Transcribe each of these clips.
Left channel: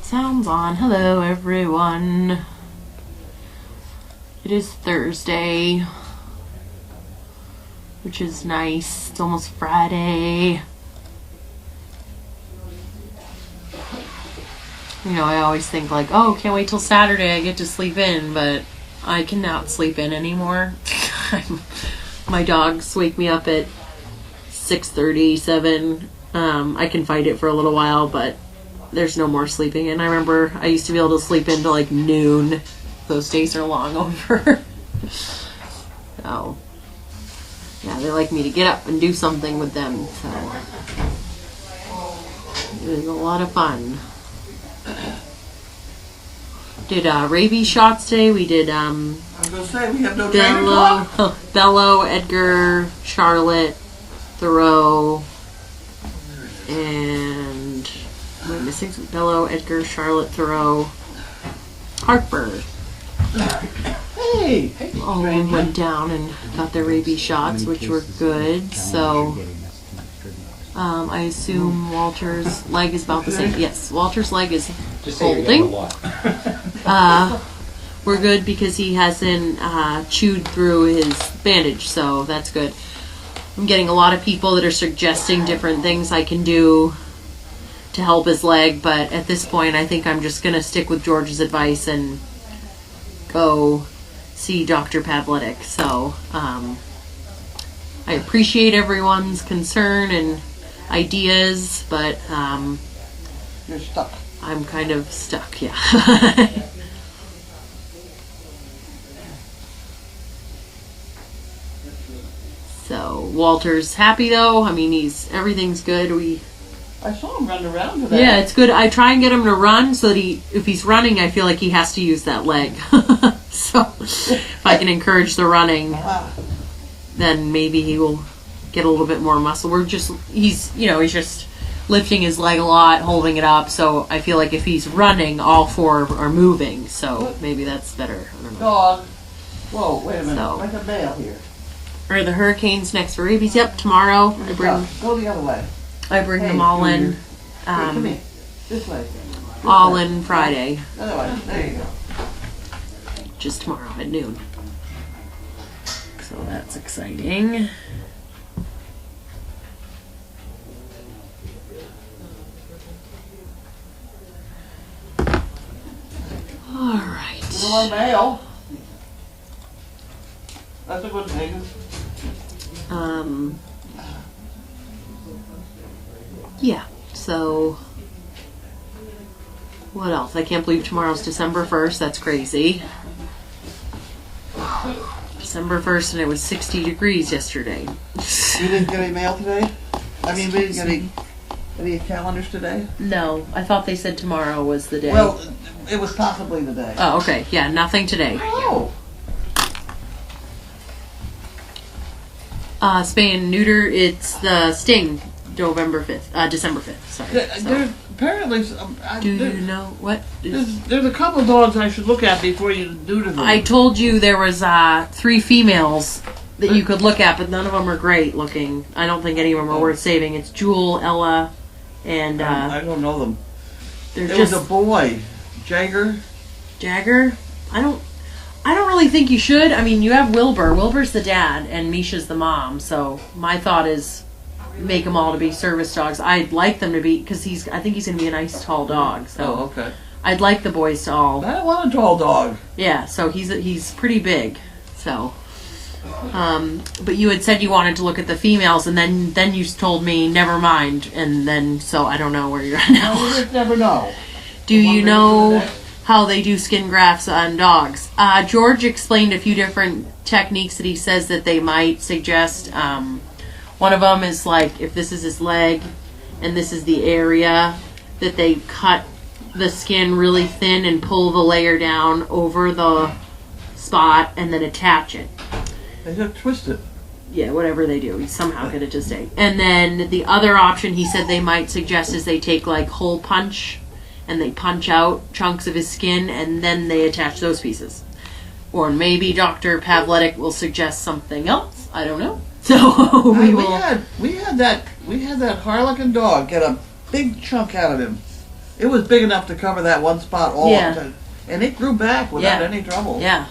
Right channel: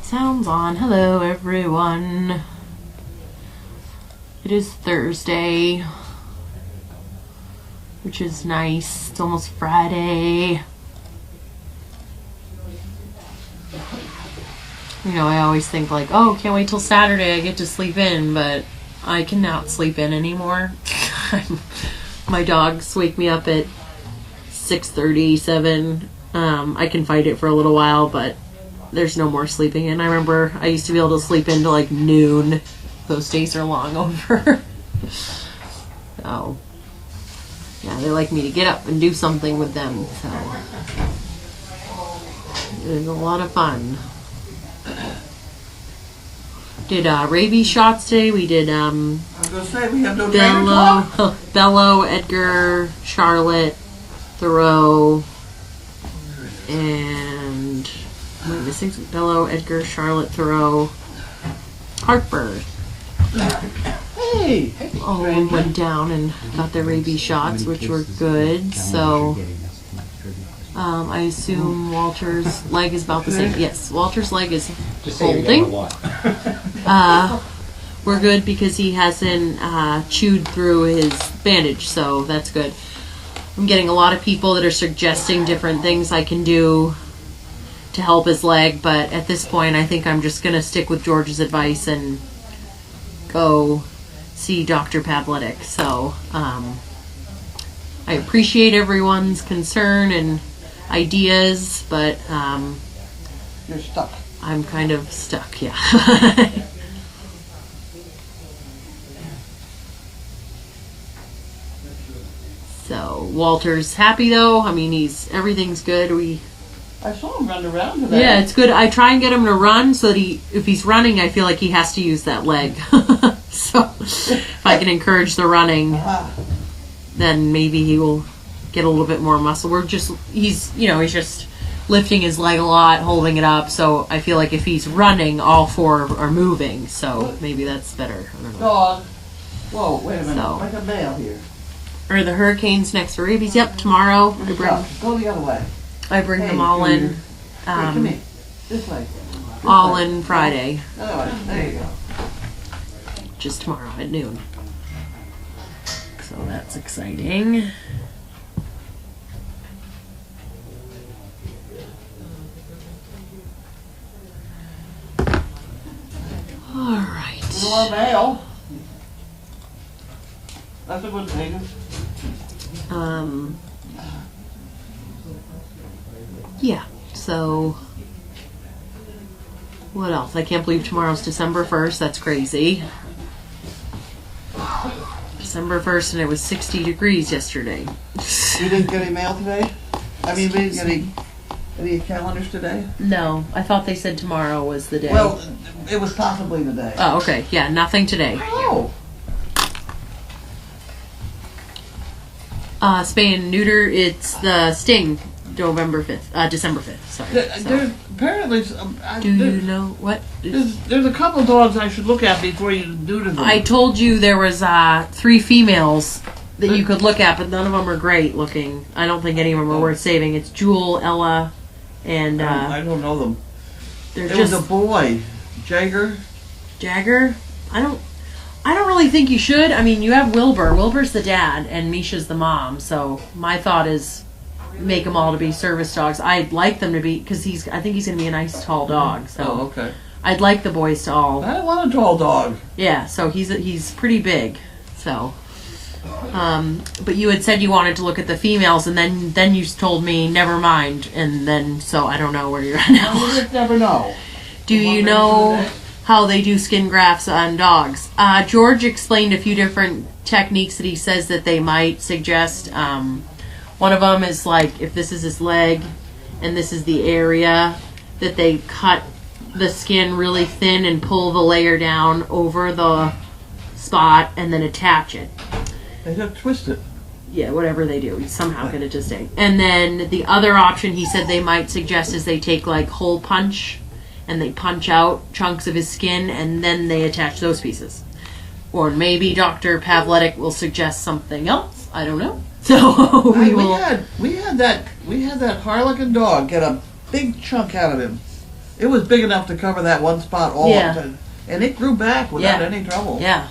Alright, sounds on. Hello, everyone. It is Thursday, which is nice. It's almost Friday. You know, I always think like, oh, can't wait till Saturday I get to sleep in, but I cannot sleep in anymore. My dogs wake me up at 6:30, 7. I can fight it for a little while, but there's no more sleeping in. I remember I used to be able to sleep into like noon. Those days are long over. So, yeah, they like me to get up and do something with them. So, it was a lot of fun. Did rabies shots today. We did I was going to say, we have no trainer Bello, Edgar, Charlotte, Thoreau, and am I missing some? Bello, Edgar, Charlotte, Thoreau, Harper. Hey! All of them went down and got their rabies shots, which were good. So, I assume Walter's leg is about the same. Yes, Walter's leg is holding. We're good because he hasn't chewed through his bandage, so that's good. I'm getting a lot of people that are suggesting different things I can do to help his leg, but at this point I think I'm just going to stick with George's advice and go see Dr. Pavletic. So I appreciate everyone's concern and ideas, but You're stuck. I'm kind of stuck, yeah. So Walter's happy though. I mean, everything's good. I saw him run around today. Yeah, it's good. I try and get him to run so that if he's running, I feel like he has to use that leg. So if I can encourage the running, then maybe he will get a little bit more muscle. He's just lifting his leg a lot, holding it up. So I feel like if he's running, all four are moving. So maybe that's better. I don't know. Dog. Whoa, wait a minute. So. Like a mail here. Or the hurricanes next for rabies. Yep, tomorrow. Go the other way. I bring them all in. Come here. This way. All in Friday. Other way. There you go. Just tomorrow at noon. So that's exciting. All right. More mail. That's a good thing. Yeah, so what else? I can't believe tomorrow's December 1st. That's crazy. December 1st, and it was 60 degrees yesterday. We didn't get any mail today? I mean, we didn't get any calendars today? No, I thought they said tomorrow was the day. Well, it was possibly the day. Oh, okay. Yeah, nothing today. Oh. Spay and neuter, it's the Sting, December 5th. Sorry. Apparently, do you know what? There's a couple dogs I should look at before you do them. I told you there was 3 females that you could look at, but none of them are great looking. I don't think any of them are worth saving. It's Jewel, Ella, and I don't know them. There was a boy, Jagger. I don't really think you should. I mean, you have Wilbur. Wilbur's the dad, and Misha's the mom. So my thought is make them all to be service dogs. I'd like them to be, because I think he's going to be a nice tall dog. So oh, okay. I'd like the boys to all. I don't want a tall dog. Yeah, so he's pretty big. So, but you had said you wanted to look at the females, and then you told me never mind, and then so I don't know where you're at now. You just never know. Do you know how they do skin grafts on dogs? George explained a few different techniques that he says that they might suggest. One of them is like if this is his leg and this is the area, that they cut the skin really thin and pull the layer down over the spot and then attach it. They just twist it. Yeah, whatever they do, we somehow get it to stay. And then the other option he said they might suggest is they take like hole punch and they punch out chunks of his skin and then they attach those pieces. Or maybe Dr. Pavletic will suggest something else. I don't know. So we will. We had that Harlequin dog get a big chunk out of him. It was big enough to cover that one spot all Yeah. the time. And it grew back without Yeah. any trouble. Yeah.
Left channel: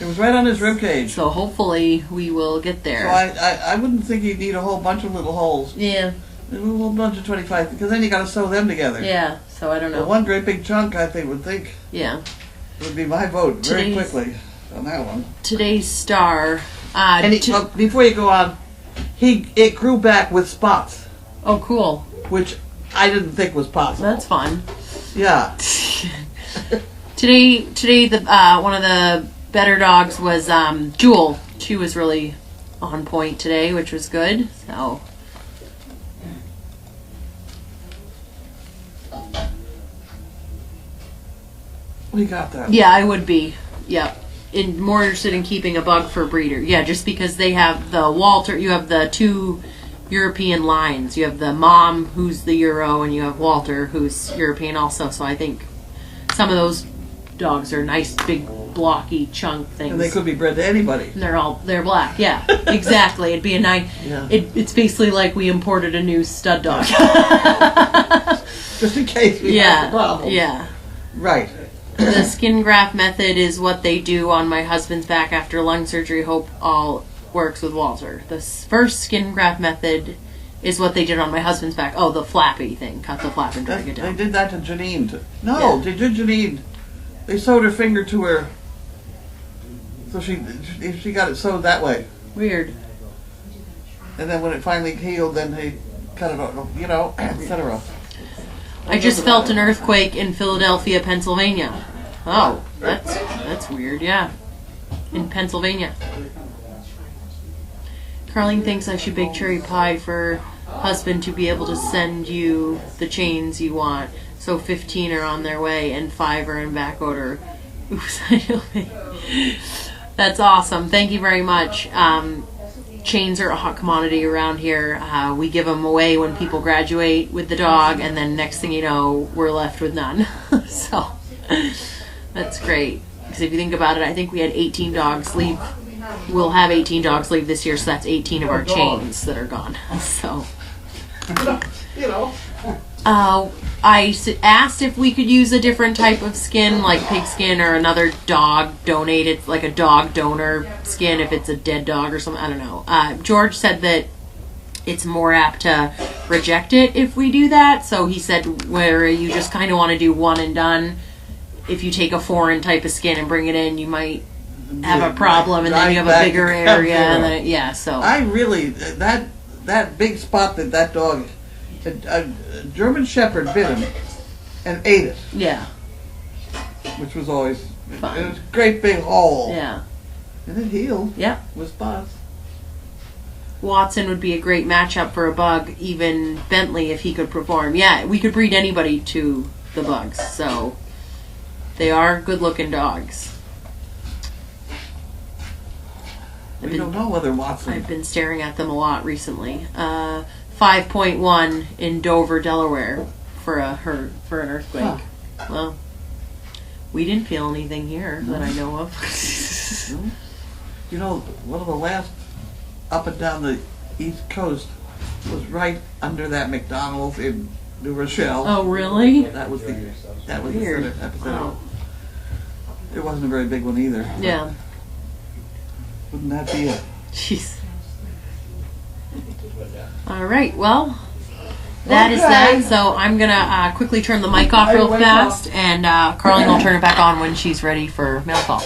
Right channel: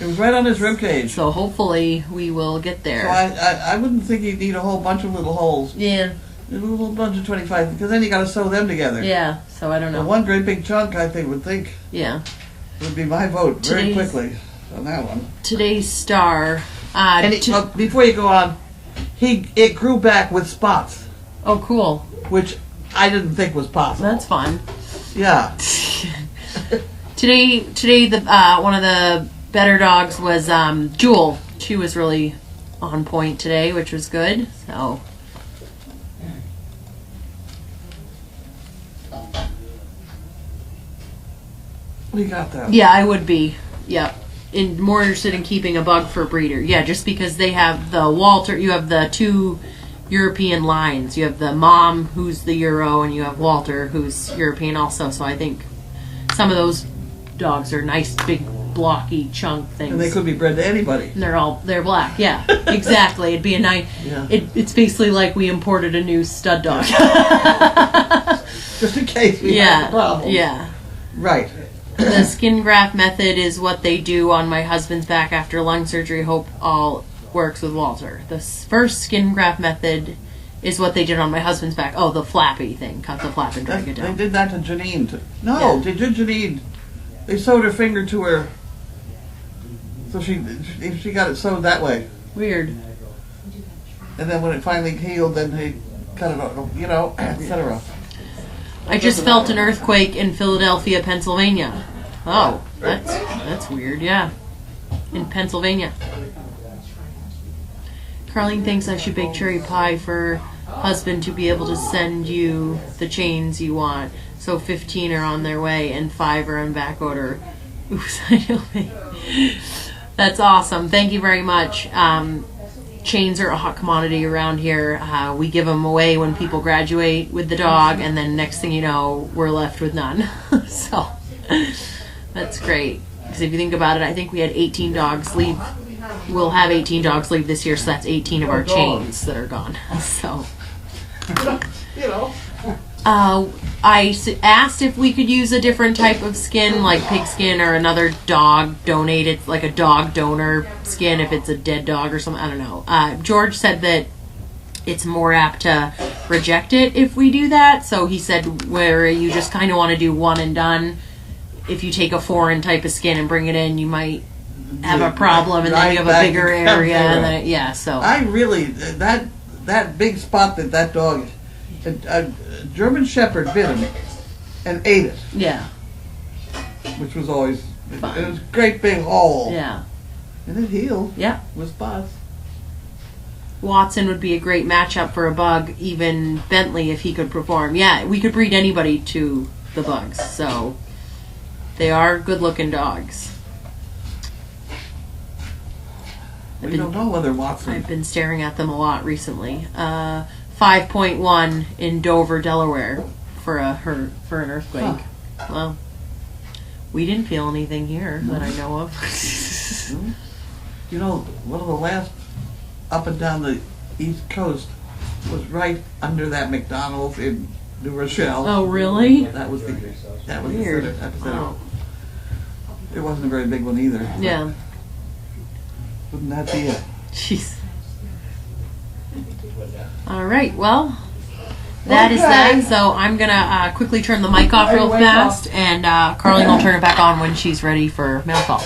It was right on his rib cage. So hopefully we will get there. So I wouldn't think he'd need a whole bunch of little holes. Yeah. A little bunch of 25, because then you got to sew them together. Yeah. So I don't The know. one great big chunk, I think, Yeah. would be my vote very Today's- quickly on that one. Today's star. And before you go on, it grew back with spots, Oh, cool. which I didn't think was possible. That's fun. Yeah. Today, the one of the better dogs was Jewel. She was really on point today, which was good. So We got that. yeah, I would be. Yep. More interested in keeping a bug for breeder. Yeah, just because they have the Walter. You have the two European lines. You have the mom, who's the Euro, and you have Walter, who's European also. So I think some of those dogs are nice, big, blocky chunk things. And they could be bred to anybody. And they're black. Yeah, exactly. It'd be a nice. Yeah. It's basically like we imported a new stud dog. Just in case we have the problem. Yeah. Right. The skin graft method is what they do on my husband's back after lung surgery. Hope all works with Walter. The first skin graft method is what they did on my husband's back. Oh, the flappy thing. Cut the flap and drag it They down. did that to Janine. Yeah. They did Janine. They sewed her finger to her. So she got it sewed that way. Weird. And then when it finally healed, then they cut it off, etc. I just felt an earthquake in Philadelphia, Pennsylvania. Oh, that's weird. Yeah, in Pennsylvania. Carlene thinks I should bake cherry pie for husband to be able to send you the chains you want. So 15 are on their way and 5 are in back order. Oops, I don't think. That's awesome. Thank you very much. Chains are a hot commodity around here. We give them away when people graduate with the dog, and then next thing you know, we're left with none. So that's great. Because if you think about it, I think we had 18 dogs leave. We'll have 18 dogs leave this year, so that's 18 of our chains that are gone. So. I asked if we could use a different type of skin, like pig skin or another dog donated, like a dog donor skin, if it's a dead dog or something. I don't know. George said that it's more apt to reject it if we do that. So he said where you just kind of want to do one and done. If you take a foreign type of skin and bring it in, you might have a problem, and then you have a bigger area. And then, so I really that big spot that dog. A German Shepherd bit him and ate it. Yeah. Which was always Fun. It was a great big hole. Yeah. And it healed. Yeah. With spots. Watson would be a great matchup for a bug, even Bentley if he could perform. Yeah, we could breed anybody to the bugs, so they are good-looking dogs. We don't know whether Watson. I've been staring at them a lot recently. 5.1 in Dover, Delaware, for an earthquake. Huh. Well, we didn't feel anything here that I know of. One of the last up and down the East Coast was right under that McDonald's in New Rochelle. Oh, really? That was Weird. the epicenter. Oh. It wasn't a very big one either. Yeah. Wouldn't that be it? Jeez. All right. Well, that is Okay. that. So I'm gonna quickly turn the mic off real fast, and Carlene will turn it back on when she's ready for mail call.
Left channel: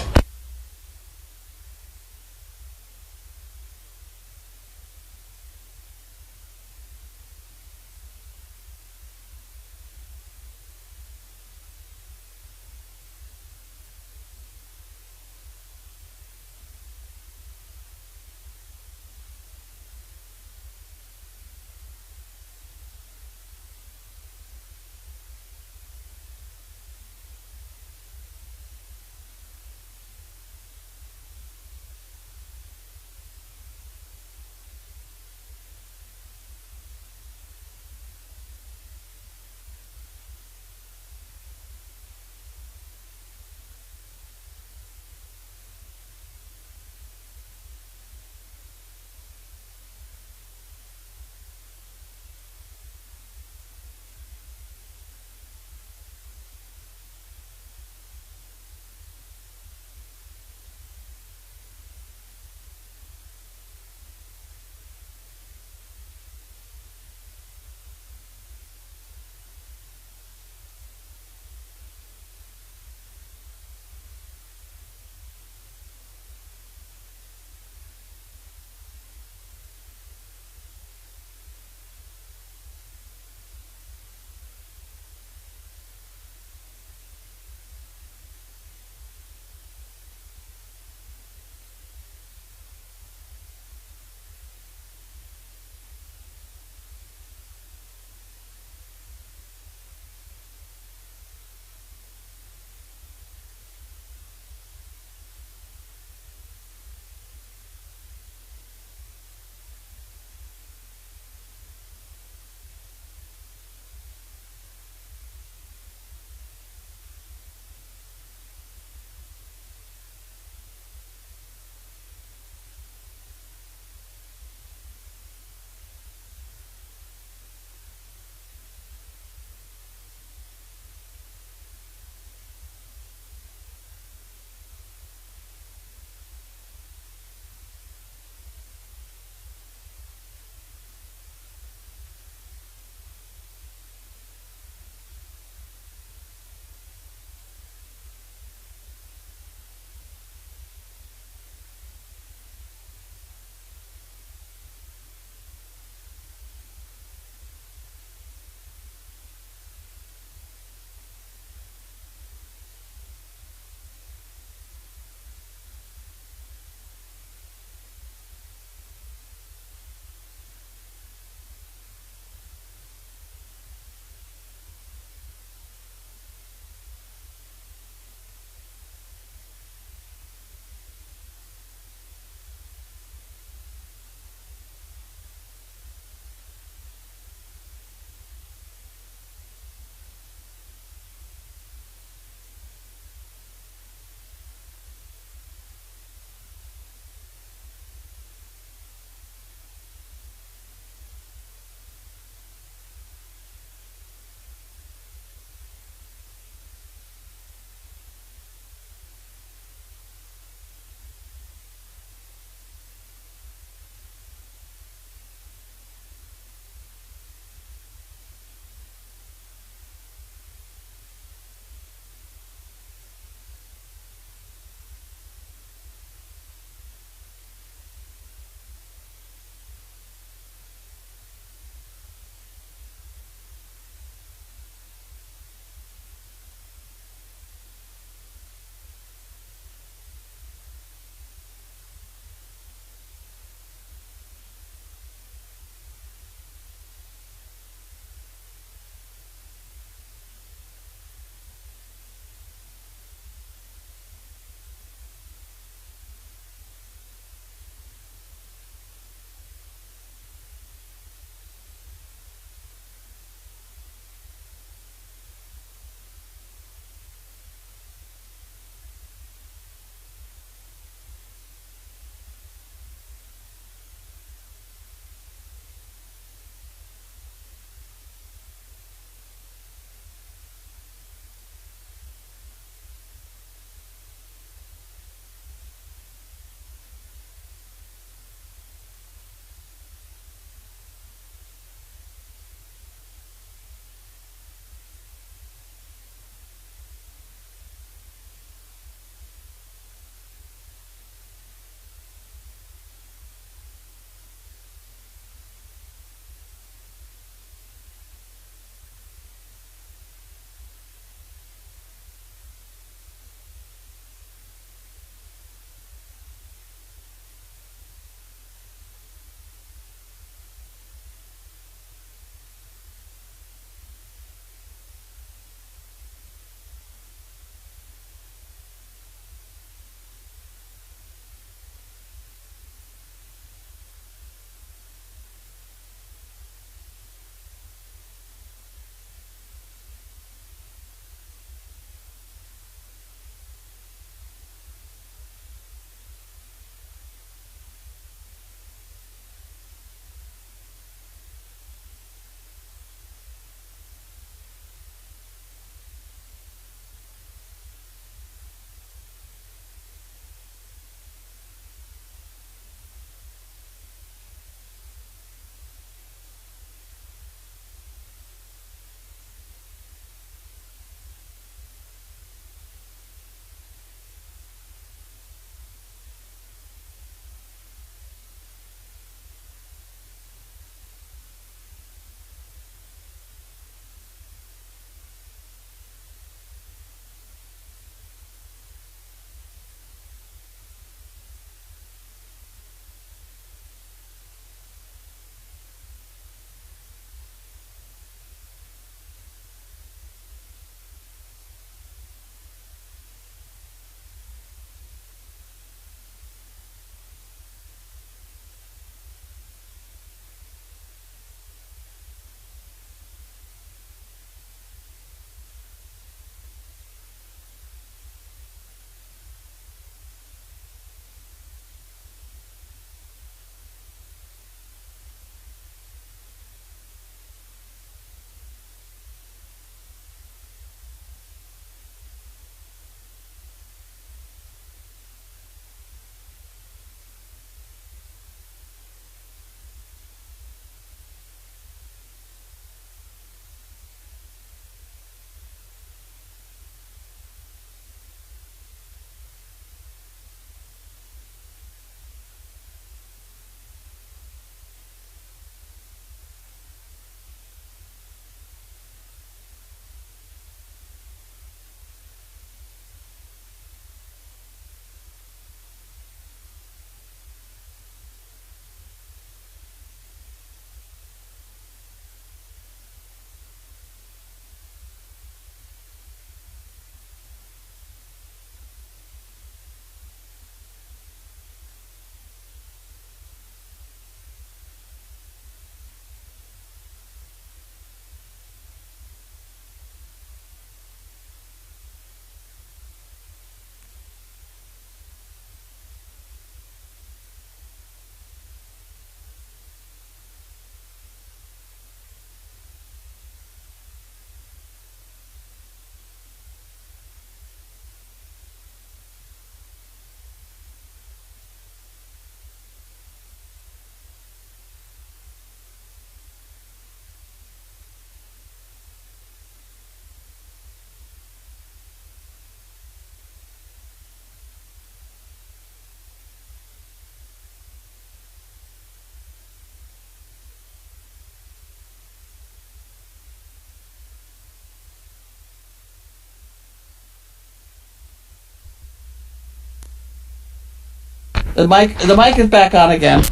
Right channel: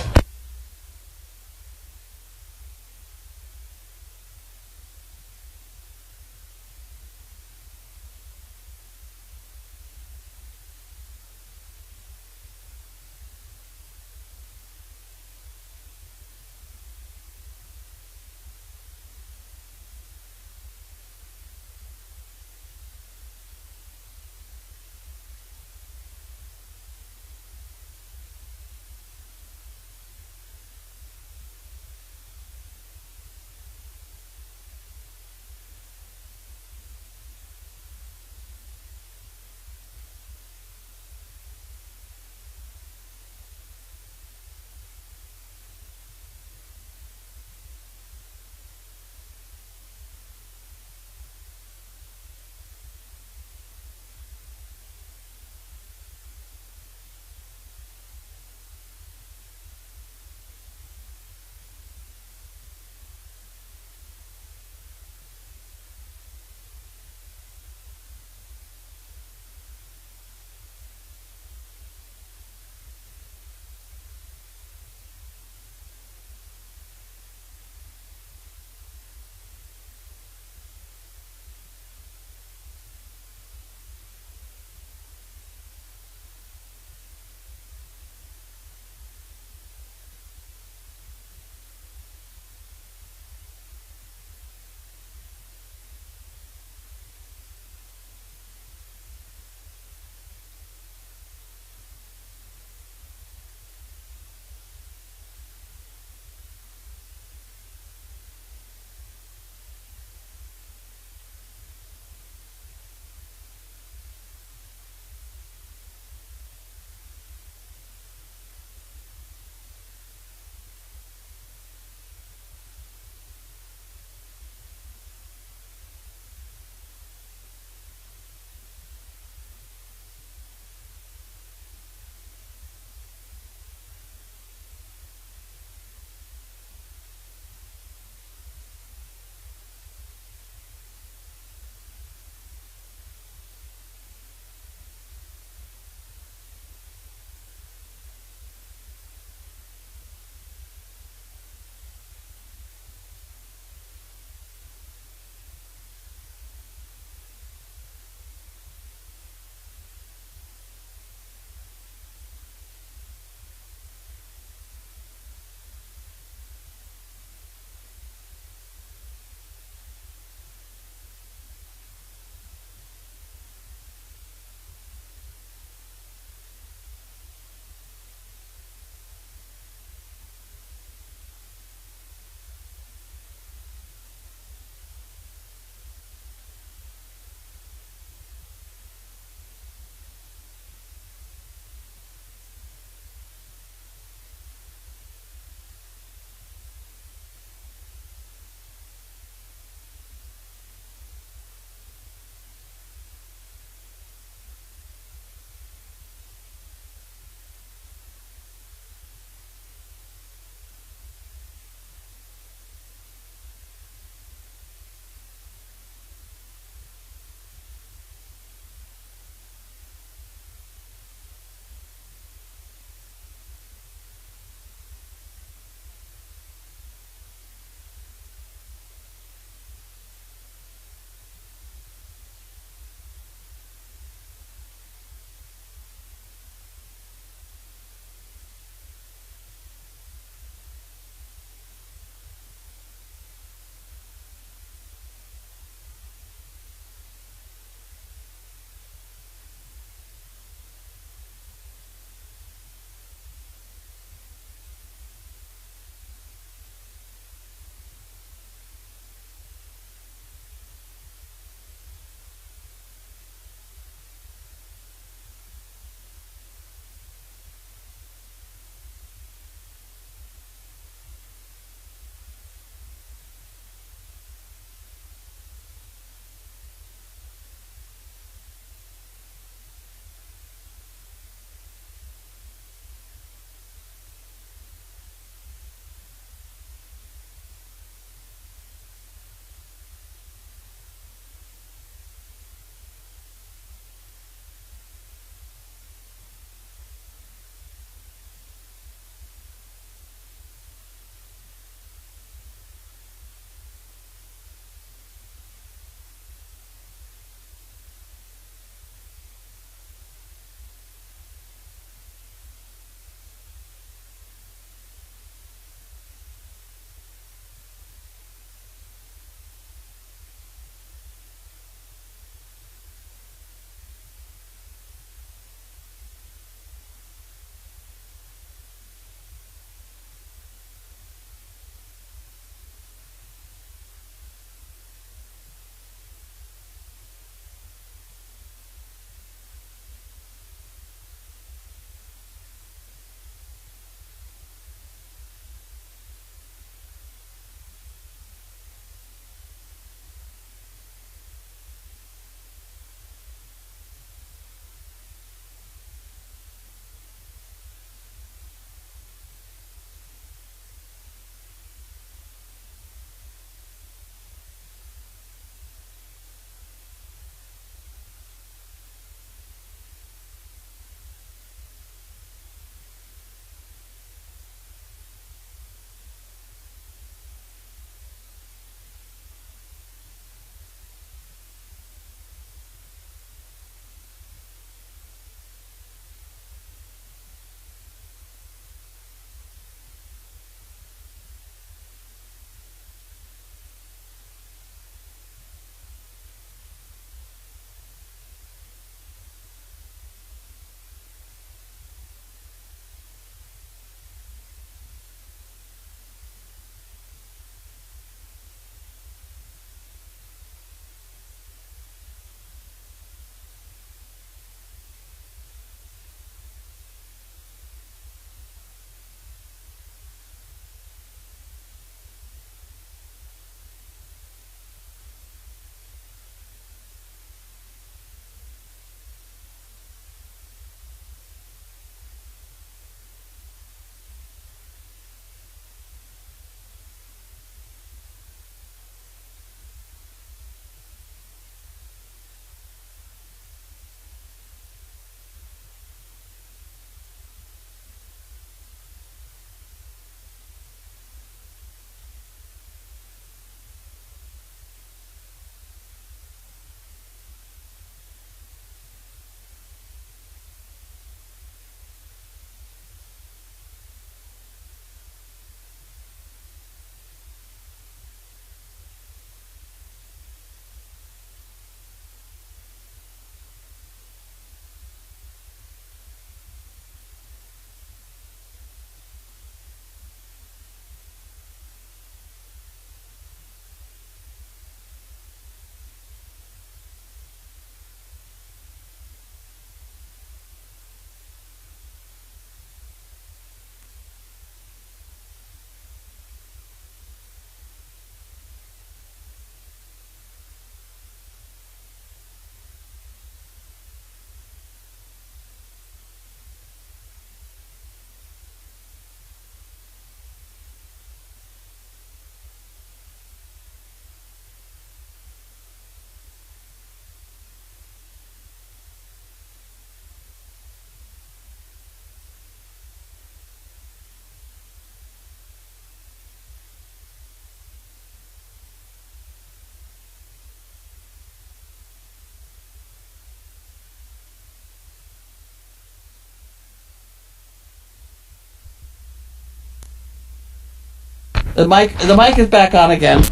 The mic is back on again.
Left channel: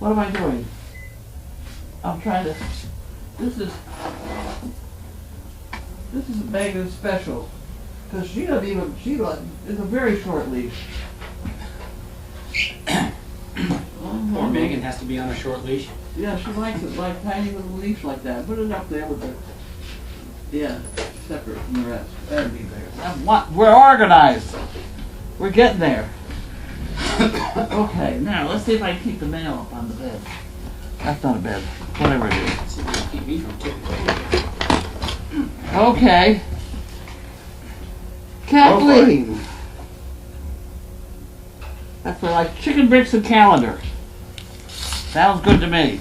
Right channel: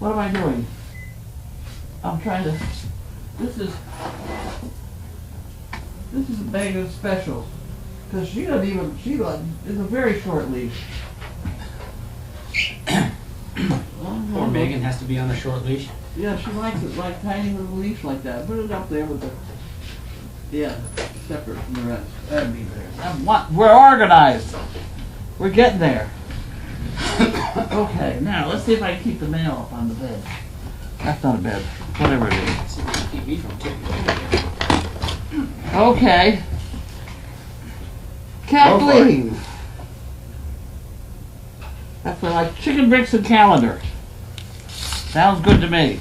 What am I doing? I'm trying to. This is a bag of special because she doesn't even. It's a very short leash. Poor Megan has to be on a short leash. Yeah, she likes it like tiny little leash like that. Put it up there with the. Yeah, separate from the rest. That'd be there. We're organized. We're getting there. Okay, now let's see if I can keep the mail up on the bed. That's not a bed. Whatever it is. See if you keep me from tipping. Okay. Kathleen. That's for like chicken bricks and calendar. Sounds good to me.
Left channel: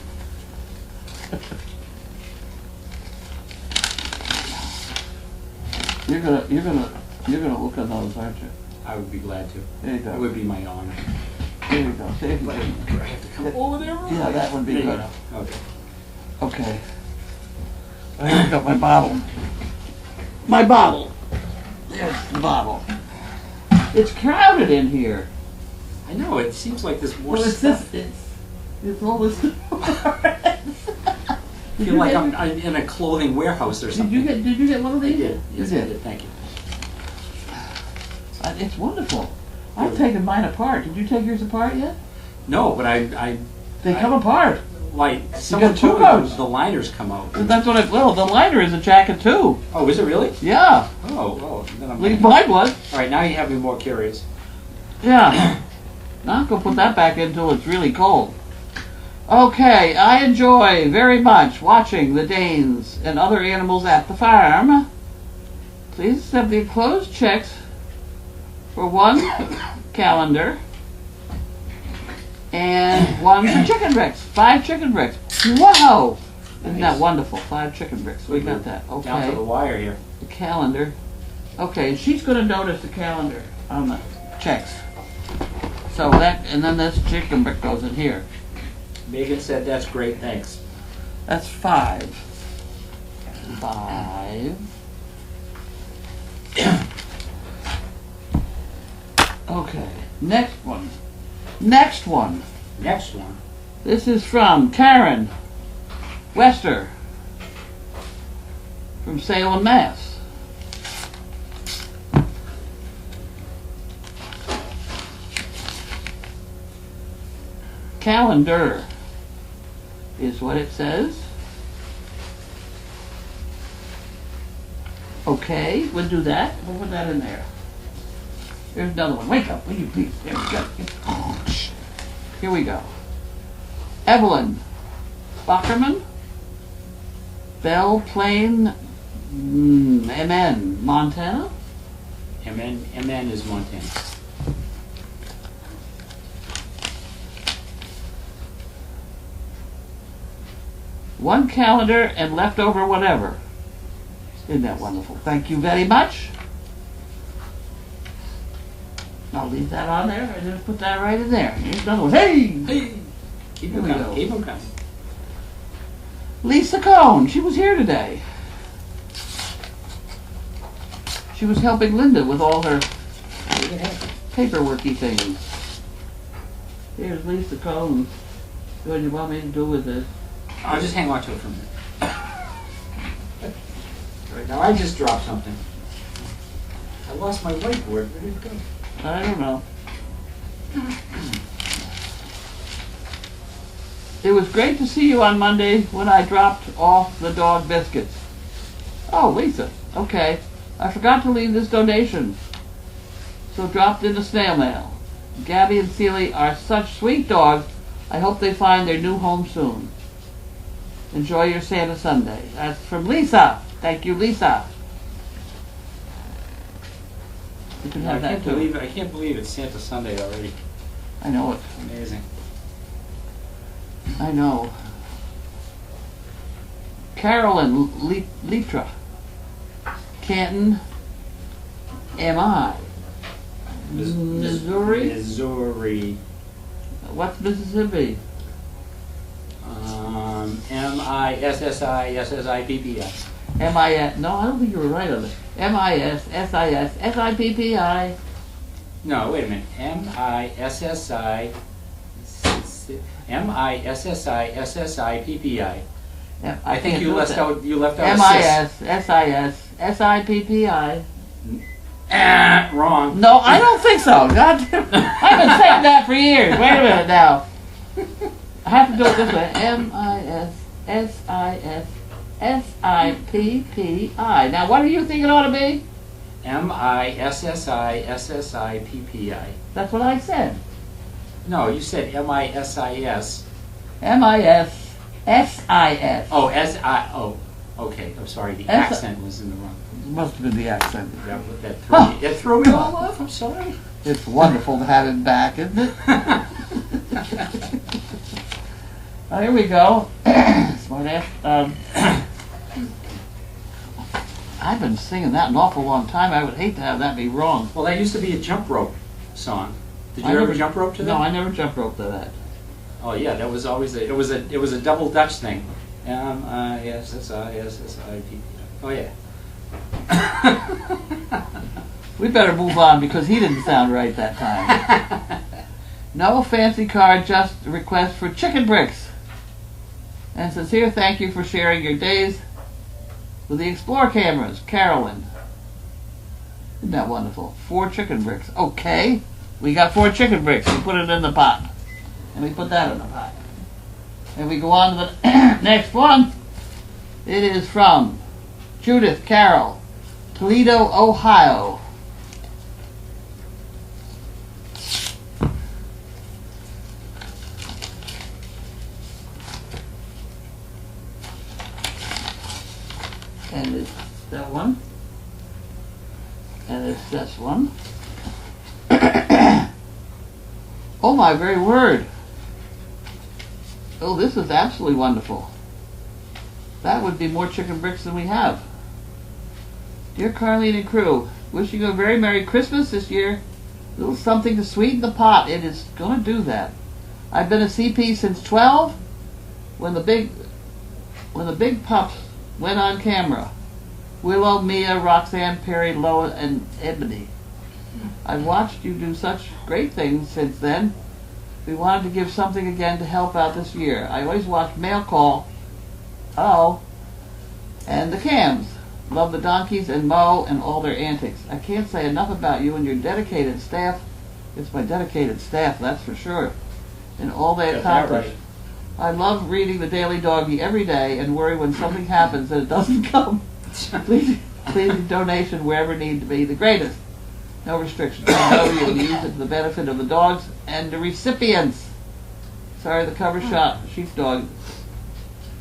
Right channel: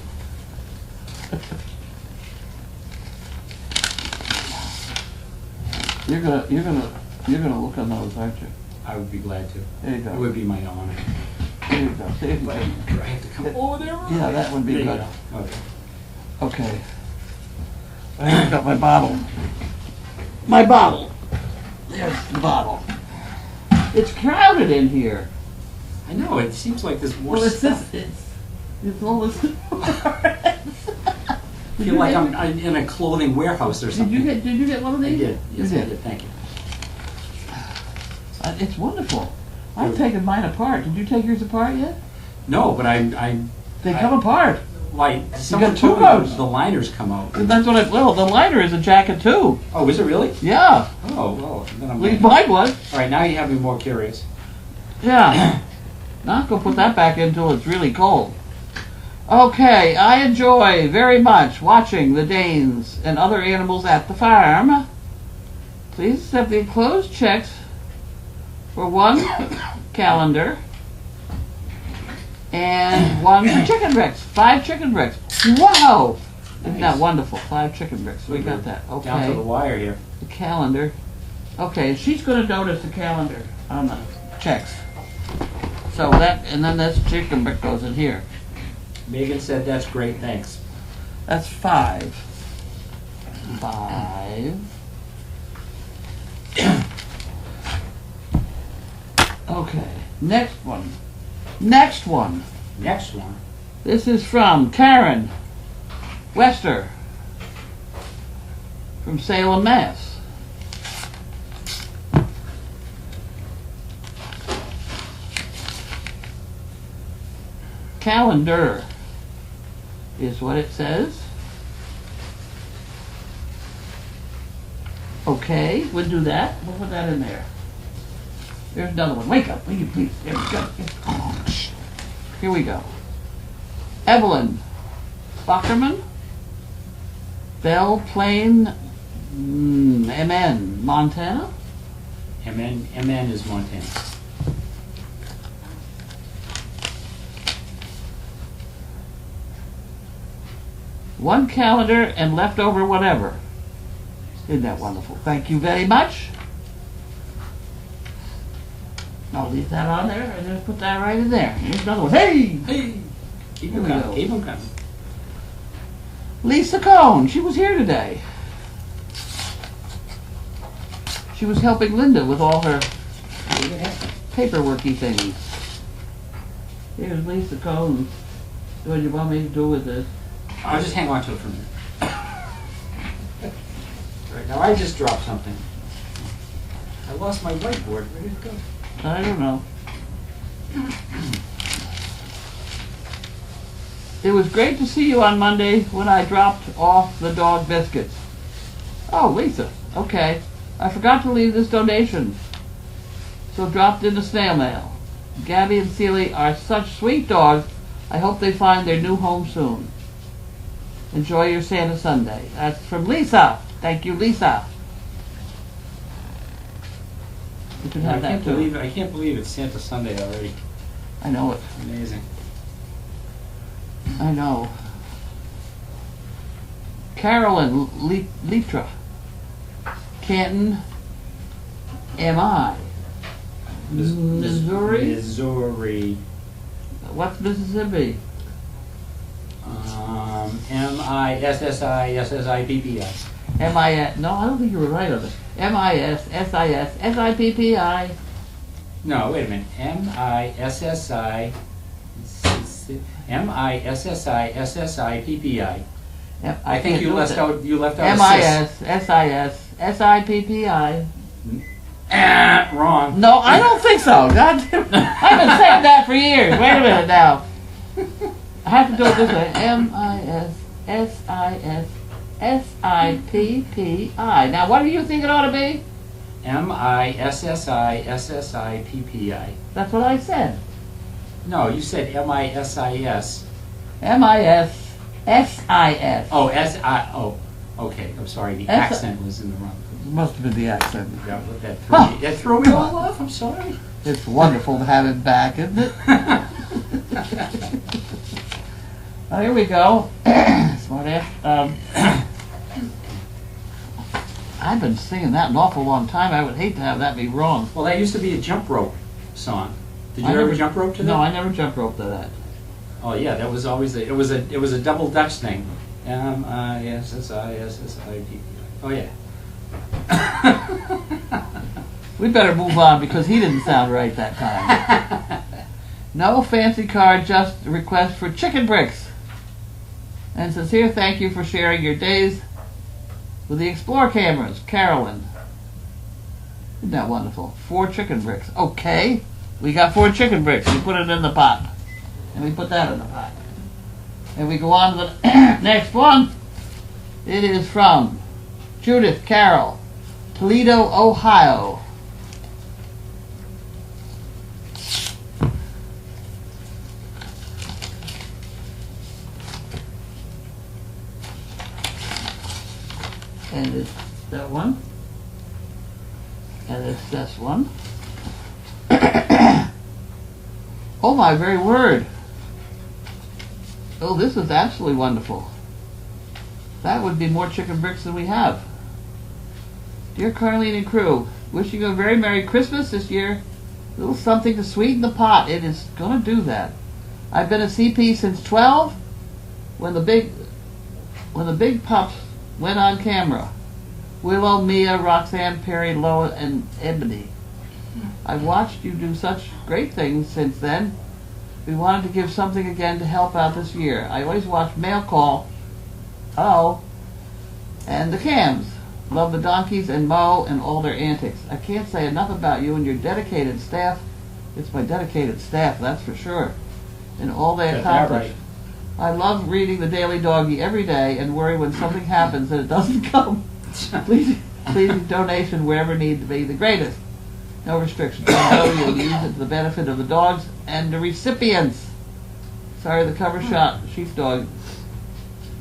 You're gonna look on those, aren't you? I would be glad to. There you go. It would be my honor. There you go. See if you But can- do I have to come over there? Yeah, that would be There you good. go. Okay. Okay. I haven't got my bottle. My bottle. There's the bottle. It's crowded in here. I know, it seems like there's more Well, it's stuff. it's all this. I feel like I'm in a clothing warehouse or Did something. you get one of I these? did. Yes, You I did. Thank you. It's wonderful. I've taken mine apart. Did you take yours apart yet? No, but They come apart. like, someone two told me coats. the liners come out. That's what well, the liner is a jacket too. Oh, is it really? Yeah. Oh, then At I'm least mine was. All right, now you have me more curious. Yeah. Not gonna put that back in until it's really cold. Okay, I enjoy very much watching the Danes and other animals at the farm. Please accept the enclosed checks for one calendar and one for chicken bricks. 5 chicken bricks. Wow! Isn't that Nice. wonderful? 5 chicken bricks. We got that. Down to Okay. the wire here. The calendar. Okay, she's gonna notice the calendar on the checks. So that, and then this chicken brick goes in here. Megan said that's great, thanks. That's 5. 5. Okay, next one. Next one. Next one. This is from Karen Wester from Salem, Mass. Calendar is what it says. Okay, we'll do that. We'll put that in there. There's another one. Wake up, will you please? There we go. Here we go. Evelyn Spockerman, Belle Plain, MN, Montana. MN is Montana. One calendar and leftover whatever. Isn't that wonderful? Thank you very much. I'll leave that on there and just put that right in there. Here's another one. Hey! Hey! Keep Here them we coming, go. keep them coming. Lisa Cohn, she was here today. She was helping Linda with all her paperworky things. Here's Lisa Cohn. What do you want me to do with this? I'll just hang on to it for a minute. Right now, I just dropped something. I lost my whiteboard. Where did it go? I don't know. It was great to see you on Monday when I dropped off the dog biscuits. Oh, Lisa. Okay. I forgot to leave this donation, so dropped in the snail mail. Gabby and Seely are such sweet dogs. I hope they find their new home soon. Enjoy your Santa Sunday. That's from Lisa. Thank you, Lisa. You can have that too. I can't believe it's Santa Sunday already. I know it. Amazing. I know. Carolyn Litra, Canton, MI, Missouri. Missouri. What's Mississippi? MISSIPPS. M-I-S, no, I don't think you were right on it. M-I-S-S-I-S-S-I-P-P-I. No, wait a minute. M-I-S-S-I, M-I-S-S-I-S-S-I-P-P-I. I think you left out a M-I-S-S-I-S-S-I-P-P-I. wrong. No, I don't think so. God damn, I've been saying that for years. Wait a minute now. I have to do it this way. M-I-S-S-I-S-S-I-P-P-I. Now, what do you think it ought to be? M-I-S-S-I-S-S-I-P-P-I. That's what I said. No, you said M-I-S-I-S. M-I-S-S-I-S. Oh, S-I, oh, okay, I'm sorry, the S- accent was in the wrong. Must have been the accent. Yeah, but that threw me all off, I'm sorry. It's wonderful to have him back, isn't it? Oh, here we go. Smart ass. I've been singing that an awful long time. I would hate to have that be wrong. Well, that used to be a jump rope song. Did you I ever never- jump rope to that? No, I never jump rope to that. Oh yeah, that was always it was a double Dutch thing. M-I-S-S-I-S-S-I-P. Oh yeah. We better move on because he didn't sound right that time. No fancy card, just a request for chicken bricks. And sincere thank you for sharing your days with the Explore cameras, Carolyn. Isn't that wonderful? 4 chicken bricks. Okay, we got 4 chicken bricks. We put it in the pot. And we put that in the pot. And we go on to the next one. It is from Judith Carroll, Toledo, Ohio. And it's that one. And it's this one. Oh my very word. Oh, this is absolutely wonderful. That would be more chicken bricks than we have. Dear Carlene and crew, wishing you a very Merry Christmas this year. A little something to sweeten the pot. It is going to do that. I've been a CP since 12 when the big pups went on camera. Willow, Mia, Roxanne, Perry, Loa, and Ebony. I've watched you do such great things since then. We wanted to give something again to help out this year. I always watch Mail Call, and the cams. Love the donkeys and Mo and all their antics. I can't say enough about you and your dedicated staff. It's my dedicated staff, that's for sure. And all they accomplish. I love reading the Daily Doggy every day and worry when something happens that it doesn't come. Please donation wherever need to be. The greatest. No restrictions. I know you'll use it to the benefit of the dogs and the recipients. Sorry, the cover shot sheepdog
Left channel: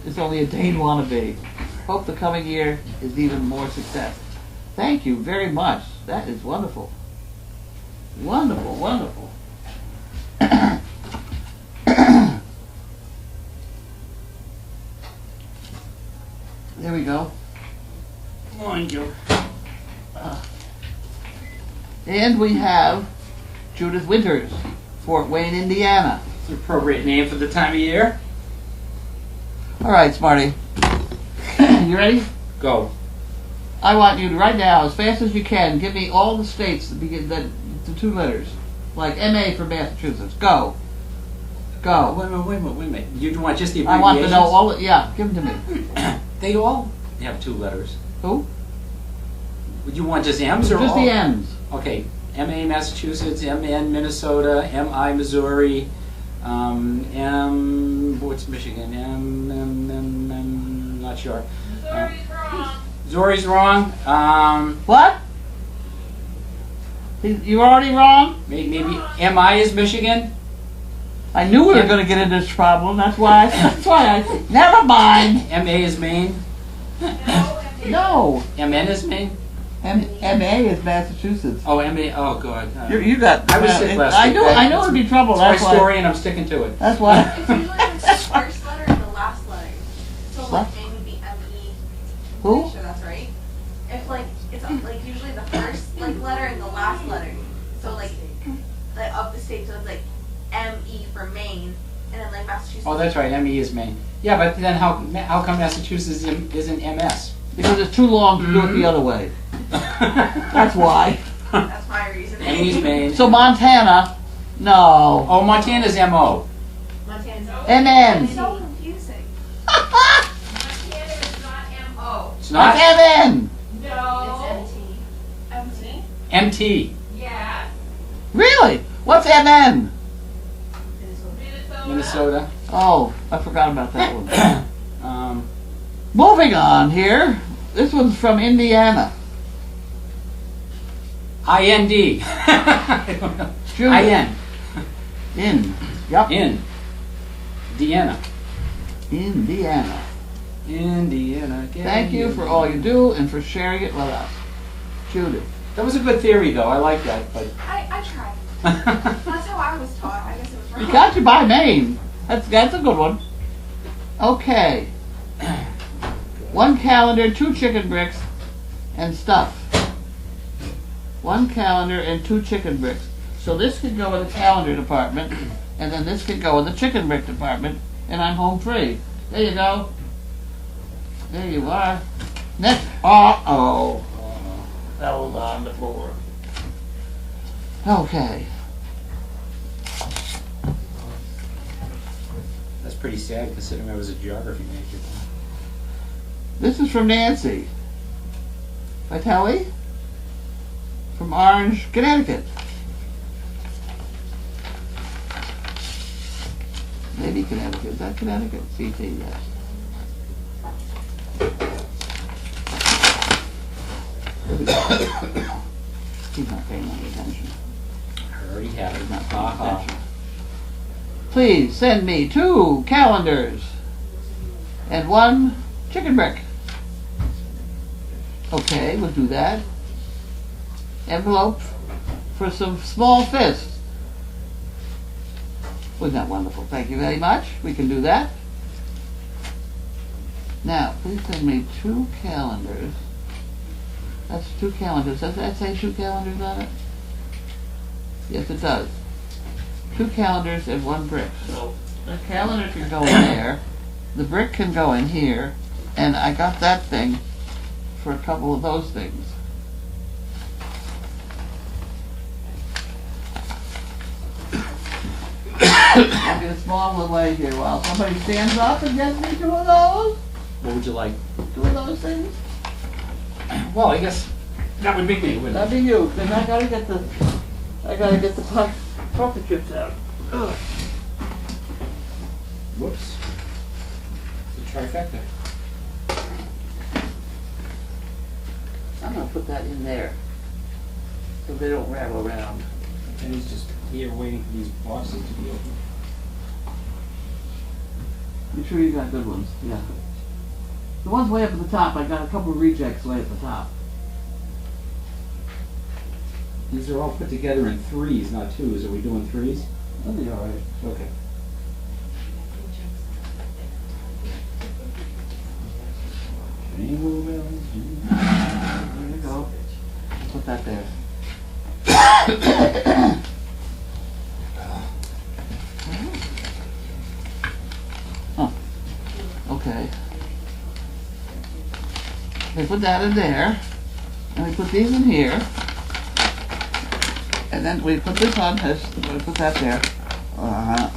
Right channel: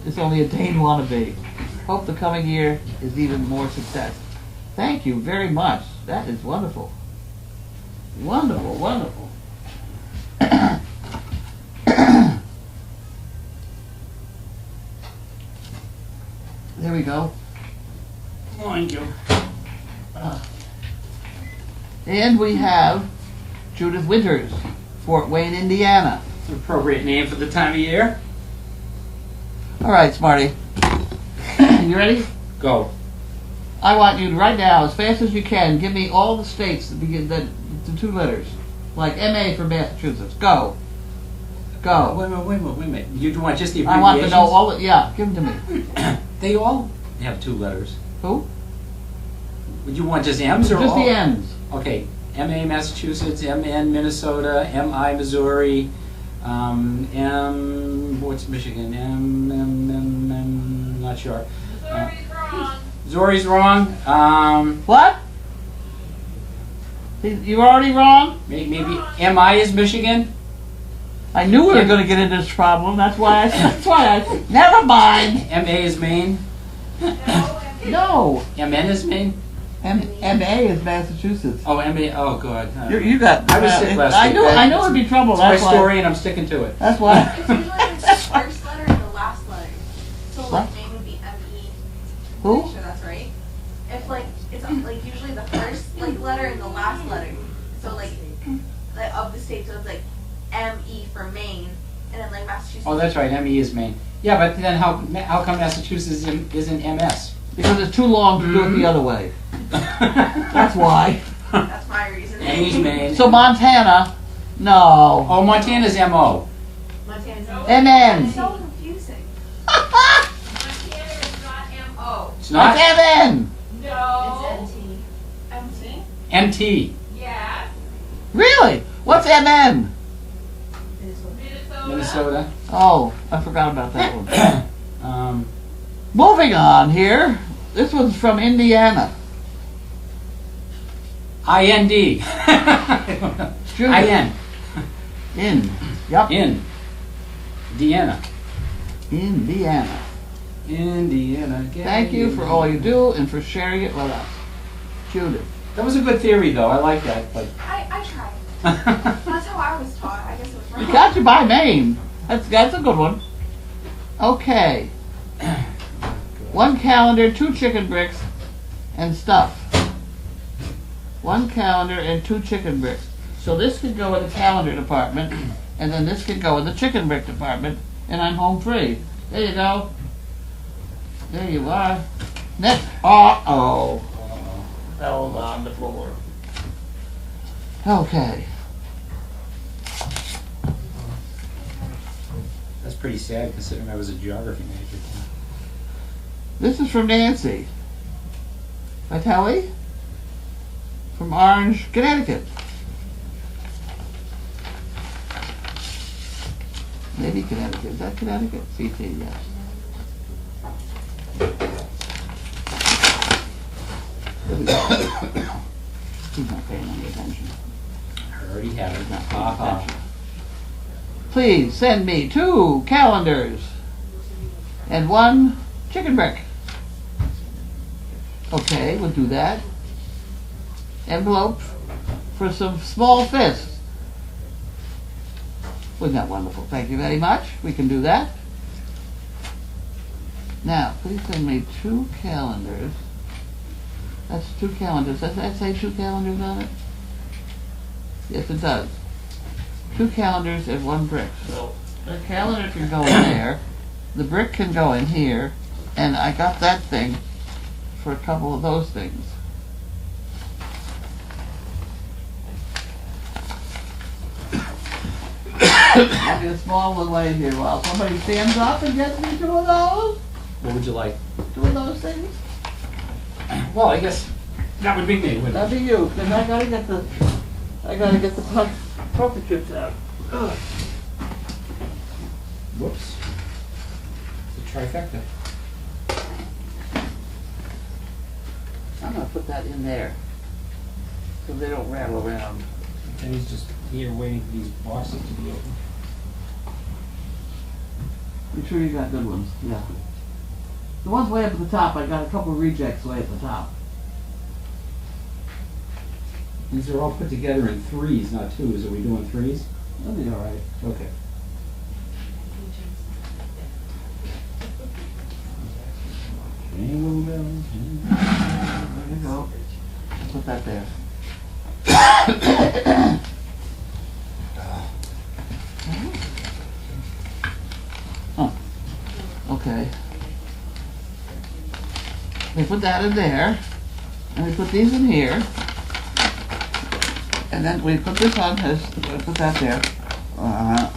is only a Dane wannabe. Hope the coming year is even more success. Thank you very much. That is wonderful. Wonderful, wonderful. There we go. Thank you. And we have Judith Winters, Fort Wayne, Indiana. It's an appropriate name for the time of year. All right, Smarty. You ready? Go. I want you to, right now, as fast as you can, give me all the states that begin the 2 letters. Like MA for Massachusetts. Go. Go. Wait a minute. You want just the I abbreviations? want to know all the, yeah, give them to me. They all have 2 letters. Who? Would you want just M's or Just all? the M's. Okay. MA Massachusetts, MN Minnesota, MI Missouri, M what's Michigan? M not sure. Missouri's wrong. What? You were already wrong? Maybe MI is Michigan. I knew we were going to get into this problem. That's why I never mind. MA is Maine. No. MN is Maine. MA is Massachusetts. Oh, MA. Oh, God. You got. I was sick last I week. knew. I knew it'd be trouble. That's That's my why. story, and I'm sticking to it. That's why. It's usually the first letter and the last letter. So What? like maybe the M-E. Who? Make sure that's right. If like it's like usually the first like letter and the last letter. So like of the state, so it's like M-E for Maine, and then like Massachusetts. Oh, that's right. ME is Maine. Yeah, but then how come Massachusetts isn't MS? Because it's too long to do it the other way. That's why. That's my reason. Amy's Maine. So Montana, no. Oh, Montana's M.O. Montana's MN. It's so confusing. Montana is not M-O. It's not What's MN? No. It's MT. MT? M.T. Yeah. Really? What's MN? Minnesota. Minnesota. Oh, I forgot about that one. Um, Moving on here. This one's from Indiana. I.N.D. I don't know. Junior. I.N. In. Yep. In. Indiana. Indiana. Indiana. Thank you for all you do and for sharing it with us. Judith. That was a good theory, though. I like that, but. I tried. That's how I was taught. I guess it was You wrong. got you by Maine. That's a good one. Okay. One calendar, 2 chicken bricks, and stuff. 1 calendar and 2 chicken bricks. So this could go in the calendar department, and then this could go in the chicken brick department, and I'm home free. There you go. There you are. Next. Uh-oh. Fell on the floor. Okay. That's pretty sad considering I was a geography major. This is from Nancy Vitelli from Orange, Connecticut. Maybe Connecticut. Is that Connecticut? CT, yes. Here we go. He's not paying any attention. I already have He's it. not paying Uh-huh. attention. Please send me 2 calendars and 1 chicken brick. Okay, we'll do that. Envelope for some small fists. Wasn't that wonderful? Thank you very much. We can do that. Now, please send me 2 calendars. That's 2 calendars. Does that say 2 calendars on it? Yes, it does. 2 calendars and 1 brick. So the calendar can go in there. The brick can go in here. And I got that thing for a couple of those things. I'll get a small little way here while somebody stands up and gets me 2 of those. What would you like? 2 of those things. Well, I guess that would be me, wouldn't it? That'd be you. Then I gotta get the pocket chips out. Ugh. Whoops. It's a trifecta. I'm gonna put that in there so they don't rattle around. And he's just here waiting for these boxes to be open. You sure you got good ones? Yeah. The ones way up at the top, I got a couple of rejects way at the top. These are all put together in 3s, not 2s. Are we doing 3s? That'll be all right. Okay. Jingle bells, jingle. There you go. Put that there. Oh, okay. We put that in there, and we put these in here, and then we put this on this. We put that there.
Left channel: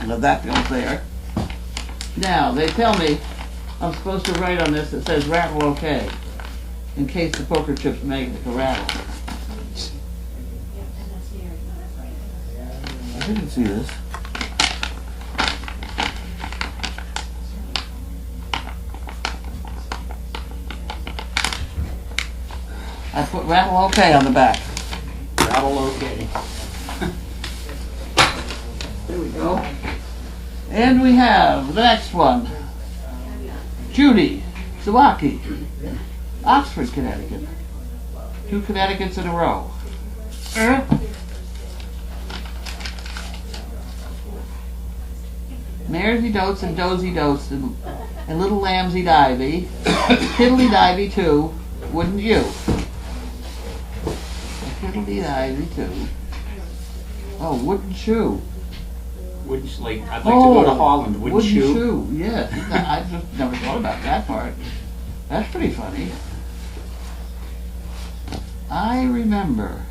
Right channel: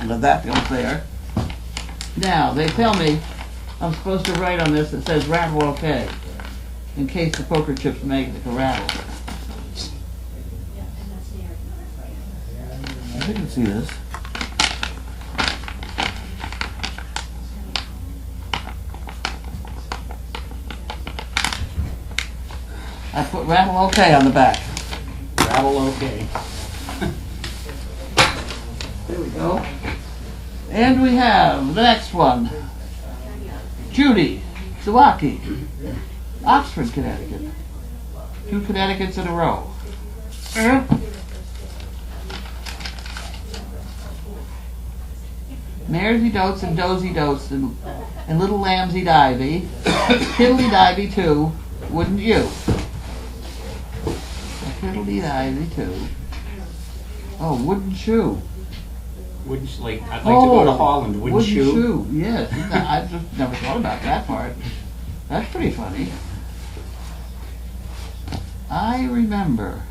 Let that go there. Now they tell me I'm supposed to write on this that says rattle okay, in case the poker chips make a rattle. I think you can see this. I put rattle okay on the back. Rattle okay. There we go. And we have the next one. Judy Sawaki, Oxford, Connecticut. 2 Connecticut's in a row. Maresy dotes and dozy dotes and little lambsy divey. Tiddly divey too, wouldn't you? Tiddly divey too. Oh, wouldn't you? Wouldn't you like? I'd like to go to Holland. Wouldn't you? Yes. I just never thought about that part. That's pretty funny. I remember.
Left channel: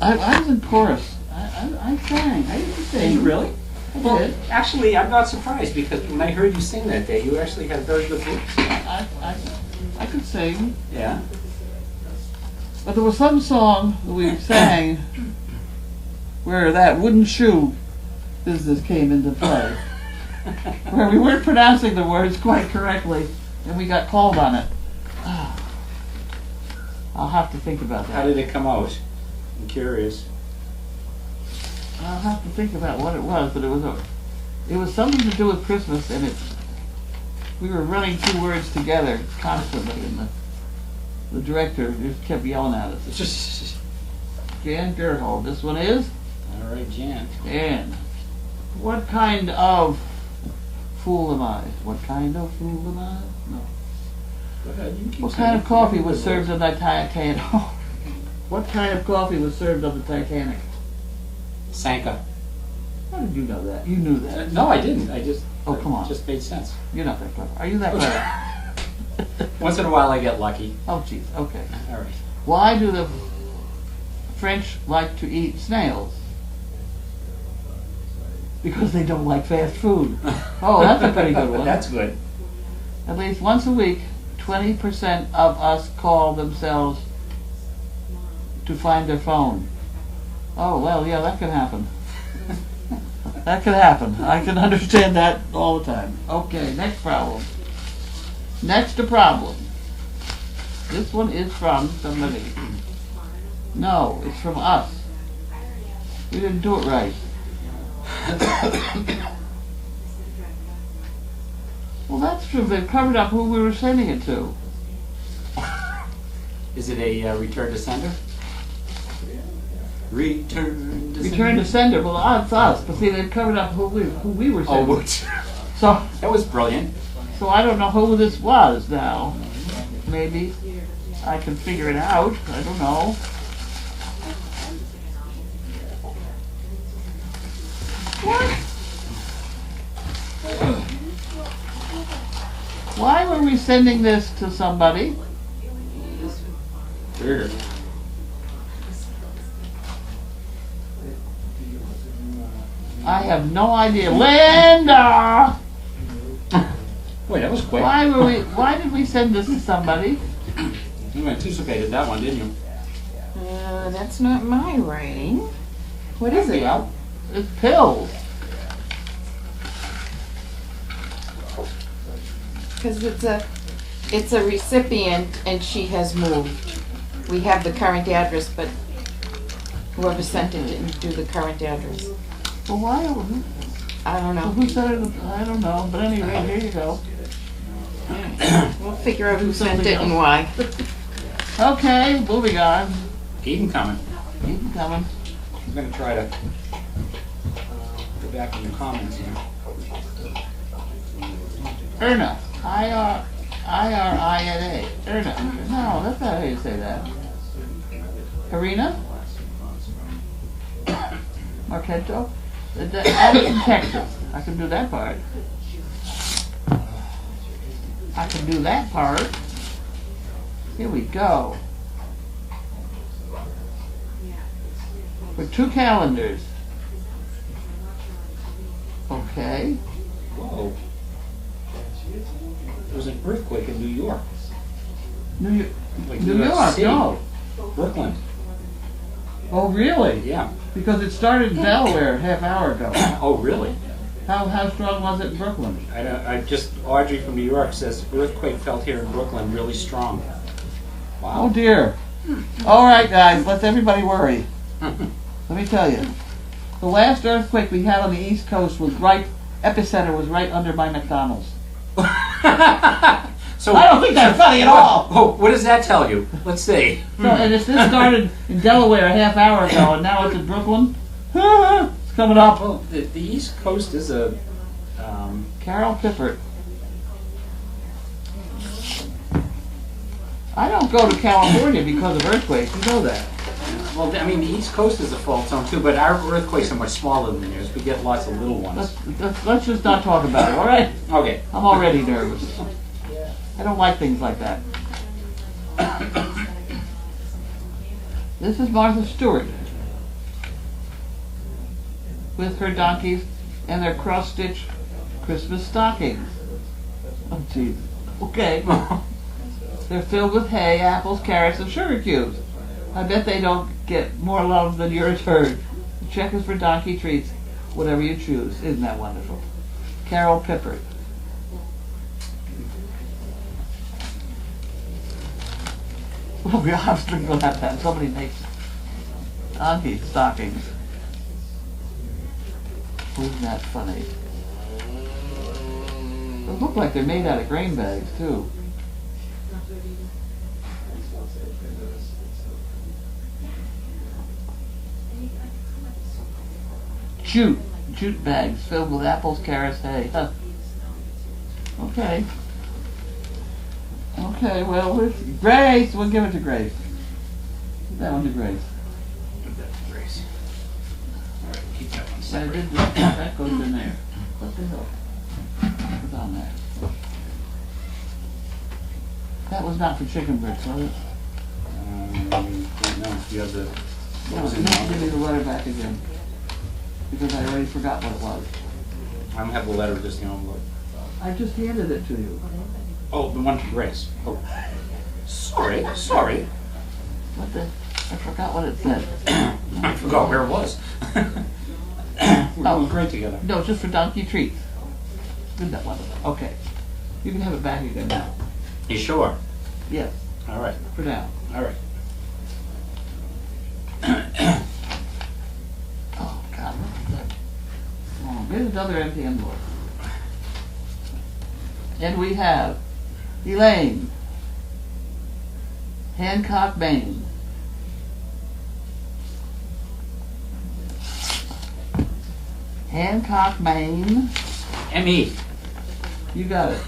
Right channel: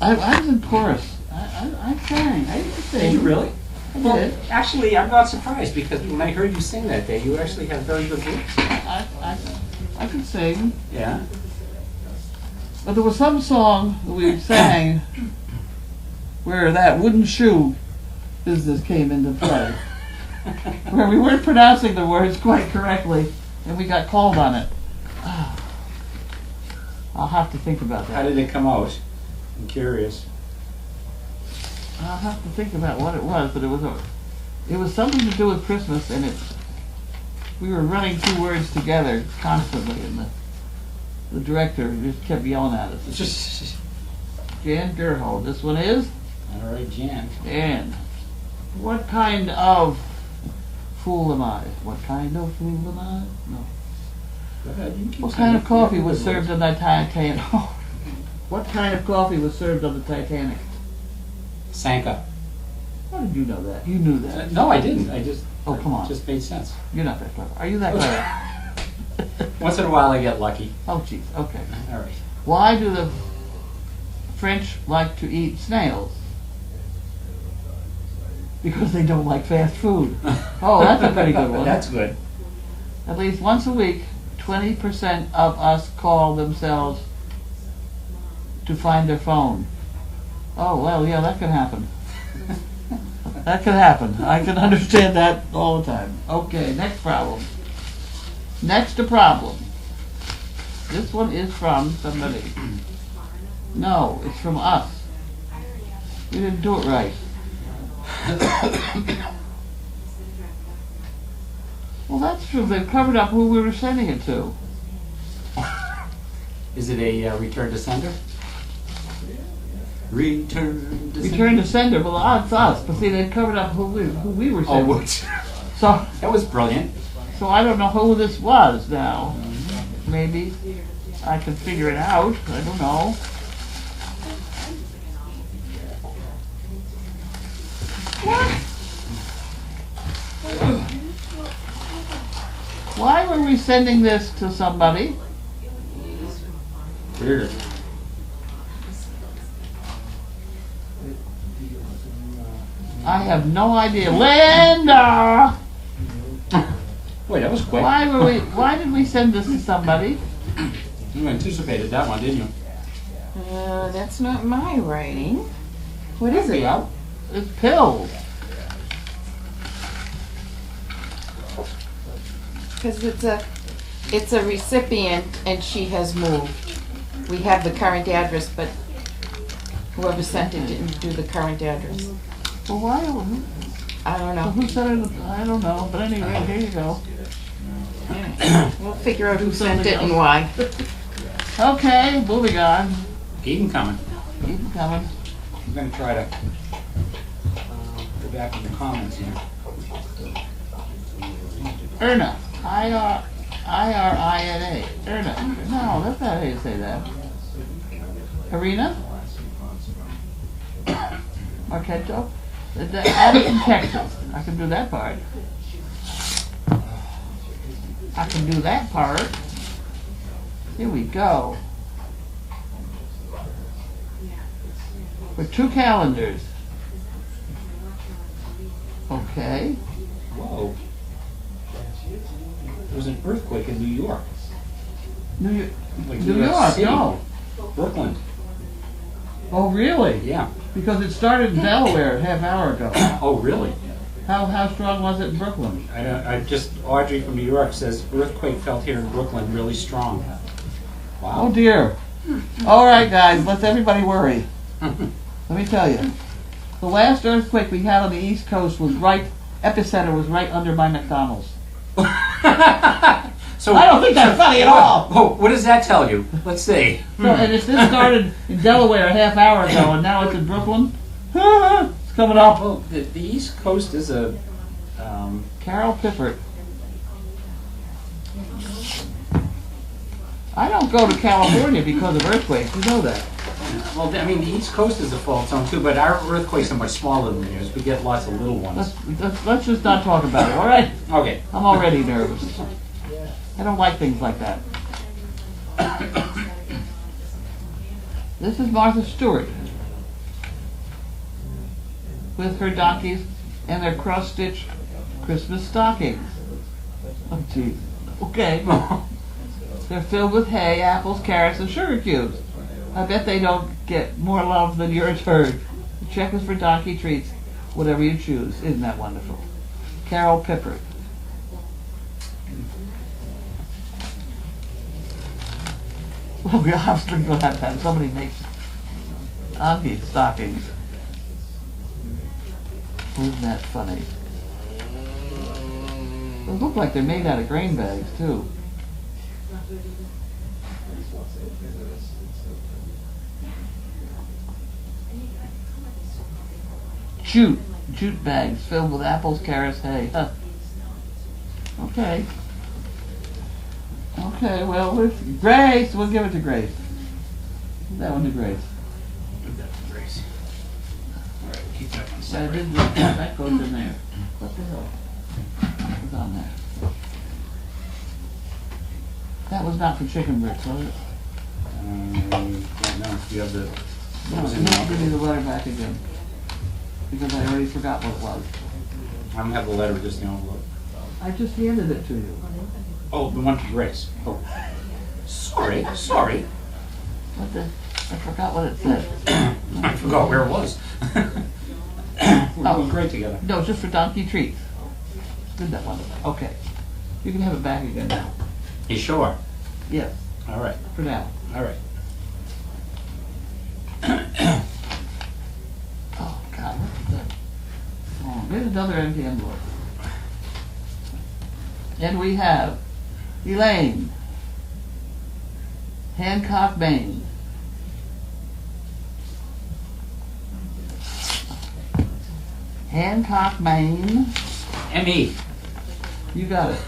I was in chorus. I sang. I used to Did sing. you really? I Well, did. actually, I'm not surprised because when I heard you sing that day, you actually had very good voice. I could sing. Yeah. But there was some song that we sang where that wooden shoe business came into play. Where we weren't pronouncing the words quite correctly and we got called on it. I'll have to think about How that. did it come out? I'm curious. I'll have to think about what it was, but it was something to do with Christmas, and we were running two words together constantly, and the director just kept yelling at us. Jan Gerhold, this one is? All right, Jan. Jan. What kind of fool am I? What kind of fool am I? No. What kind of coffee was served on the Titanic? What kind of coffee was served on the Titanic? Sanka. How did you know that? You knew that. No, I didn't. I just. Oh, come on. It just made sense. You're not that clever. Are you that clever? Once in a while, I get lucky. Oh, jeez. Okay. All right. Why do the French like to eat snails? Because they don't like fast food. Oh, that's a pretty good one. That's good. At least once a week, 20% of us call themselves to find their phone. Oh, well, yeah, that can happen. That can happen. I can understand that all the time. Okay, next problem. Next problem. This one is from somebody. No, it's from us. We didn't do it right. Well, that's true. They've covered up who we were sending it to. Is it a return to sender? Return to Return to sender. Well, it's us. But see, they've covered up who we were Oh, sending. what? So That was brilliant. I don't know who this was now. Maybe I can figure it out. I don't know. What? Why were we sending this to somebody? Weird. I have no idea. Linda! Wait, that was quick. Why did we send this to somebody? You anticipated that one, didn't you? That's not my writing. What is it? Well, It's pills. Because it's a recipient and she has moved. We have the current address, but whoever sent it didn't do the current address. Well, why? I don't know. Who sent it? I don't know. But anyway, here you go. We'll figure out who sent it and why. Okay, moving on. keep them coming. Keep them coming. I'm going to try to go back in the comments here. Erna. I-R-I-N-A. Erna. No, that's not how you say that. Arena? Marquento? Addison, Texas. I can do that part. I can do that part. Here we go. For 2 calendars. Okay. Whoa. There was an earthquake in New York. New Like York, City. no. Brooklyn. Oh, really? Yeah. Because it started in Delaware a half hour ago. Oh, really? How strong was it in Brooklyn? I just, Audrey from New York says, earthquake felt here in Brooklyn really strong. Oh Wow. dear. All right, guys, let's everybody worry. Let me tell you, the last earthquake we had on the East Coast was epicenter was right under my McDonald's. So I don't think that's funny at all. Oh, what does that tell you? Let's see. So, and if this started in Delaware a half hour ago and now it's in Brooklyn, it's coming up. Well, the East Coast is a. Carol Pippert. I don't go to California because of earthquakes. You know that. Well, I mean, the East Coast is a fault zone too, but our earthquakes are much smaller than yours. We get lots of little ones. Let's just not talk about it, all right? Okay. I'm already nervous. I don't like things like that. This is Martha Stewart with her donkeys and their cross-stitch Christmas stockings. Oh, geez. Okay. They're filled with hay, apples, carrots, and sugar cubes. I bet they don't get more love than yours heard. The check is for donkey treats, whatever you choose. Isn't that wonderful? Carol Pippert. Well, we obviously going to have somebody make donkey stockings. Isn't that funny? They look like they're made out of grain bags, too. Jute bags filled with apples, carrots, hay. Huh. Okay. Okay, well, Grace, we'll give it to Grace. Give that one to Grace. Give that to Grace. All right, we'll keep that one separate. That goes in there. What the hell? What's on there? That was not for chicken bricks, was it? Don't know if you have the. What No, was you in the have to give me envelope? the letter back again. Because I already forgot what it was. I don't have the letter, just the envelope. I just handed it to you. Oh, the one to Grace. Oh, sorry. What the? I forgot what it said. I forgot where it was. We're doing great together. No, just for donkey treats. Isn't that wonderful? Okay. You can have it back again now. You sure? Yes, All right. for now. All right. Oh, God, what's that? Oh, here's another empty envelope. And we have Elaine, Hancock, Maine. Hancock, Maine. M.E. You got it.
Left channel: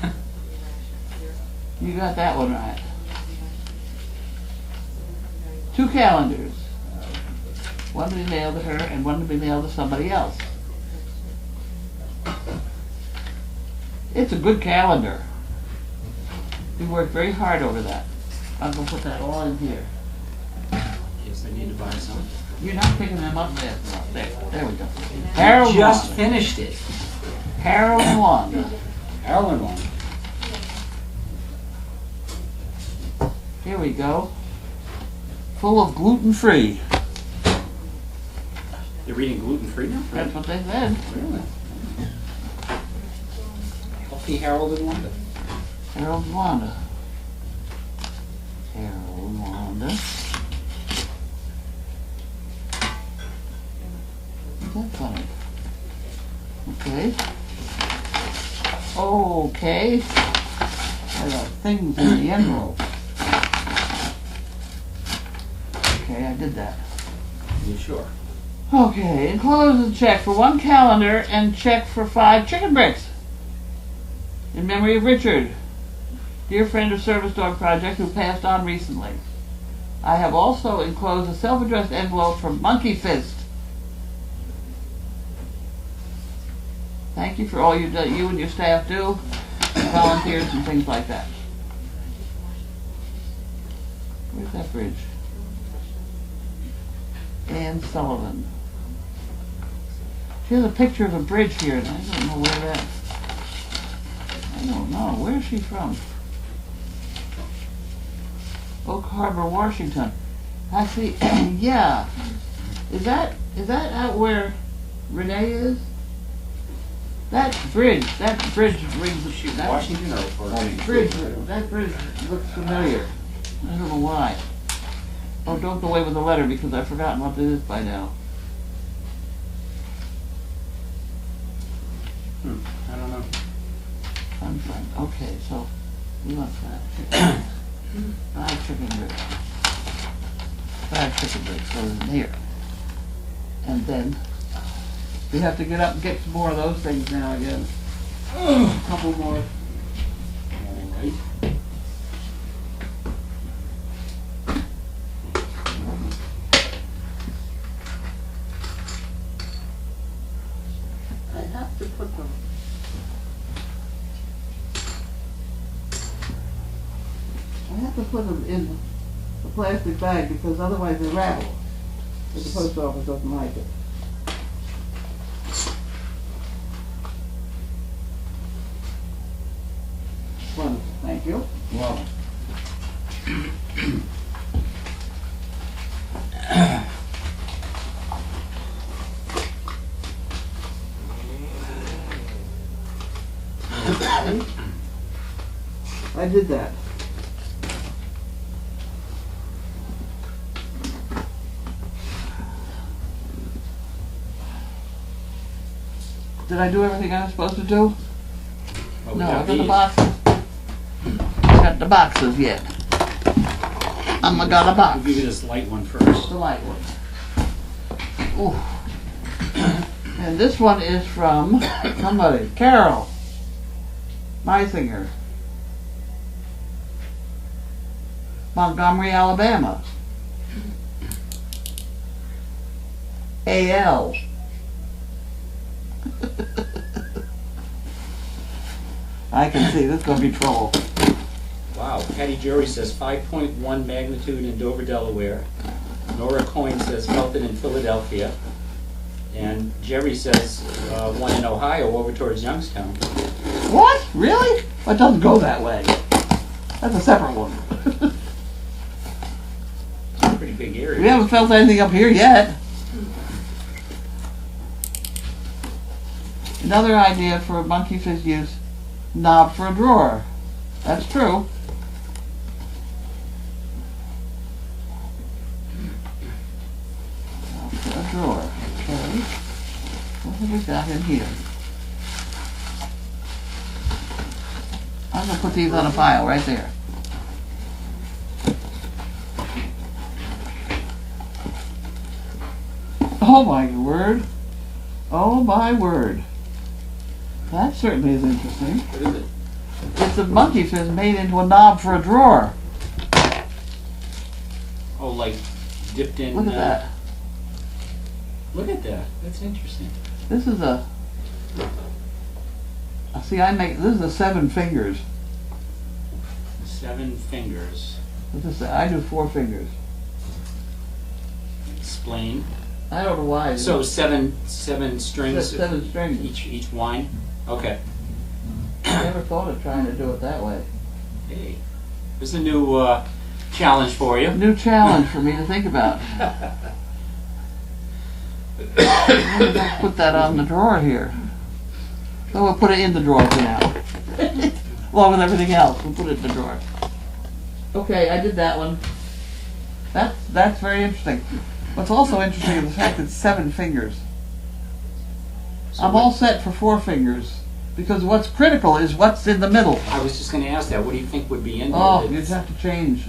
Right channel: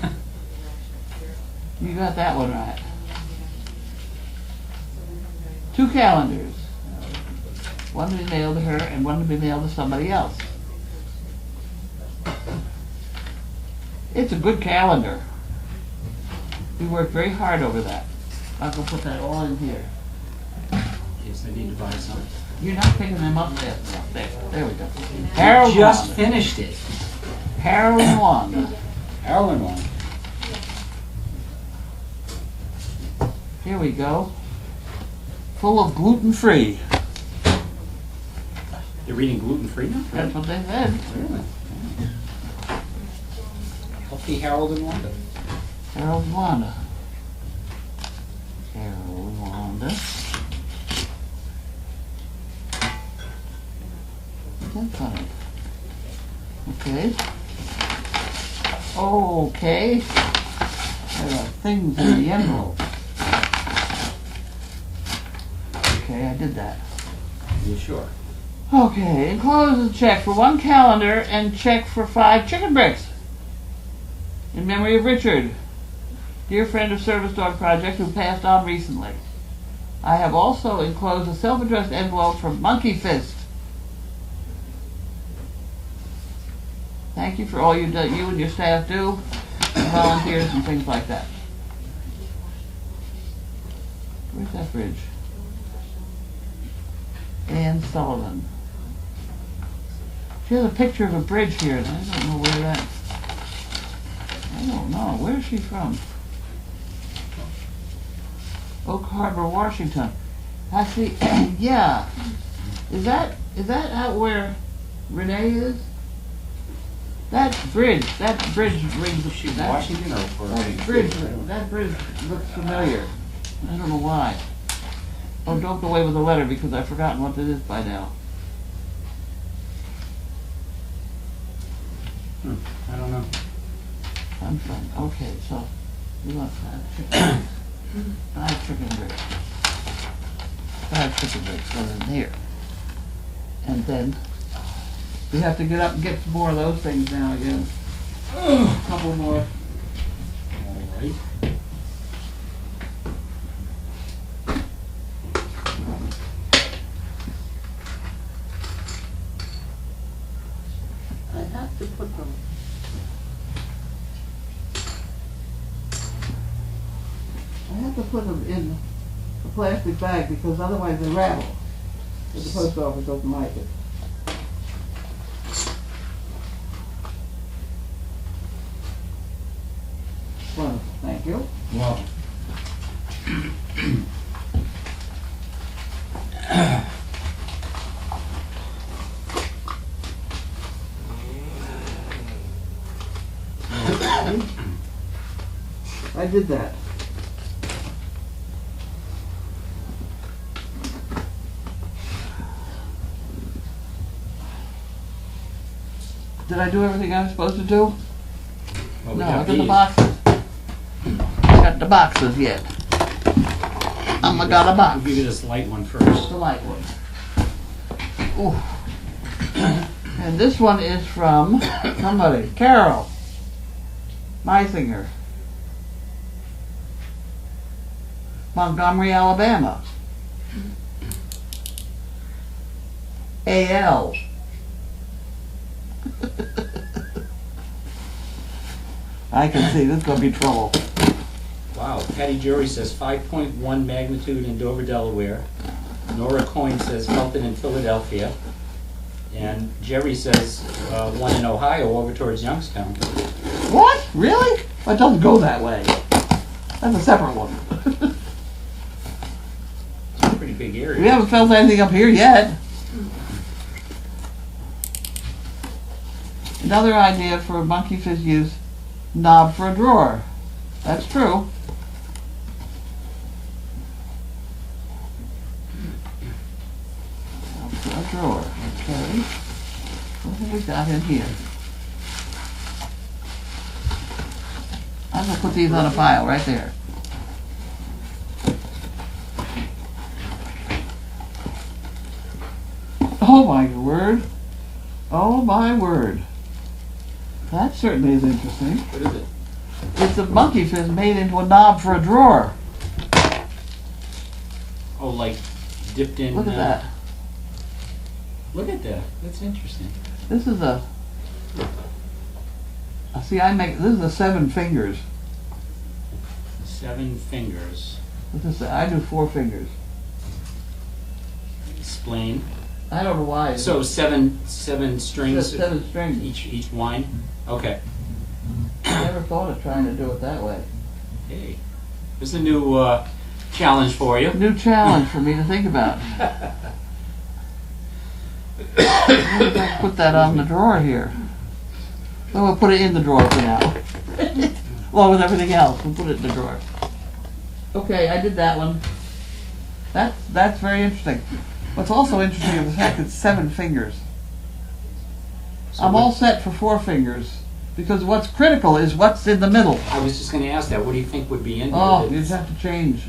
You got that one right. 2 calendars. One to be mailed to her and one to be mailed to somebody else. It's a good calendar. We worked very hard over that. I'm going to put that all in here. Yes, I need to buy some. You're not picking them up fast enough. There we go. Harold Just Wanda. finished it. Harold Wanda. Carolyn one. Here we go. Full of gluten-free. You're reading gluten-free now? That's what they said. Really? Healthy Harold and Wanda. Harold Wanda. Harold Wanda. Isn't that funny? Okay. Okay. There are things in the envelope. Okay, I did that. You sure? Okay, enclose a check for 1 calendar and check for 5 chicken bricks. In memory of Richard, dear friend of Service Dog Project who passed on recently. I have also enclosed a self-addressed envelope from Monkey Fist. Thank you for all you and your staff do, and volunteers and things like that. Where's that bridge? Ann Sullivan. She has a picture of a bridge here, and I don't know where that. I don't know. Where is she from? Oak Harbor, Washington. I see. Yeah. Is that out where Renee is? That bridge rings. She's That Washington or that bridge looks familiar. I don't know why. Oh, don't go away with the letter because I've forgotten what it is by now. I don't know. I'm fine. Okay, so we want 5 chicken bricks. 5 chicken bricks goes in here. And then we have to get up and get some more of those things now again. A couple more. All right. I have to put them. I have to put them in a plastic bag because otherwise they rattle. But the post office doesn't like it. Wonderful, thank you. Well. I did that. Did I do everything I was supposed to do? Well, we No, got I got the these. boxes. I got the boxes yet. I got a box. We'll give you this light one first. The light one. Ooh. And this one is from somebody, Carol Meisinger, Montgomery, Alabama. AL. I can see this is gonna be trouble. Wow. Patty Jury says 5.1 magnitude in Dover, Delaware. Nora Coyne says Felton in Philadelphia. And Jerry says one in Ohio over towards Youngstown. What? Really? Well, it doesn't go that way. That's a separate one. Pretty big area. We haven't felt anything up here yet. Another idea for a monkey fish use, knob for a drawer. That's true. Knob for a drawer. Okay. What have we got in here? I'm going to put these on a pile right there. Oh my word. Oh my word. That certainly is interesting. What is it? It's a monkey fish made into a knob for a drawer. Oh, like dipped in. Look at that. Look at that. That's interesting. This is a. See, this is a 7 fingers. 7 fingers. I do 4 fingers. Explain. I don't know why. So seven strings. 7 strings. Each wine. Okay. I never thought of trying to do it that way. Hey, this is a new challenge for you. New challenge for me to think about. I'll put that on the drawer here. So we'll put it in the drawer for now. Along with everything else, we'll put it in the drawer. Okay, I did that one. That's very interesting. What's also interesting is the fact it's 7 fingers. So I'm all set for 4 fingers. Because what's critical is what's in the middle. I was just going to ask that. What do you think would be in there? Oh, you'd have to change.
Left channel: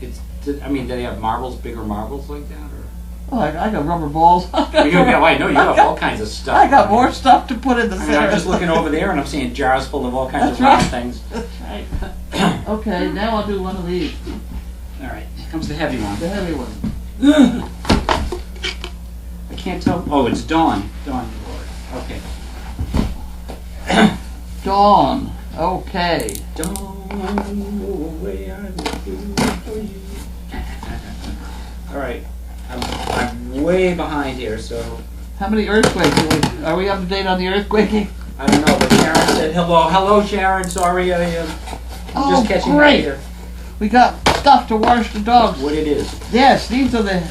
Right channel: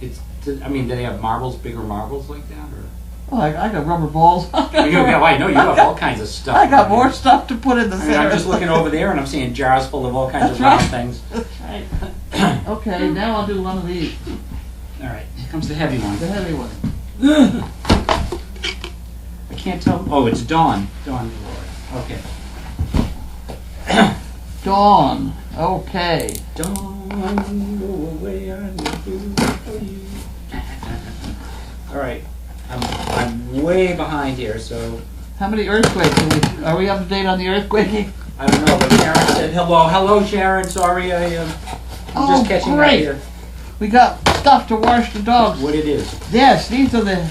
I mean, do they have marbles, bigger marbles like that? Or? Oh, I got rubber balls. I know you have all kinds of stuff. I got more stuff to put in the I center. mean, I'm just looking over there and I'm seeing jars full of all kinds That's of round right. things. That's right. Okay, now I'll do one of these. All right, here comes the heavy one. The heavy one. I can't tell. Oh, it's Dawn. Dawn. Okay. Dawn. Okay. Dawn, go away, I will do for you. All right, I'm way behind here, so How many earthquakes are we up to date on the earthquaking? I don't know. But Sharon said hello. Hello, Sharon. Sorry, I'm just catching great. right here. We got stuff to wash the dogs. What it is? Yes, these are the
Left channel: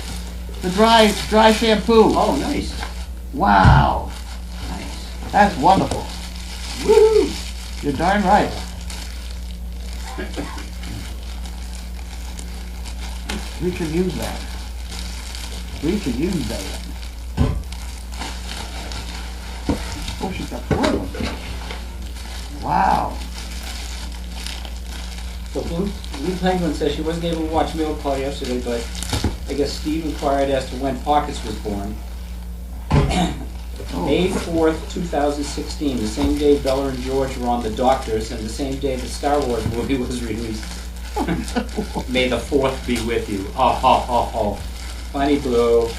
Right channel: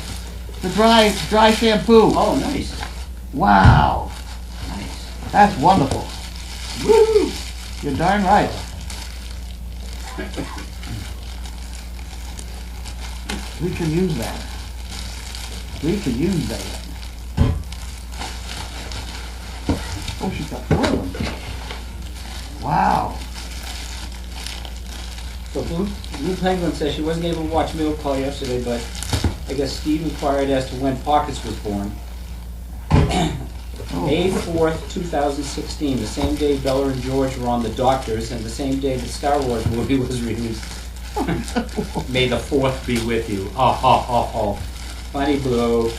dry shampoo. Oh, nice. Wow, Nice. that's wonderful. Woo! You're darn right. We can use that. We can use that. Oh, she's got 4 of them. Wow. So Blue Penguin says she wasn't able to watch Mail Call yesterday, but I guess Steve inquired as to when Pockets was born. May 4th, 2016, the same day Bella and George were on The Doctors, and the same day the Star Wars movie was released. May the 4th be with you. Oh, ho, ho, ho. Funny Blue.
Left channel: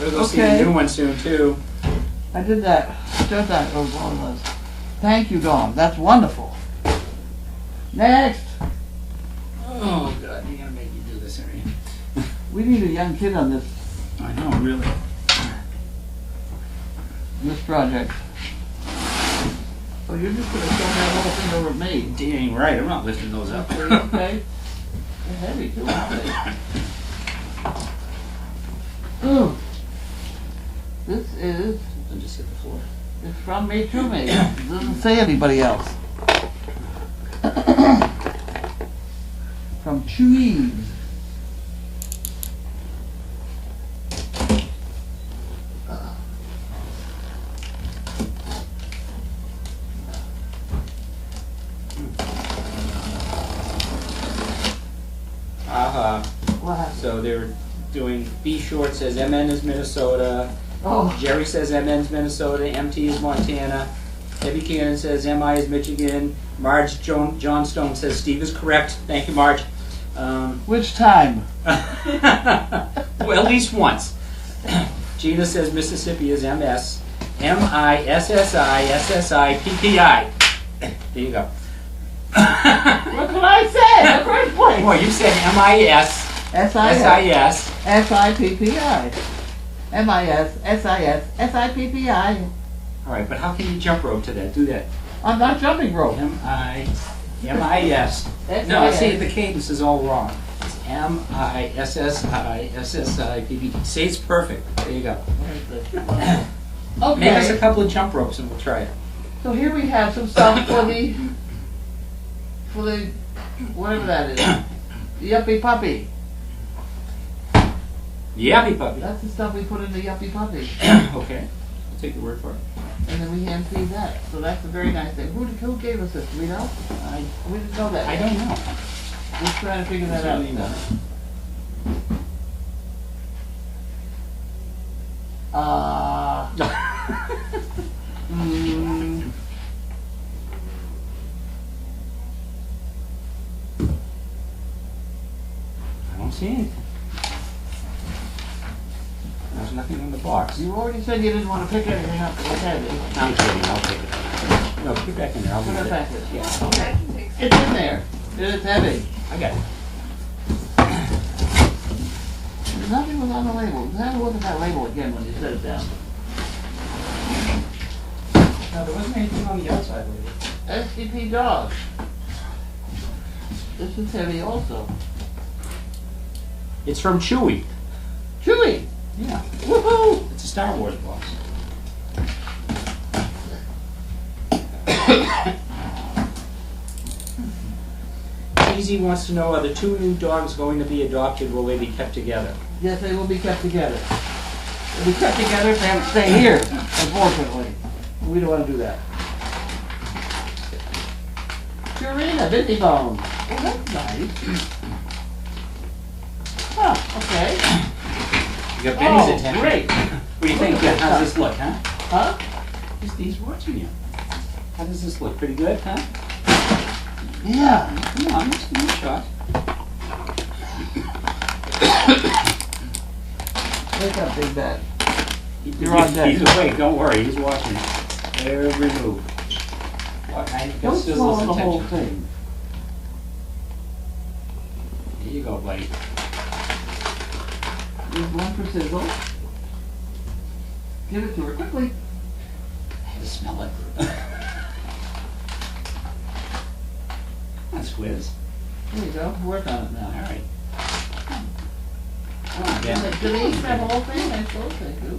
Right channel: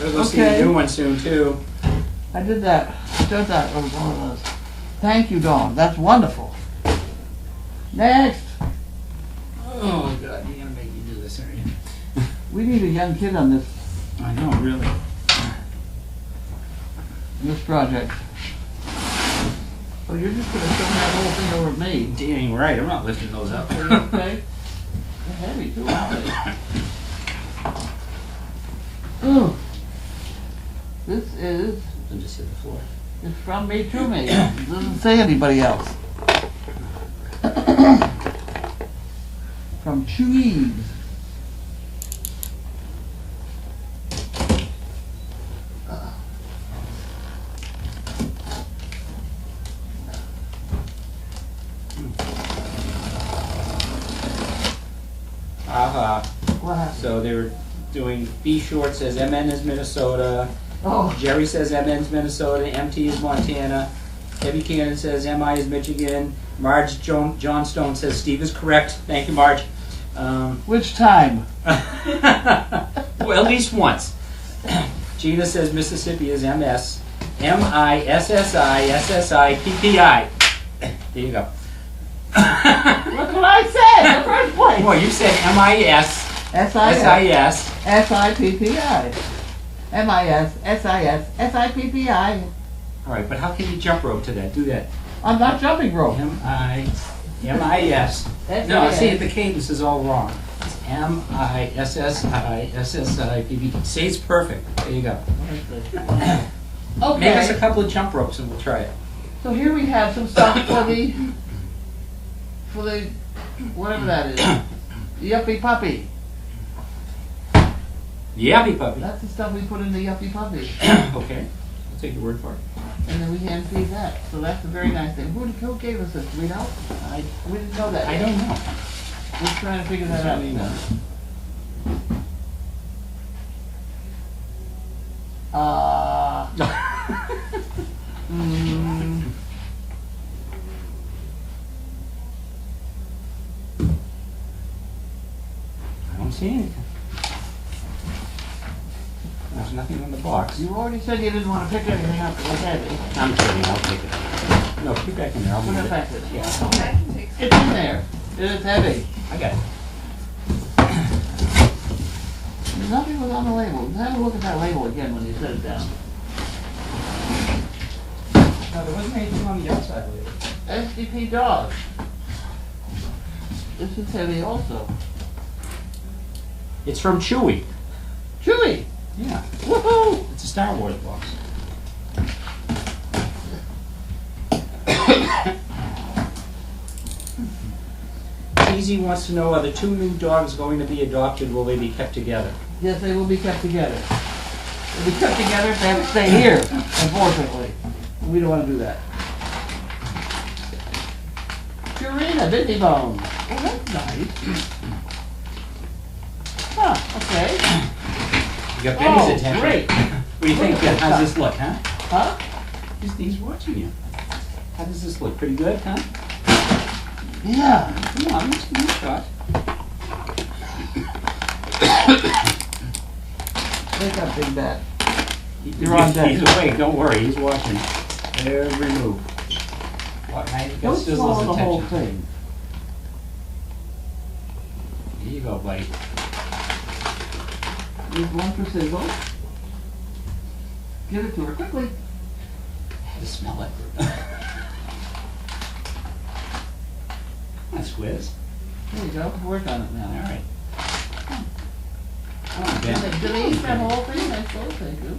We're going to see Okay. a new one soon, too. I did that. Did that. Oh, one of those. Thank you, Dawn. That's wonderful. Next. Oh God, you're gonna make me do this, aren't you? We need a young kid on this I know, really. project. Oh, you're just gonna show me that whole thing over at me. Dang right, I'm not lifting those up. Okay. They're heavy too, aren't they? Oh. This is, And just hit the floor. it's from me to me. It doesn't say anybody else. From Chewies. What happened? So they were doing, B Short says MN is Minnesota, Oh, Jerry says MN's Minnesota, MT is Montana, Debbie Cannon says MI is Michigan, Marge Johnstone says Steve is correct. Thank you, Marge. which time? Well, at least once. Gina says Mississippi is MS, MISSI, SSI, PPI. There you go. What can I say? The first place. Boy, you said MIS, SIS. SIS. SIPPI. MIS, SIS, SIPPI. All right, but how can you jump rope to that? Do that. I'm not jumping rope. MIS. No, see, the cadence is all wrong. It's MISSI, SSI, PPI. Say it's perfect. There you go. Make us a Okay, couple of jump ropes and we'll try it. so here we have some stuff for the, whatever that is. The Yuppie Puppy. Yappy puppy. That's the stuff we put in the Yuppie Puppy. Okay, I'll take your word for it. And then we hand feed that. So that's a very nice thing. Who gave us this? Do we know? We didn't know that I yet. don't know. We're trying to figure that out. Mm, I don't see anything. There's nothing in the box. you already said you didn't want to pick anything up like that. I'm kidding, I'll take it. No, put it back in there, I'll Put move it it. back there. Yeah, I can take some. It's in there. It is heavy. I got it. Nothing was on the label. Have a look at that label again when you set it down. No, there wasn't anything on the outside with it. SDP dog. This is heavy also. It's from Chewy. Chewy! Yeah, Woohoo! it's a Star Wars box. Easy wants to know, are the two new dogs going to be adopted? Will they be kept together? Yes, they will be kept together. They'll be kept together if they have to stay here, unfortunately. We don't want to do that. Purina, Busy Bone. Oh, that's nice. Huh, okay. You got Benny's Oh, attention. great. What do you think? Look at How's that. this look, huh? Huh? He's watching you. How does this look? Pretty good, huh? Yeah. Come on, let's give it a shot. Wake up, Big Bad. You're on deck. He's awake, don't worry, he's watching every move. What, now you've got Don't Sizzle's swallow the whole attention. thing. Here you go, buddy. Here's one for Sizzle. Give it to her quickly. I smell it. That's Squiz. There you go. Work on it now. All right. Come on, Ben. Do they eat that whole thing? I suppose they do.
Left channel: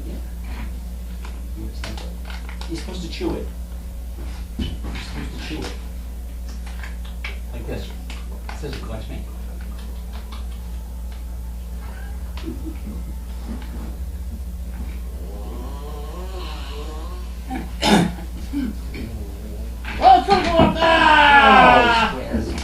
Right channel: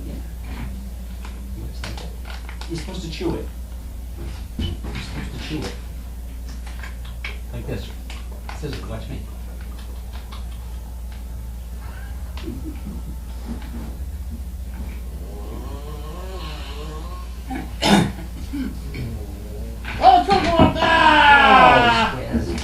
You're supposed to chew it. You're supposed to chew it. Like this. Sizzle, watch me. Oh, Sizzle up there! Squiz.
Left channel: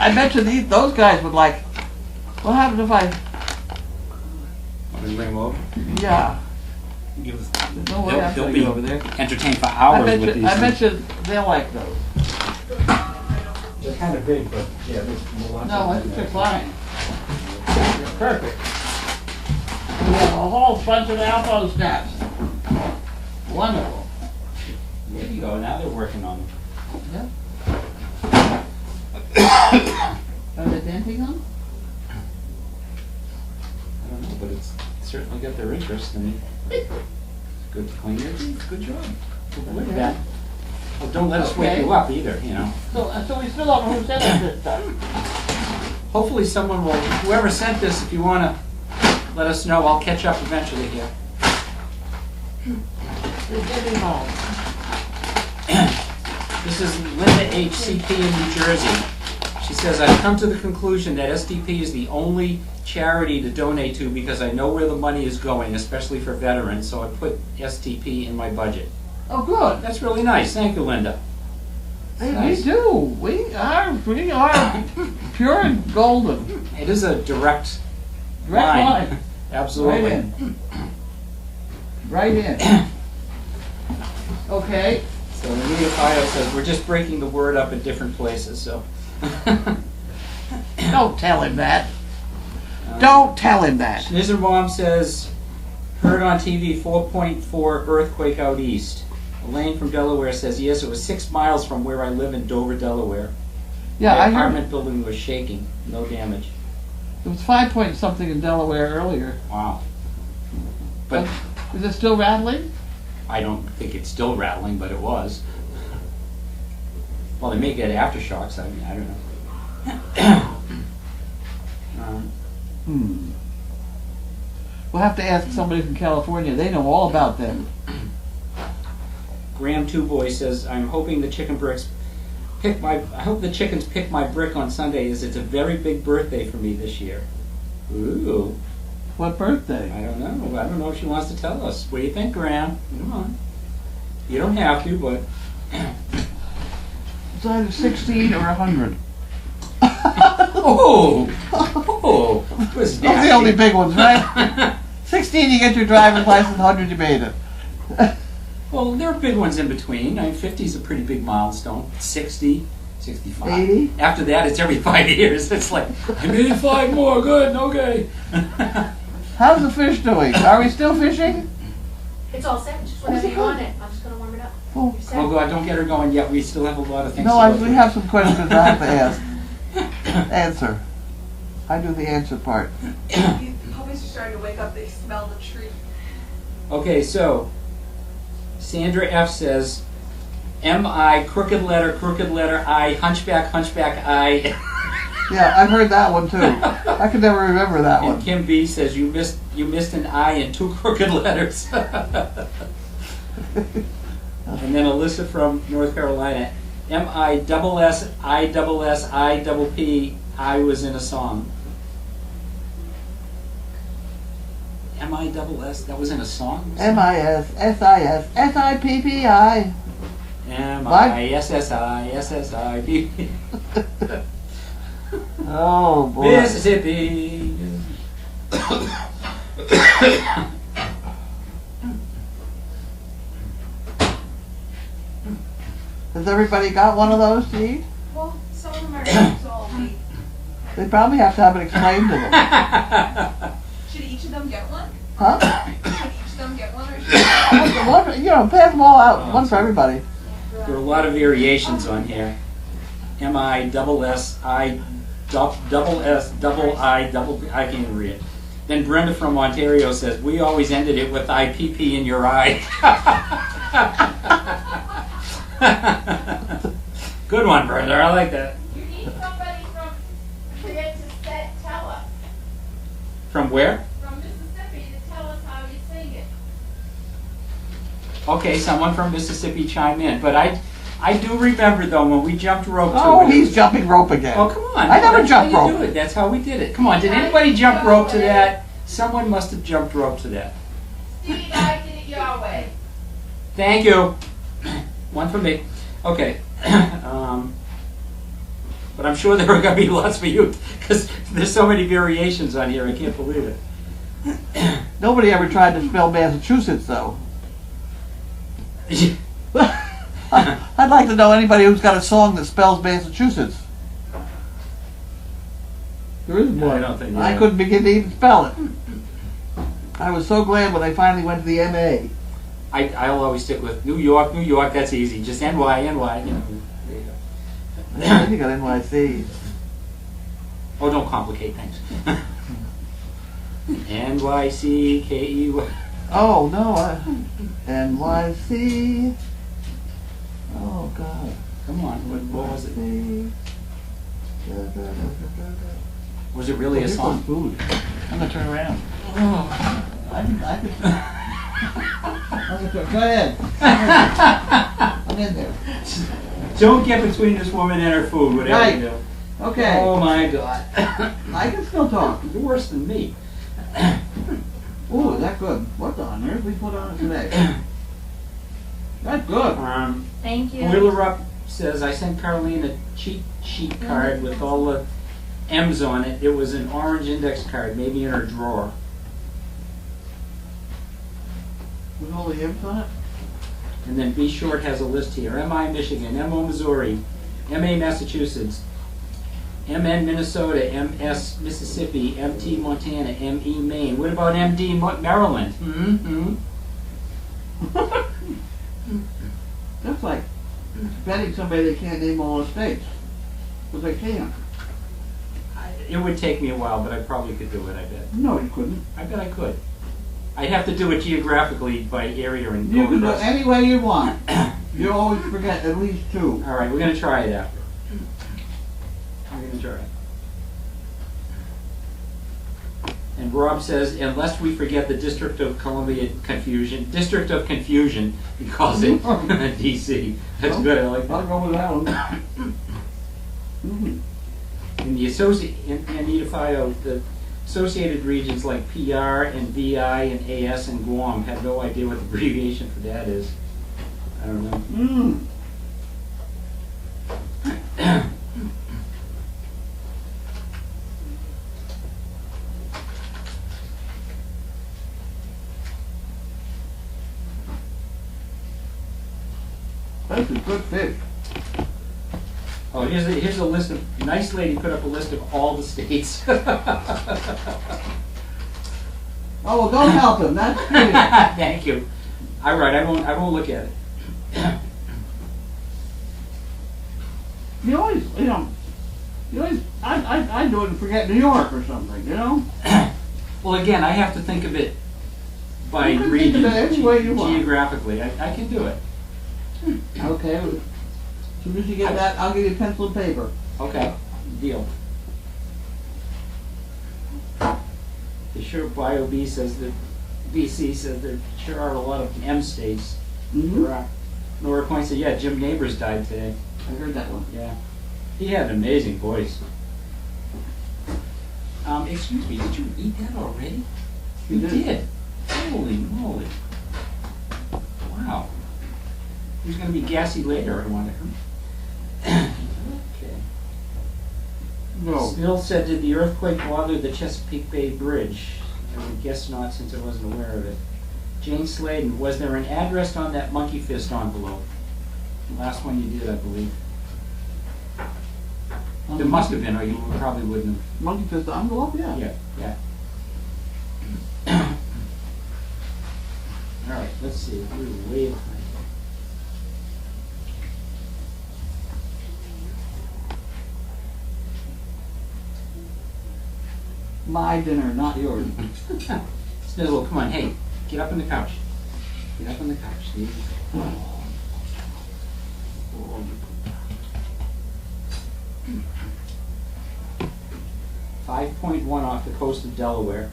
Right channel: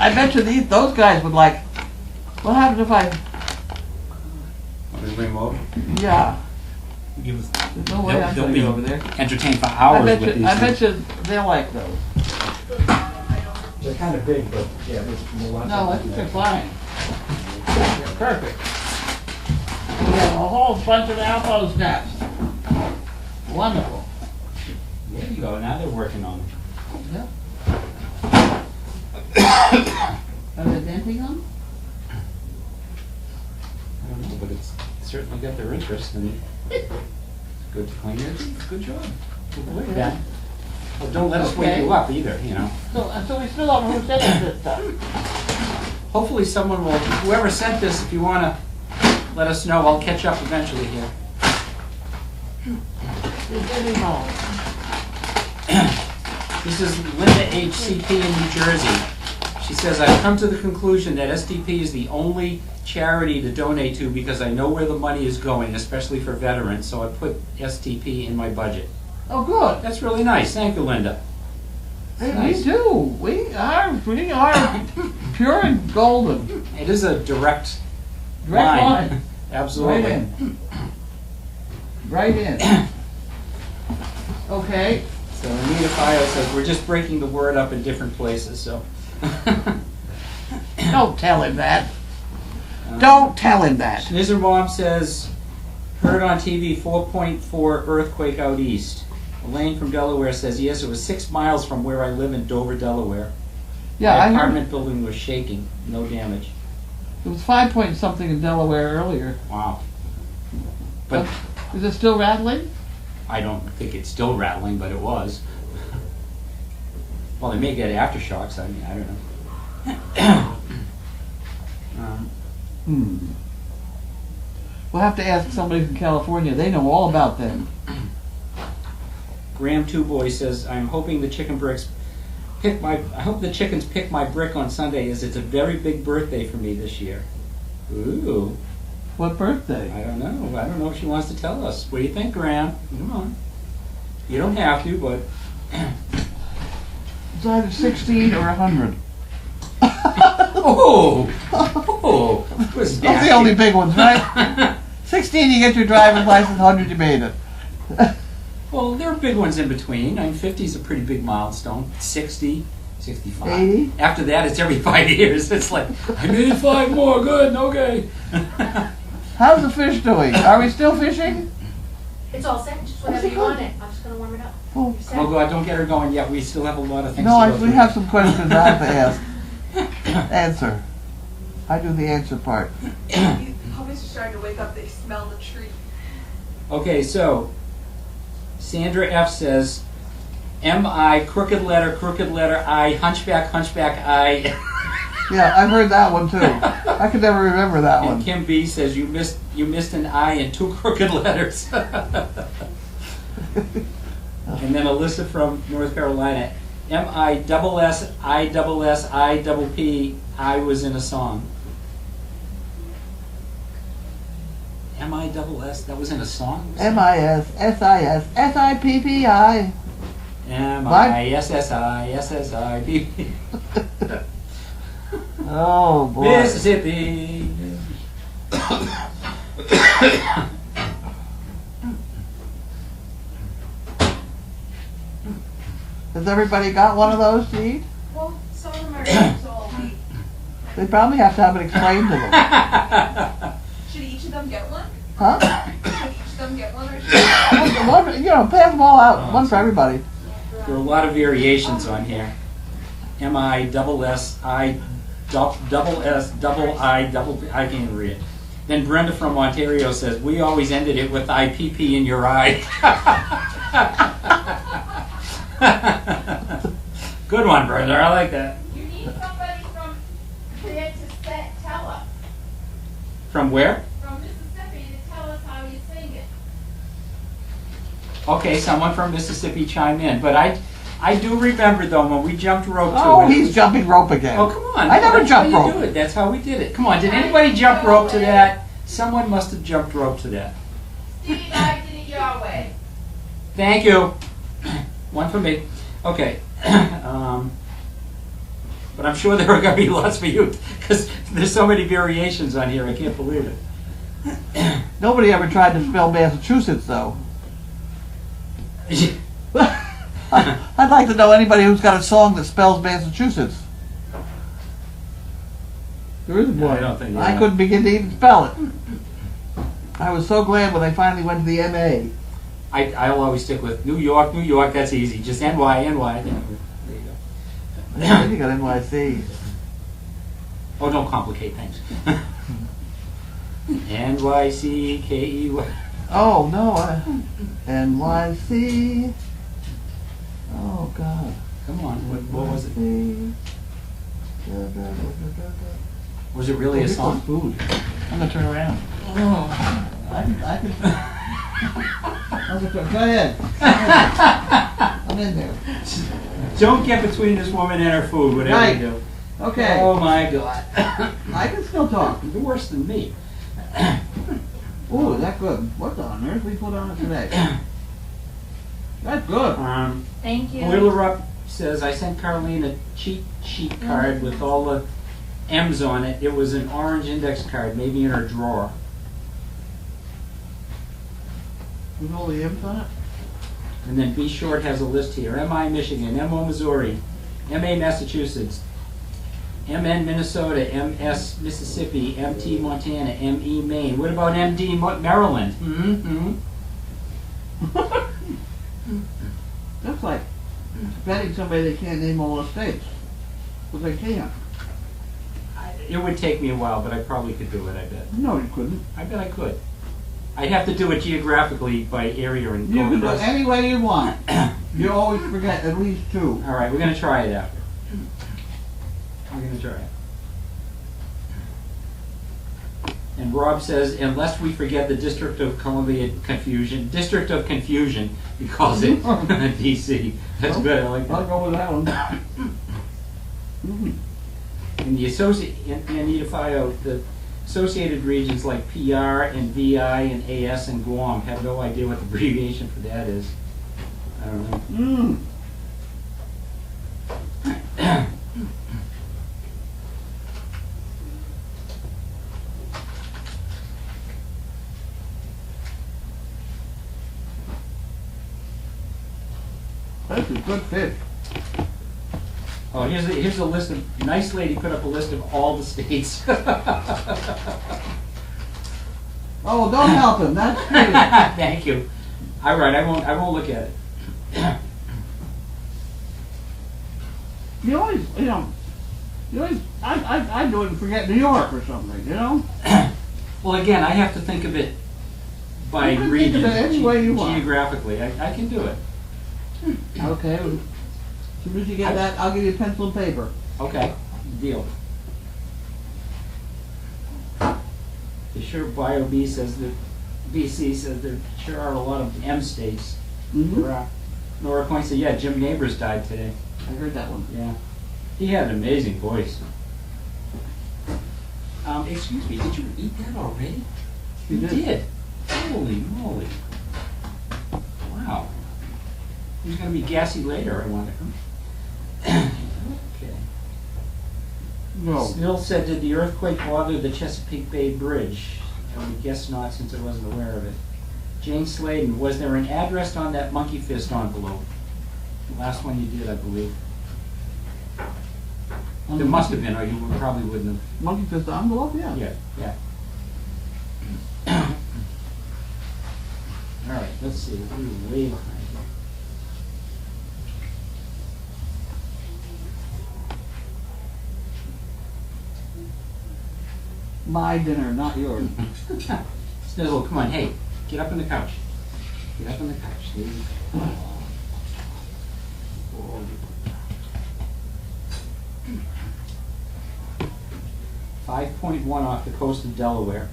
I bet you those guys would like, what happens if I, Want me to bring him over? yeah, There's no way I'm they'll gonna be be over there. entertained for I hours bet with you, these. I bet you they'll like those. They're kind of big, but yeah, there's lots No, I of think them they're there. fine. They're perfect. We have a whole bunch of Alpo snaps. Wonderful. Yeah. you go. Now they're working on them. Are they dancing on? I don't know, but it's certainly got their interest and good cleaners. Good job. Good work, Ben. Well, don't let us wake Okay. you up either, you know. So we still don't know who sent us this stuff. Hopefully someone will, whoever sent this, if you want to let us know, I'll catch up eventually here. SDP Mail. This is Linda HCP in New Jersey. She says, I've come to the conclusion that SDP is the only charity to donate to because I know where the money is going, especially for veterans, so I put SDP in my budget. Oh, good. That's really nice. Thank you, Linda. Hey, Nice. we do. We are pure and golden. It is a direct Direct line. line. Absolutely. Right in. Right in. Okay. So Anita Fio says, we're just breaking the word up in different places, so. Don't tell him that. Don't tell him that. Schnizzer Mom says, heard on TV 4.4 earthquake out east. Elaine from Delaware says, yes, it was 6 miles from where I live in Dover, Delaware. Yeah, The I heard apartment building was shaking, no damage. it was 5 point something in Delaware earlier. Wow. But Is it still rattling? I don't think it's still rattling, but it was. Well, they may get aftershocks, I mean, I don't know. We'll have to ask somebody from California. They know all about them. Graham Two Boy says, I'm hoping the chickens pick my brick on Sunday as it's a very big birthday for me this year. Ooh, What birthday? I don't know. I don't know if she wants to tell us. What do you think, Graham? Come on. You don't have to, but It's either 16 or 100. oh, was Those are the only big ones, right? 16 you get your driver's license, 100 you made it. Well, there are big ones in between. I mean, 50 is a pretty big milestone. 60, 65. 80? After that, it's every 5 years. It's like, I made 5 more. Good, okay. How's the fish doing? Are we still fishing? It's all set, just whenever you want it. I'm just gonna warm it up. Oh. You're set. Well, God, don't get her going yet. We still have a lot of things No, to go we through. have some questions I have to ask. Answer. I do the answer part. Puppies are starting to wake up. They smell the tree. Okay, so Sandra F says, M-I, crooked letter I, hunchback, I. Yeah, I've heard that one too. I could never remember that And one. Kim B says, you missed an I and 2 crooked letters. And then Alyssa from North Carolina, M-I-S-S-I-P, I was in a song. M-I-S-S, that was in a song? MISSISSIPPI. M-I-S-S-I-P. Oh boy. Mississippi. Has everybody got one of those to eat? Well, some of them are so I'll wait. They probably have to have it explained to them. Should each of them get one? Huh? Should each of them get one or should One, you know, pass them all out. One for everybody. There are a lot of variations on here. M-I-S-S-I, double S, double I, double, I can't even read it. Then Brenda from Ontario says, we always ended it with IPP in your eye. Good one, Brenda. I like that. You need somebody from there to tell us, From where? from Mississippi to tell us how you sing it. Okay, someone from Mississippi chime in. But I do remember, though, when we jumped rope to Oh, it. he's jumping rope again. Oh, come on. I never That's jumped how you rope. do it. That's how we did it. Come on, did anybody jump rope to that? Someone must have jumped rope to that. Steve and I did it your way. Thank you. One for me. Okay. But I'm sure there are going to be lots for you because there's so many variations on here. I can't believe it. Nobody ever tried to spell Massachusetts, though. I'd like to know anybody who's got a song that spells Massachusetts. There isn't one. I don't think. I couldn't begin to even spell it. I was so glad when they finally went to the MA. I'll always stick with New York, New York. That's easy. Just NY, NY. You know, there you go. Yeah, you got NYC. Oh, don't complicate things. NYCKEY. Oh, no, NYC. Oh, God. Come on, what was it? it? Was it really a song? Food. I'm gonna turn around. Oh, I can. Go ahead. I'm in there. Don't get between this woman and her food, whatever Right. you do. Okay. Oh my God. I can still talk. You're worse than me. Ooh, is that good? What on earth we put on it today? That's good. Thank you. Boiler Up says, I sent Carlene a cheat sheet card with all the M's on it. It was an orange index card, maybe in her drawer. With all the M's on it? And then B Short has a list here. MI Michigan, MO Missouri, MA Massachusetts, MN Minnesota, MS Mississippi, MT Montana, ME Maine. What about MD Maryland? Mm-hmm. That's like betting somebody they can't name all the states. But they can. It would take me a while, but I probably could do it, I bet. No, you couldn't. I bet I could. I'd have to do it geographically by area and You go can do it across. any way you want. You always forget at least two. All right, we're going to try it after. We're going to try it. And Rob says, unless we forget the District of Columbia Confusion, District of Confusion, he calls it DC. That's good, I like I'll that. go with that one. And the Anita Fio, the associated regions like PR and VI and AS and Guam have no idea what the abbreviation for that is. I don't know. That's a good fish. Oh, here's a list of, nice lady put up a list of all the states. Oh, well, don't help him. That's pretty. Thank you. All right, I won't look at it. You always, I do it and forget New York or something, you know? Well, again, I have to think of it by You can region, think of it any way you want. geographically. I can do it. Okay. As soon as you get that, I'll give you pencil and paper. Okay, deal. The sure Bio B says that BC says there sure are a lot of M states. Mm-hmm. There are. Nora points out, yeah, Jim Neighbors died today. I heard that one. Yeah. He had an amazing voice. Excuse me, did you eat that already? You did. Holy moly. Wow. He's going to be gassy later, I wonder. Okay. No. Bill said, did the earthquake bother the Chesapeake Bay Bridge? I would guess not, since I wasn't aware of it. Jane Sladen, was there an address on that monkey fist envelope? The last one you did, I believe. There must have been, or you probably wouldn't have. Monkey fist envelope, yeah. Yeah. All right, let's see. We're way behind. My dinner, not yours. Snizzle, come on, hey, get up on the couch. Get up on the couch, Steve. 5.1 off the coast of Delaware.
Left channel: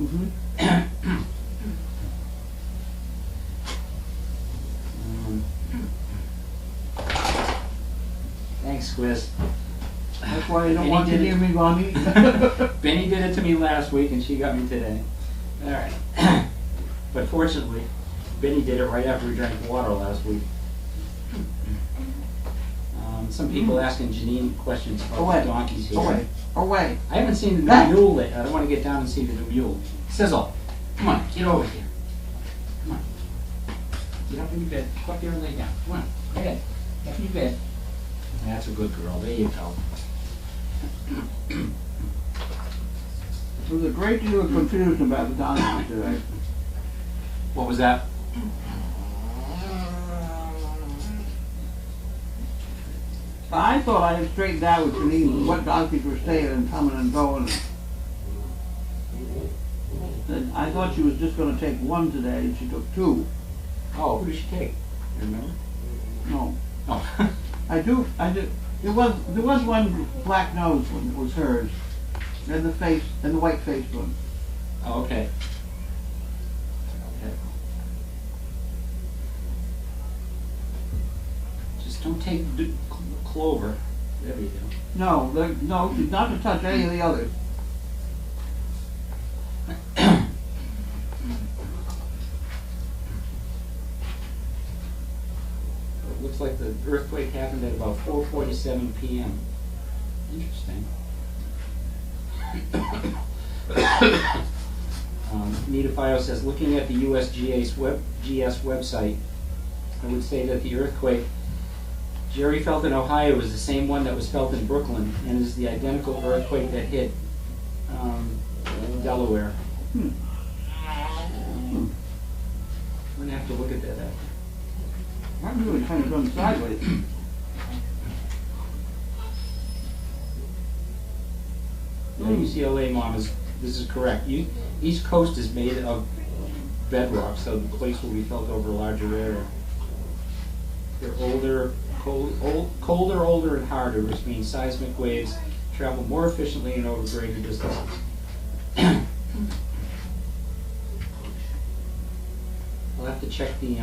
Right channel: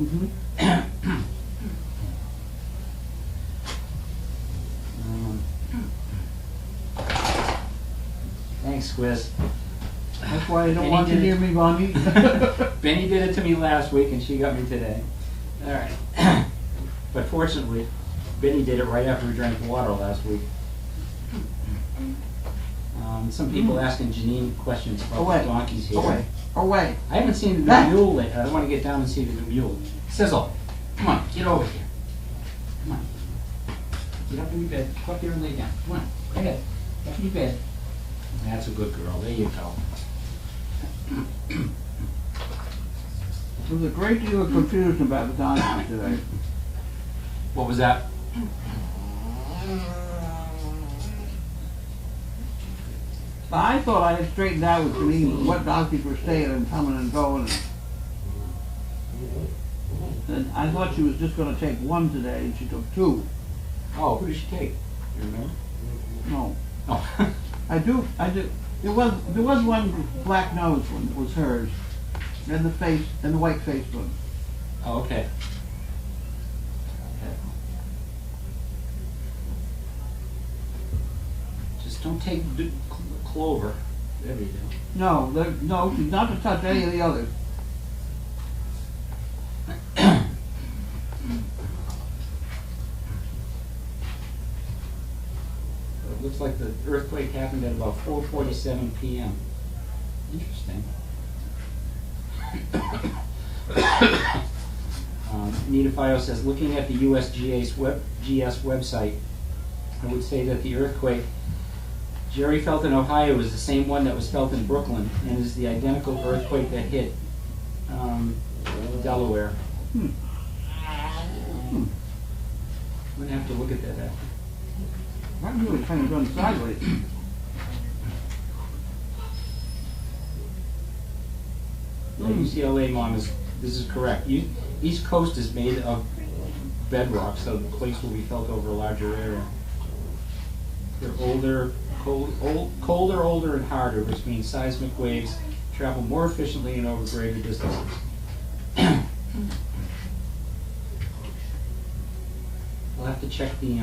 Mm-hmm. Thanks, Squiz. That's why you don't Benny want to did hear it. me, Bonnie. Benny did it to me last week, and she got me today. All right. But fortunately, Benny did it right after we drank water last week. Some people asking Janine questions about Away. the donkeys here. Away. Away. I haven't seen the Back. new mule yet. I want to get down and see the new mule. Sizzle, come on, get over here. Come on. Get up in your bed. Go up there and lay down. Come on, right ahead. Up in your bed. That's a good girl. There you go. There was a great deal of confusion about the donkeys today. What was that? I thought I had straightened out with Janine what donkeys were staying and coming and going. And I thought she was just gonna take one today, and she took two. Oh, who did she take? You remember? No. Oh. I do, there was one black nosed one that was hers. And the white faced one. Oh, okay. Just don't take Clover. There you go. No, no, she's not to touch any of the others. It looks like the earthquake happened at about 4:47 p.m. Interesting. Nita Fio says, looking at the USGS website, I would say that the earthquake Jerry felt in Ohio was the same one that was felt in Brooklyn and is the identical earthquake that hit Delaware. I'm going to have to look at that after. I'm really kind of going sideways. UCLA mom this is correct. East Coast is made of bedrock, so the quakes will be felt over a larger area. They're older, older, and harder, which means seismic waves travel more efficiently and over greater distances. I'll have to check the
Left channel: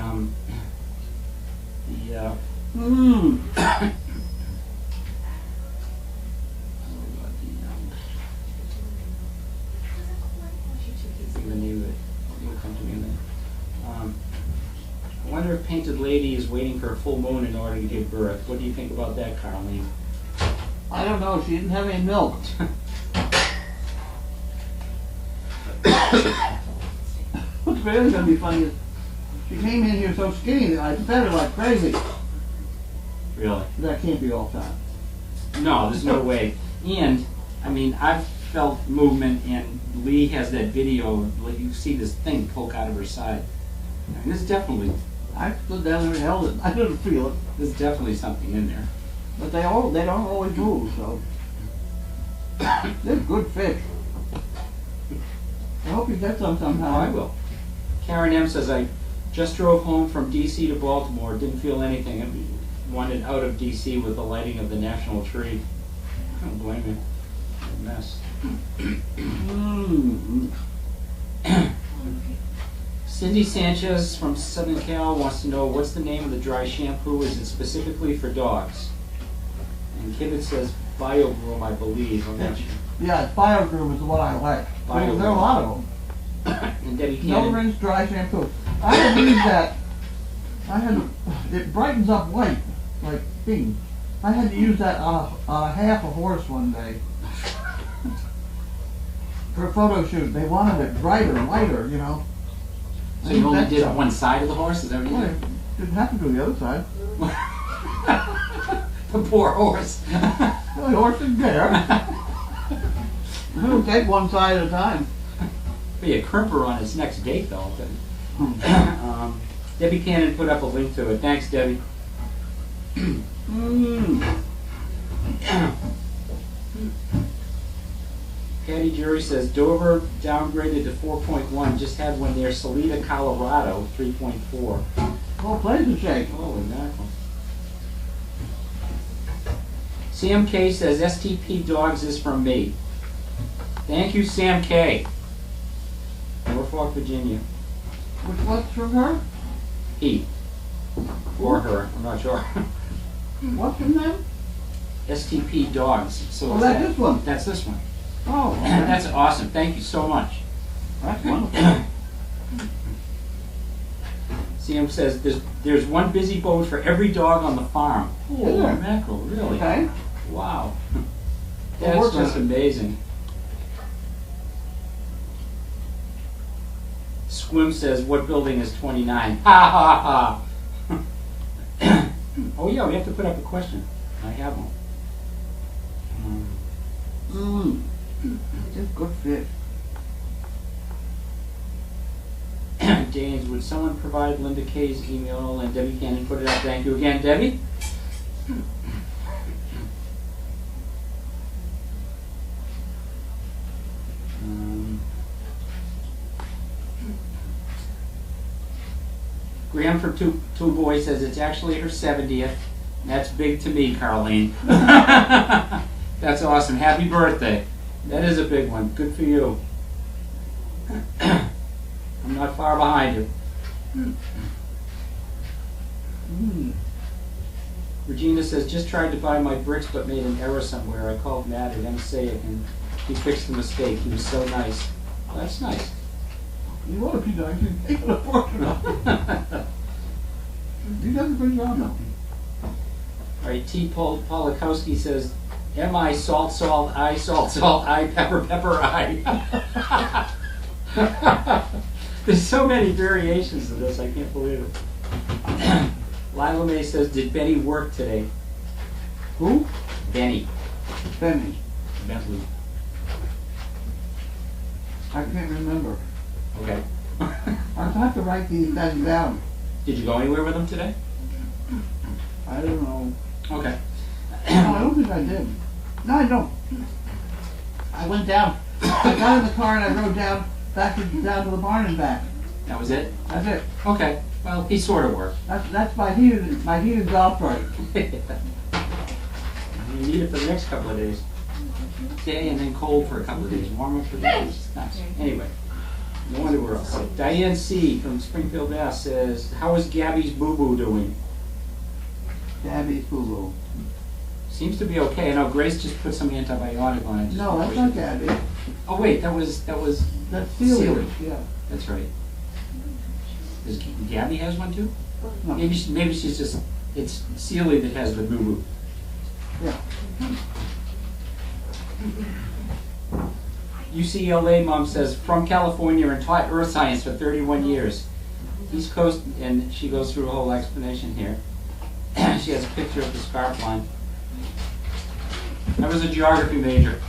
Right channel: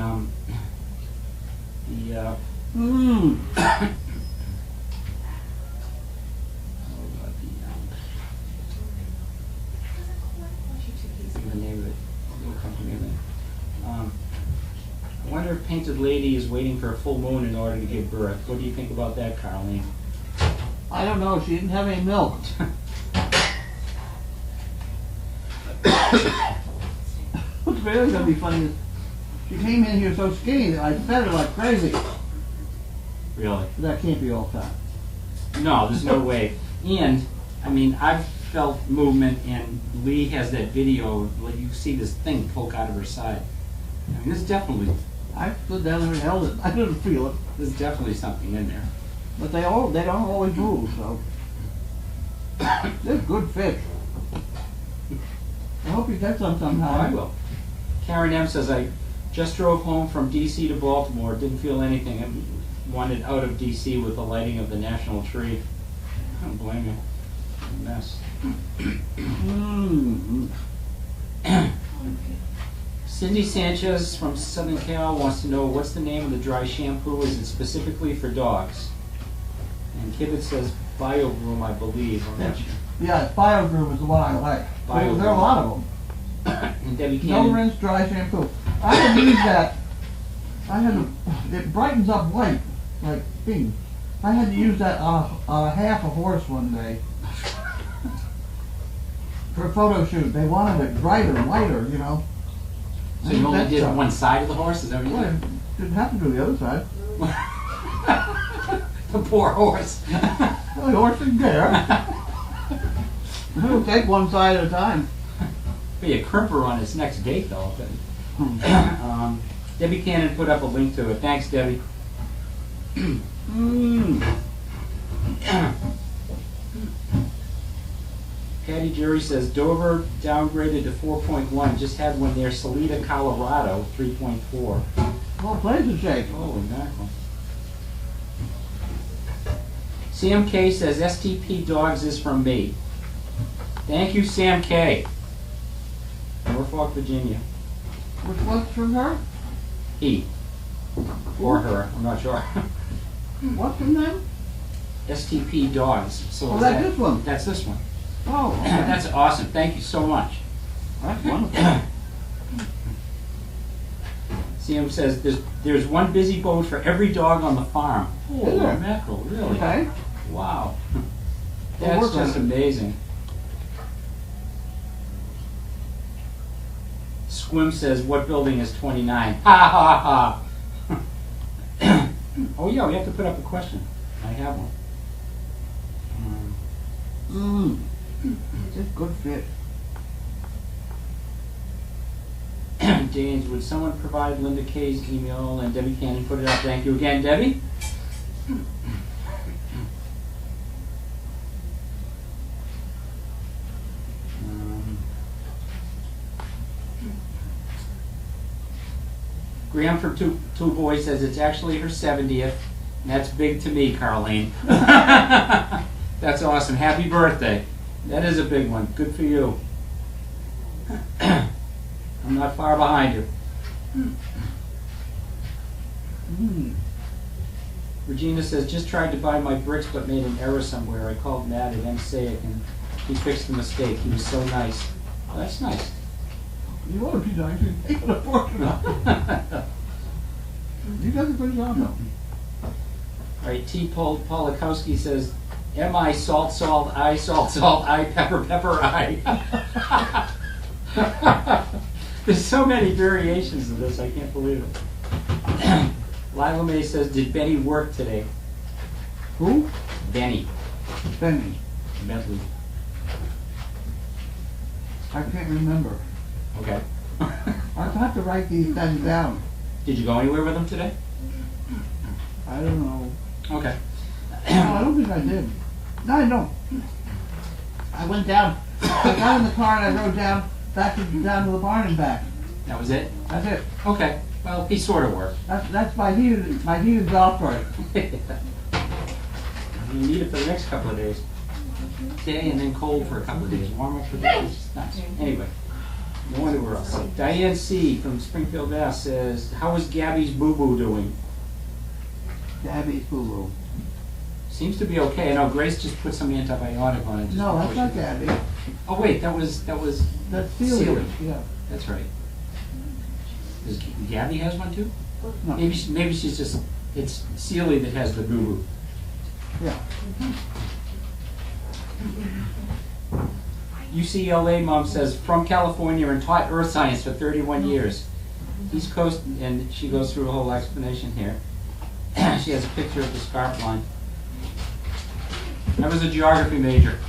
the name of it. It'll come to me in a minute. I wonder if Painted Lady is waiting for a full moon in order to give birth. What do you think about that, Carlene? I don't know, she didn't have any milk. What's really going to be funny is she came in here so skinny that I fed her like crazy. Really? That can't be all time. No, there's no way. And, I mean, I've felt movement, and Lee has that video, like you see this thing poke out of her side. I mean, there's definitely, I stood down there and held it. I didn't feel it. there's definitely something in there. But they don't always move, so. They're good fish. I hope you get some somehow. Oh, I will. Karen M. says, I just drove home from D.C. to Baltimore, didn't feel anything, and wanted out of D.C. with the lighting of the national tree. I don't blame you. A mess. Cindy Sanchez from Southern Cal wants to know, what's the name of the dry shampoo? Is it specifically for dogs? And Kibitz says Biogroom, I believe. I'm not sure. Yeah, Biogroom is the one I like. There are a lot of them. And Debbie No Cannon. rinse dry shampoo. I had to use that. It brightens up white, like pink. I had to use that on a half a horse one day. For a photo shoot. They wanted it brighter, whiter, you know. So you only did one side of the horse? Is that what you Well, did? didn't have to do the other side. The poor horse. Well, the horse didn't care. It'll take one side at a time. Be a crimper on its next date, though. Debbie Cannon put up a link to it. Thanks, Debbie. Patty Jury says Dover downgraded to 4.1. Just had one near Salida, Colorado, 3.4. Well, places shake. Holy mackerel. Sam K says STP Dogs is from me. Thank you, Sam K. Norfolk, Virginia. Which one's from her? He. Or her, I'm not sure. What's from them? STP Dogs. So Oh, is that's that- this one. That's this one. Oh, okay. That's awesome. Thank you so much. That's wonderful. Sam says there's one busy boat for every dog on the farm. Holy Is there? mackerel, really? Okay. Wow. We'll That's work on just it. amazing. Squim says, what building is 29? Ha ha ha. Oh yeah, we have to put up a question. I have one. Just good fit. James, would someone provide Linda Kay's email and Debbie Cannon put it up? Thank you again, Debbie. Graham from Two Boys says it's actually her 70th. And that's big to me, Carlene. That's awesome. Happy birthday. That is a big one. Good for you. I'm not far behind you. Regina says, just tried to buy my bricks but made an error somewhere. I called Matt at MSAIC and he fixed the mistake. He was so nice. Well, that's nice. You ought to be nice. You take it apart. You got a good job now. All right, T. Polakowski says, M-I salt, salt, I salt, salt, I pepper, pepper, I. There's so many variations of this, I can't believe it. Lila May says, did Benny work today? Who? Benny. Benny. Bentley. I can't remember. Okay. I'll have to write these things down. Did you go anywhere with him today? I don't know. Okay. No, I don't think I did. No, I don't. I went down. I got in the car and I rode down to the barn and back. That was it? That's it. Okay. Well, he sort of worked. That's my heated golf cart. You need it for the next couple of days. Day and then cold for a couple of days. Warm up for days. Nice. Anyway, no wonder we're all sick. Diane C. from Springfield, Mass. says, how is Gabby's boo-boo doing? Gabby's boo-boo. Seems to be okay. I know Grace just put some antibiotic on it. No, that's not Gabby. Oh wait, that was That's Celia. Yeah. That's right. Does Gabby has one too? No. Maybe she's just, it's Celia that has the boo-boo. Yeah. UCLA mom says, from California and taught earth science for 31 years. East Coast, and she goes through a whole explanation here. She has a picture of the scarf line. I was a geography major.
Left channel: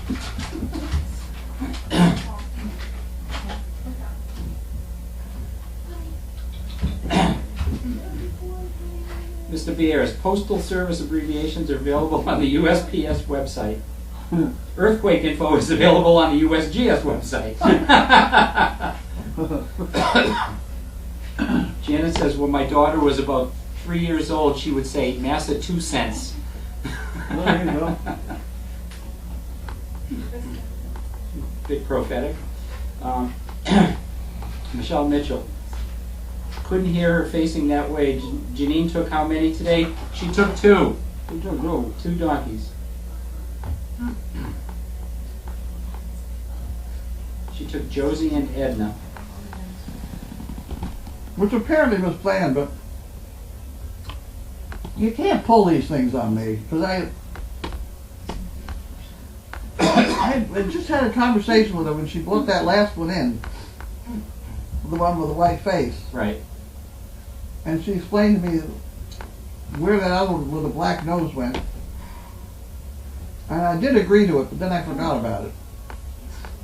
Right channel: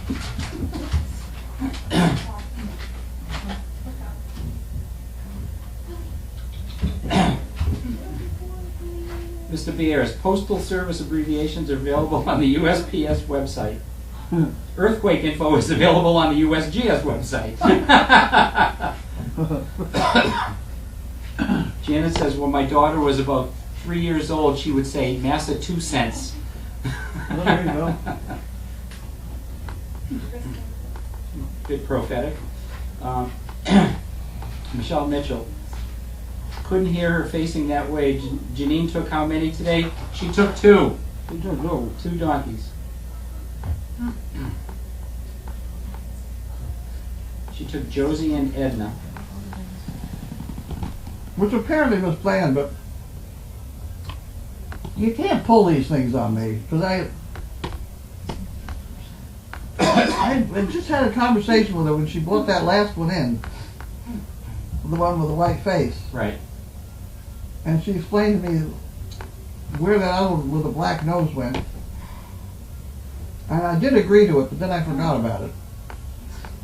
Mr. Beers, postal service abbreviations are available on the USPS website. Earthquake info is available on the USGS website. Janet says, when my daughter was about 3 years old, she would say, Massa 2 cents. There you go. Bit prophetic. Michelle Mitchell. Couldn't hear her facing that way. Janine took how many today? She took 2. You don't know. 2 donkeys. She took Josie and Edna. Which apparently was planned, but you can't pull these things on me because I just had a conversation with her when she brought that last one in, the one with the white face, Right. and she explained to me where that other one with the black nose went, and I did agree to it, but then I forgot about it.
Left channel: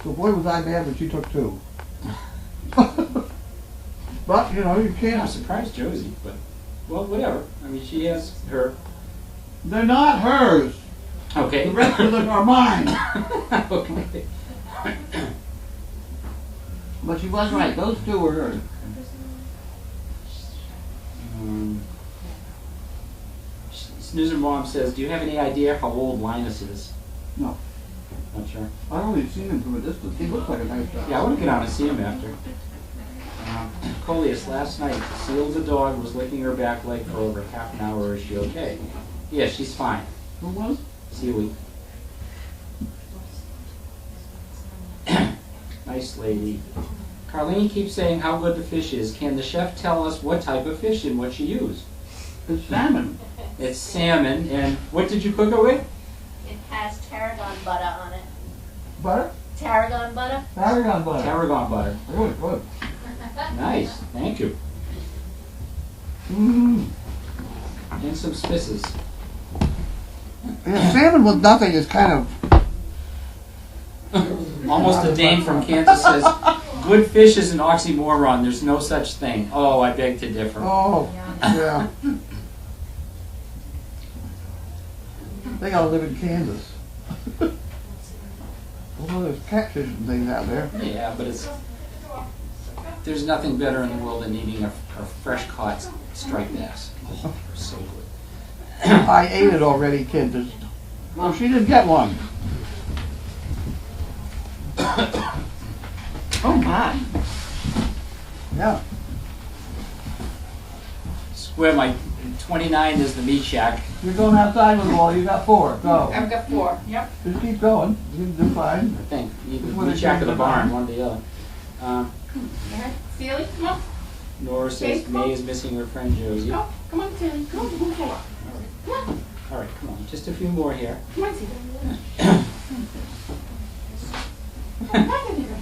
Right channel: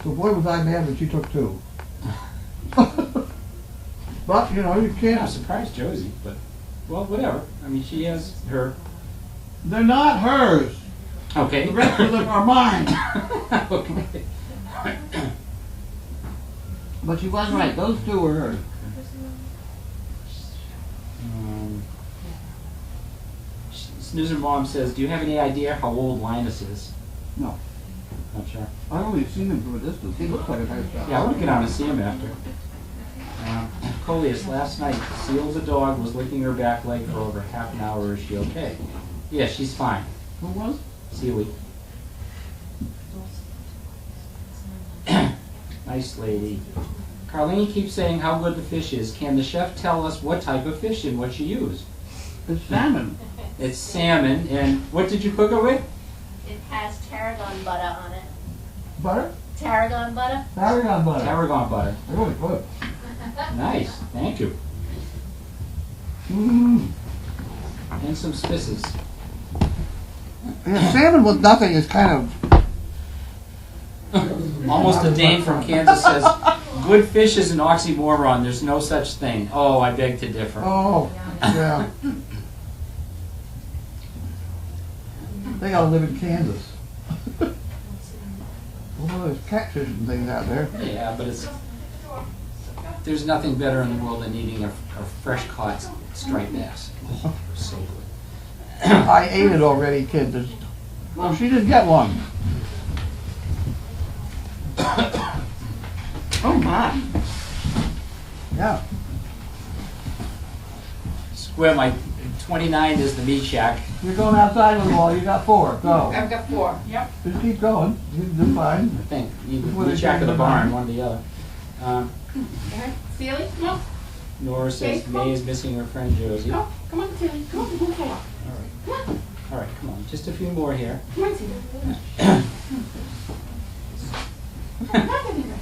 So boy was I mad when she took 2. But you know you I'm can't. surprised Josie, but well, whatever. I mean, she has her. They're not hers. Okay. The rest of them are mine. Okay. But she was right. Those 2 were hers. Snoozer Mom says, do you have any idea how old Linus is? No. Not sure. I've only seen him from a distance. He looks like a nice guy. Yeah, I want to get out and see him after. Coleus, last night, Seal the dog was licking her back leg for over half an hour. Is she okay? Yeah, she's fine. Who was? Sealy. Nice lady. Carlene keeps saying how good the fish is. Can the chef tell us what type of fish and what she used? It's salmon. It's salmon, and what did you cook it with? It has tarragon butter on it. Butter? Tarragon butter? Tarragon butter. Tarragon butter. Really good. Nice, thank you. Mm. And some spices. Yeah, salmon with nothing is kind of. Almost a Dane from Kansas says, good fish is an oxymoron. There's no such thing. Oh, I beg to differ. Oh, yeah. They gotta live in Kansas. Well, there's catfish and things out there. Yeah, but it's There's nothing better in the world than eating a fresh caught striped bass. Oh, so good. I ate it already, kid. Well, she didn't get one. Oh my. Yeah. Square, my 29 is the meat shack. You're going outside with them all. You got 4. Go. I've got 4. Yep. Just keep going. You do fine. I think. Either Before the they meat shack or change the their barn, mind. one or the other. Celie, come on. Nora says Okay, come on. May is missing her friend Josie. Go. Come on, Celie. Come on, come on, come on. All right, come on. Just a few more here. Come on, Celie.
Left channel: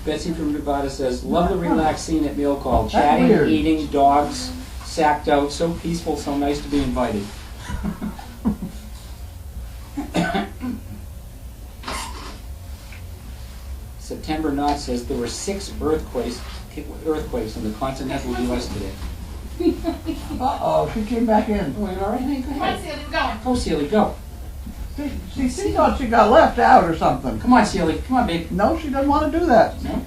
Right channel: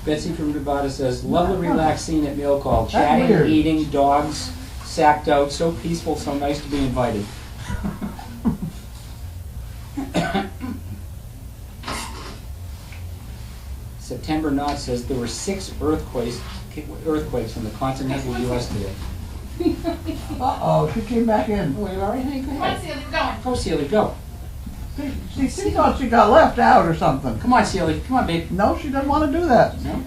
Betsy from Nevada says, love the relaxed scene at Mail Call. That's Chatting, weird. eating, dogs, sacked out, so peaceful, so nice to be invited. September Knott says there were 6 earthquakes in the continental U.S. today. Uh-oh, she came back in. Oh, you all right? Hey, go Come on, ahead. Celie, we're going. Go, Celie, go. She thought she got left out or something. Come on, Celie. Come on, babe. No, she doesn't want to do that. No?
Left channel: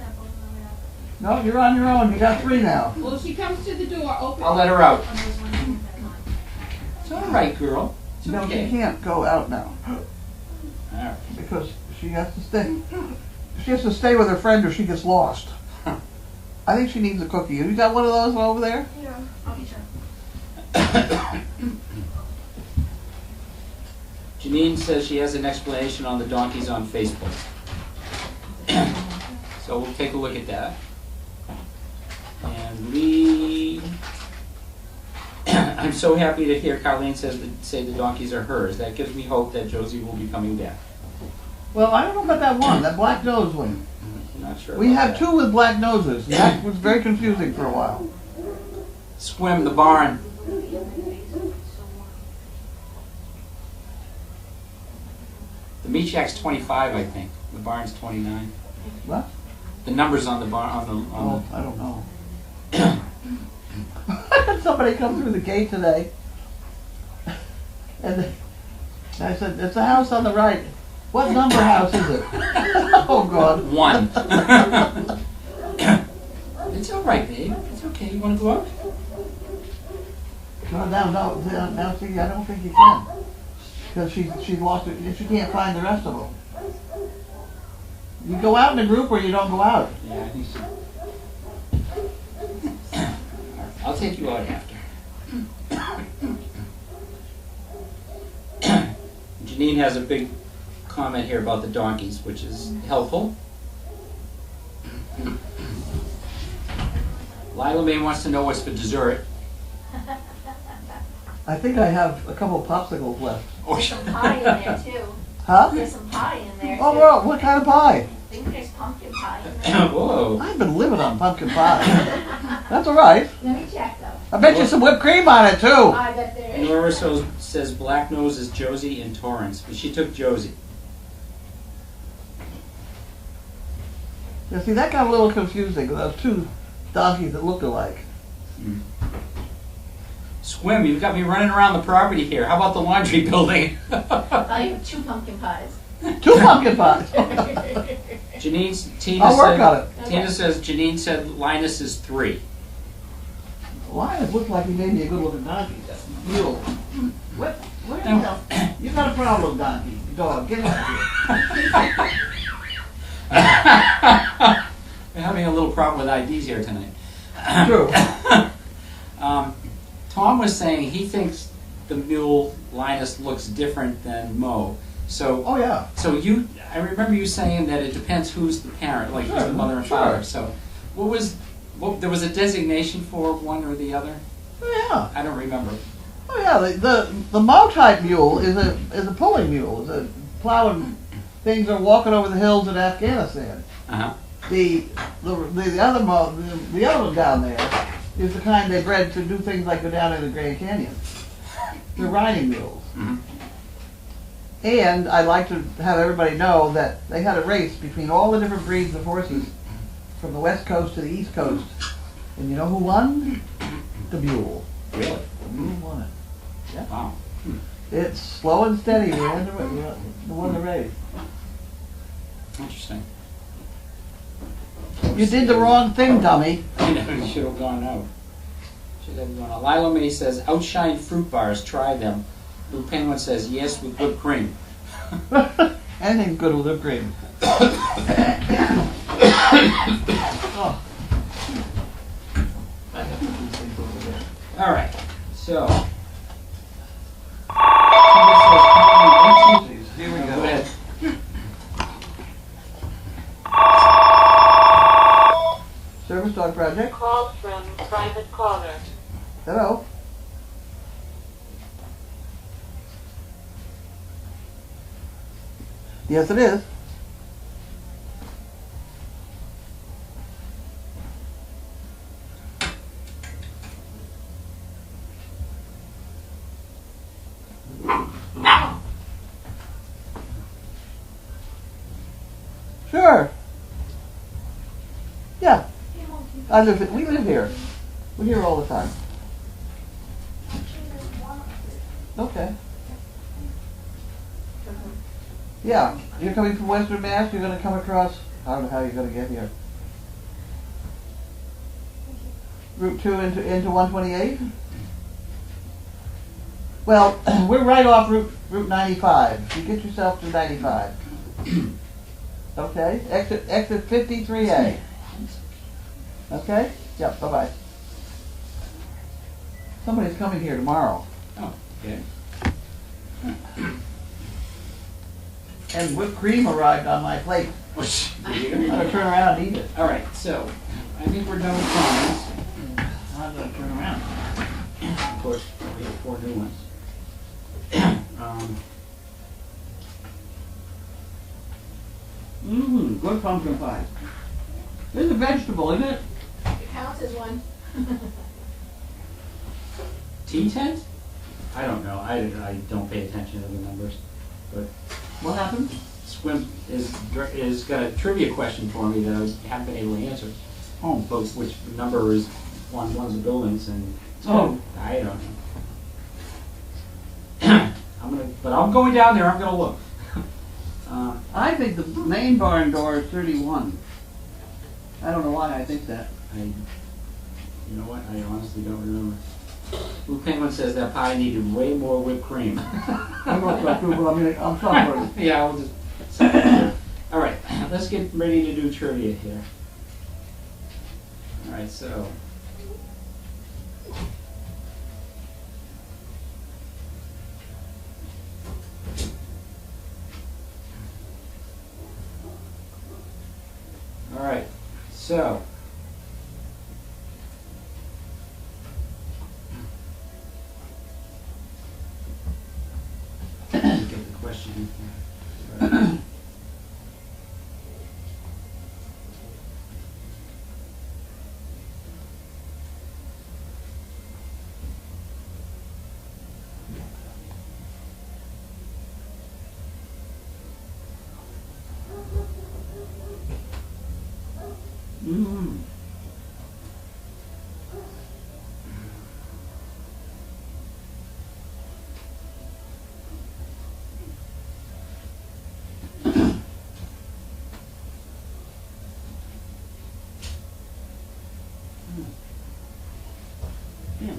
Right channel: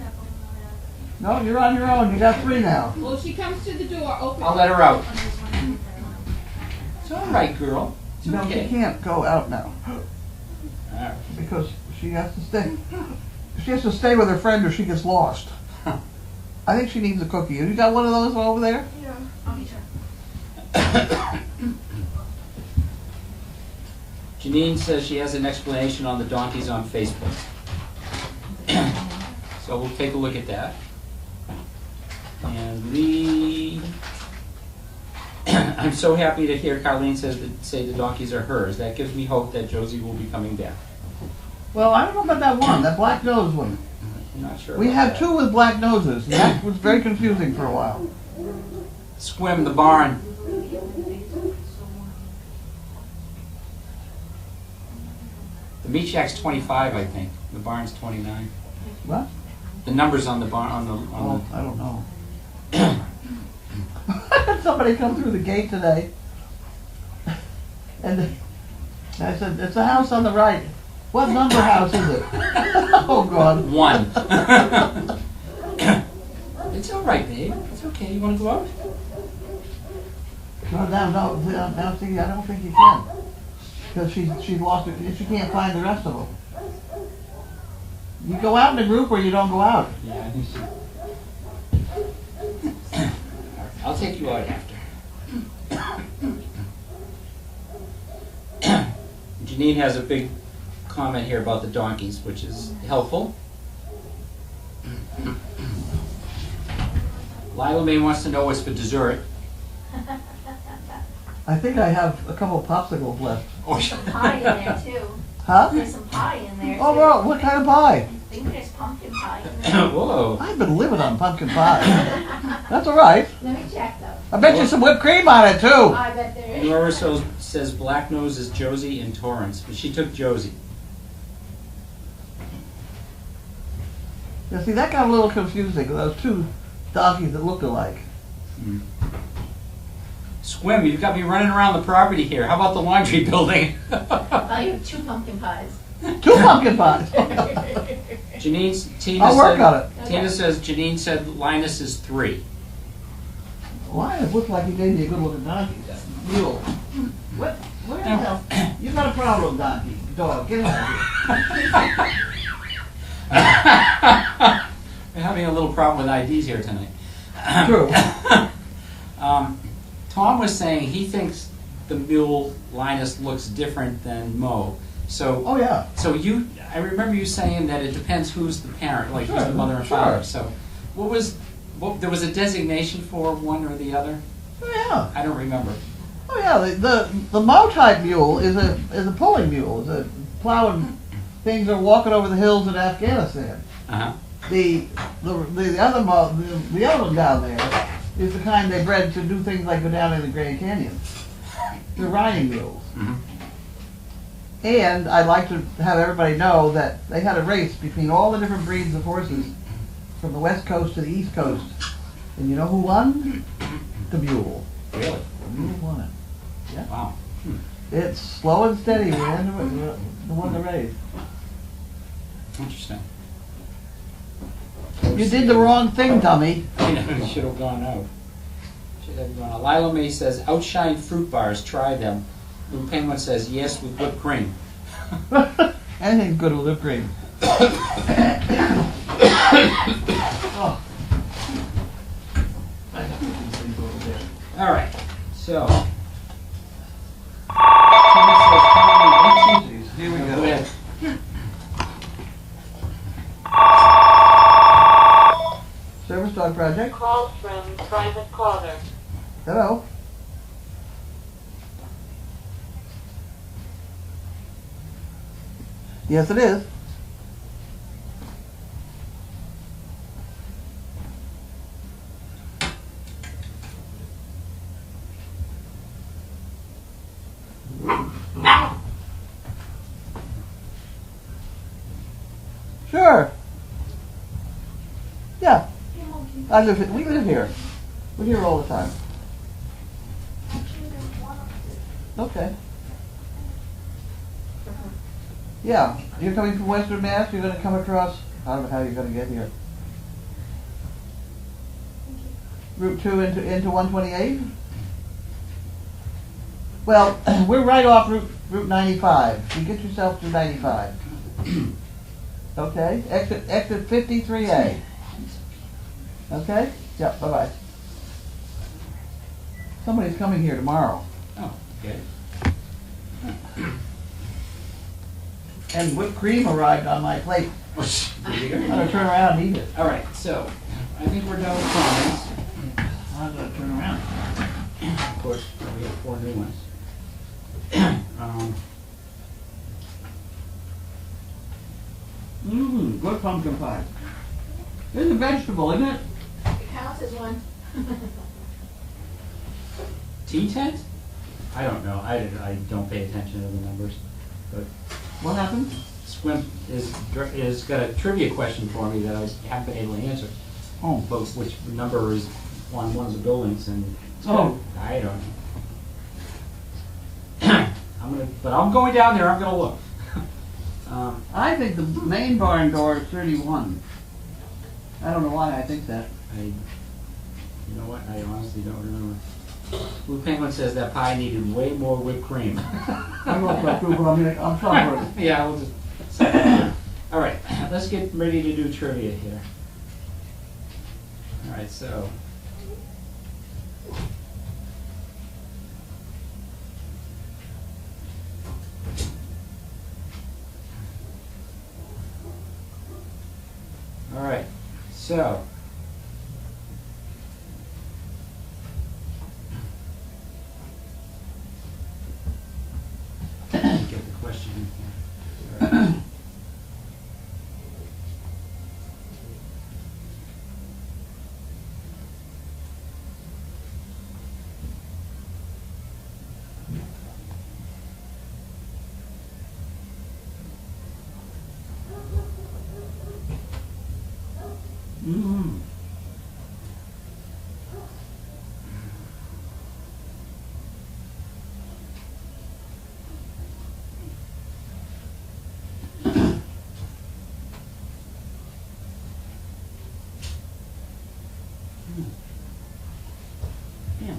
No, you're on your own. You got 3 now. Well, if she comes to the door, open I'll let her out. It's all right, girl. It's No, she okay. can't go out now All right. because she has to stay. She has to stay with her friend or she gets lost. I think she needs a cookie. You got one of those over there? Yeah, I'll be sure. Janine says she has an explanation on the donkeys on Facebook. So we'll take a look at that. And I'm so happy to hear Carlene say the donkeys are hers. That gives me hope that Josie will be coming back. Well, I don't know about that one, that black nose one. I'm not sure. We about had that. 2 with black noses, and that was very confusing for a while. Swim the barn. The meat shack's 25, I think. The barn's 29. What? The numbers on the barn Oh, I don't know. I had somebody come through the gate today, and I said, "It's a house on the right. What number house is it?" Oh God. 1. It's all right, babe. It's okay. You want to go out? No, now, see, I don't think you can, because she lost it. She can't find the rest of them. You go out in a group or you don't go out. Yeah, I think so. I'll take you out after. Janine has a big comment here about the donkeys, which is helpful. Lila May wants to know what's for dessert. I think I have a couple popsicles left. Oh, Some pie in there too. Huh? There's some pie in there too. Oh well, what kind of pie? I think there's pumpkin pie in there. whoa. I've been living on pumpkin pie. That's all right. Let me check though. I bet you some whipped cream on it too. I bet there is. Nora says Black Nose is Josie and Torrance, but she took Josie. You see, that got a little confusing. Those 2 donkeys that looked alike. Swim, you've got me running around the property here. How about the laundry building? I have 2 pumpkin pies. 2 pumpkin pies. Tina I'll work said, on it. Tina says Janine said Linus is 3. Why? It looked like he gave me a good looking donkey. Mule. What? Where the hell? You got a problem, donkey. Dog, get out of here. We're having a little problem with IDs here tonight. True. Tom was saying he thinks the mule Linus looks different than Mo. So, Oh yeah. I remember you saying that it depends who's the parent, like who's Sure, the mother and sure. father. So, there was a designation for one or the other? Oh yeah. I don't remember. Oh yeah. The Mo type mule is a pulling mule. It's a plowing things are walking over the hills in Afghanistan. Uh-huh. The other one down there is the kind they bred to do things like go down in the Grand Canyon. They're riding mules. Mhm. And I'd like to have everybody know that they had a race between all the different breeds of horses from the west coast to the east coast. And you know who won? The mule. Really? The mule won it. Wow. It's slow and steady. We won the race. Interesting. You did the wrong thing, dummy. I know, it should have gone out. Should have gone out. Lila May says, outshine fruit bars, try them. Blue Penguin says, yes, with whipped cream. Anything good with whipped cream. Oh. I have to do things a little bit. All right, so. Here we Go go. ahead. Service dog project. Call from private caller. Hello. Yes, it is. Sure. Yeah. We live here. We're here all the time. Okay. Yeah. You're coming from Western Mass, you're gonna come across, I don't know how you're gonna get here. Route 2 into 128? Well, we're right off Route 95. You get yourself to 95. Okay? Exit 53A. Okay? Yep, bye-bye. Somebody's coming here tomorrow. Oh, okay. And whipped cream arrived on my plate. There you I'm go. gonna turn around and eat it. All right, so I think we're done with comments. I'm gonna turn around. Of course, we have 4 new ones. Good pumpkin pie. It's a vegetable, isn't it? It counts as one. Tea tent? I don't know. I don't pay attention to the numbers. But What happened? Swim is got a trivia question for me that I haven't been able to answer. Oh. But which number is on one of the buildings and Oh. I don't know. But I'm going down there. I'm gonna look. I think the main barn door is 31. I don't know why I think that. You know what? I honestly don't remember. Blue Penguin says that pie needed way more whipped cream. I know about Google, I mean, I'm sorry. Yeah, we'll just. All right, let's get ready to do trivia here. All right, so. All right, so. Get the question in here. Sorry. Damn.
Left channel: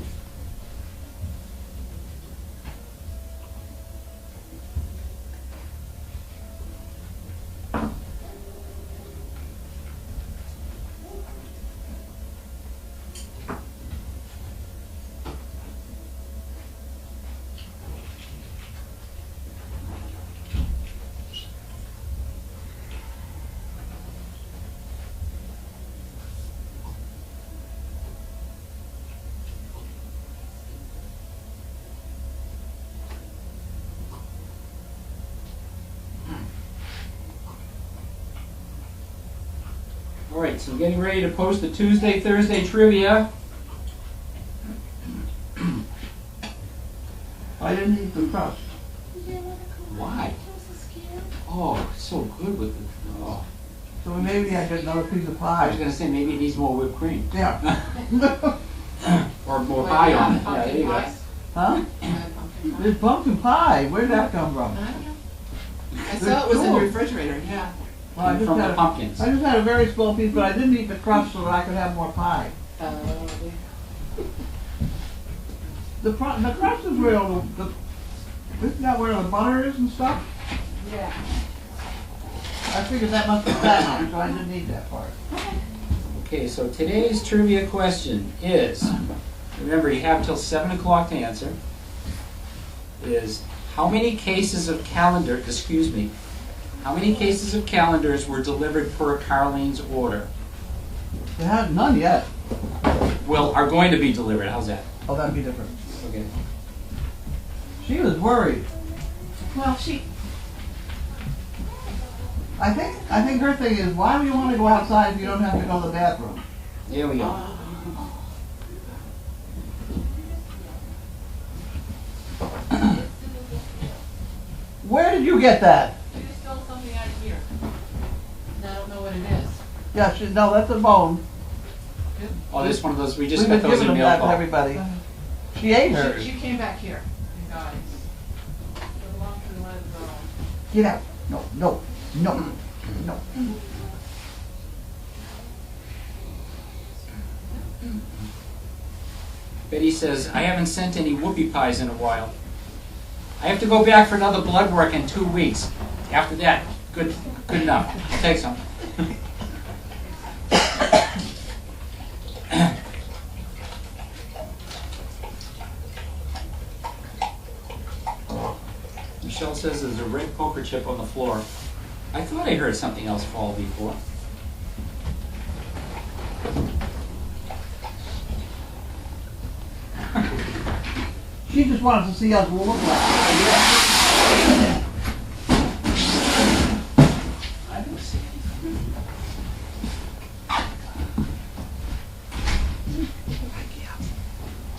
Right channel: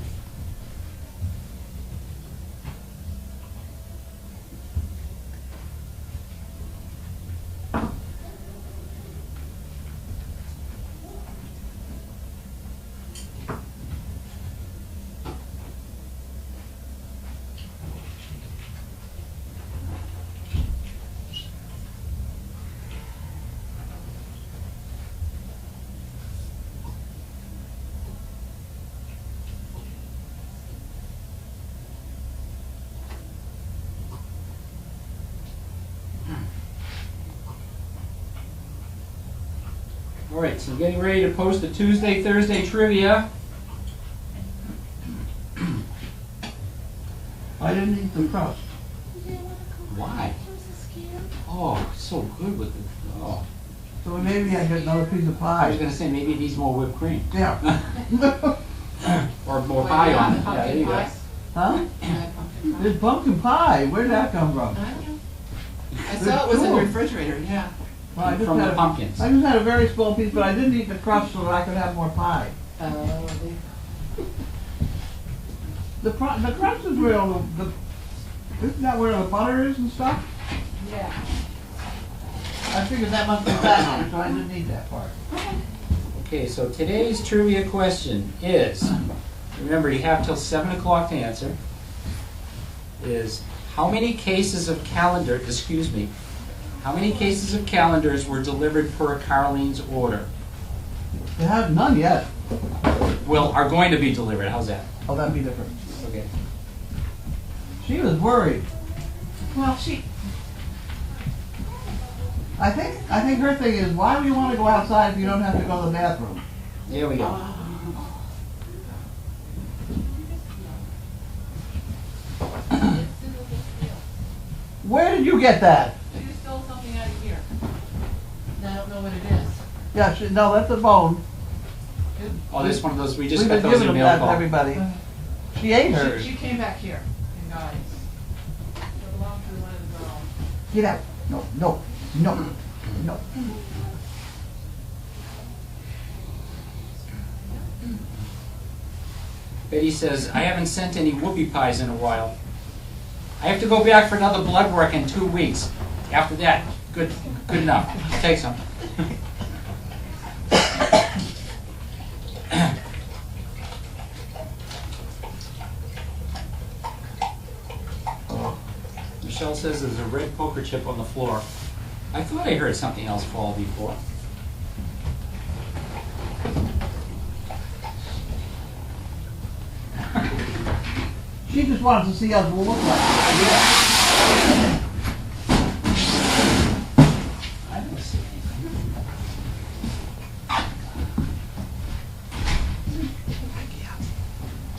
All right, so getting ready to post the Tuesday, Thursday trivia. I didn't eat the crust. Why? Oh, it's so good with the. Oh, So maybe I get another piece of I was pie. gonna say maybe it needs more whipped cream Yeah. or more pie on it. Yeah, there you go. Huh? There's pumpkin pie. Where'd that come from? I saw it was in the Cool. refrigerator, yeah. Well, I Came just from had the a- pumpkins. I just had a very small piece, but I didn't eat the crust so that I could have more pie. The crust is where all isn't that where the butter is and stuff? Yeah. I figured that must be fattening, so I didn't eat that part. Okay, so today's trivia question is, remember you have till 7 o'clock to answer, is how many cases of calendars were delivered per Carlene's order? They have none yet. Well, are going to be delivered, how's that? Oh, that'd be different. Okay. She was worried. Well, I think her thing is, why do you want to go outside if you don't have to go to the bathroom? There we go. Where did you get that? you stole something out of here. I don't know what it is. Yeah, no, that's a bone. Oh, this one of those, we just We've got been those giving in them mail that to call. everybody. She ate hers. She came back here, you guys. It belonged to the little girl. Get out. No, no, no, no. Betty says, I haven't sent any whoopie pies in a while. I have to go back for another blood work in 2 weeks. After that, good enough. Take some. Michelle says there's a red poker chip on the floor. I thought I heard something else fall before. She just wanted to see us look like. I didn't see anything.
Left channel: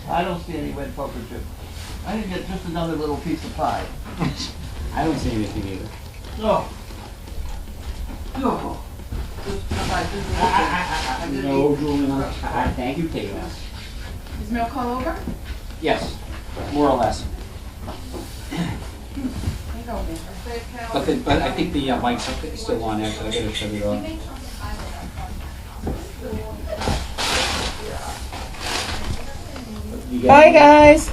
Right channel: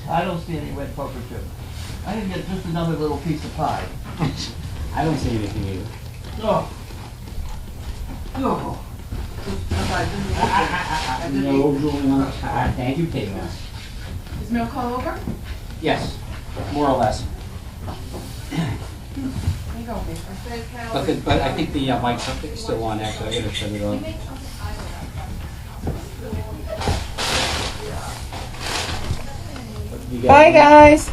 I don't see any red poker chip. I didn't get just another little piece of pie. I don't see anything either. Oh. Oh. Just because I didn't look at it. I didn't No, eat. Julian. Thank you, Peggy. Is mail call over? Yes, more or less. Here you go, babe. But I think the mic's still on, actually. I gotta turn it off. You got Bye, any- guys.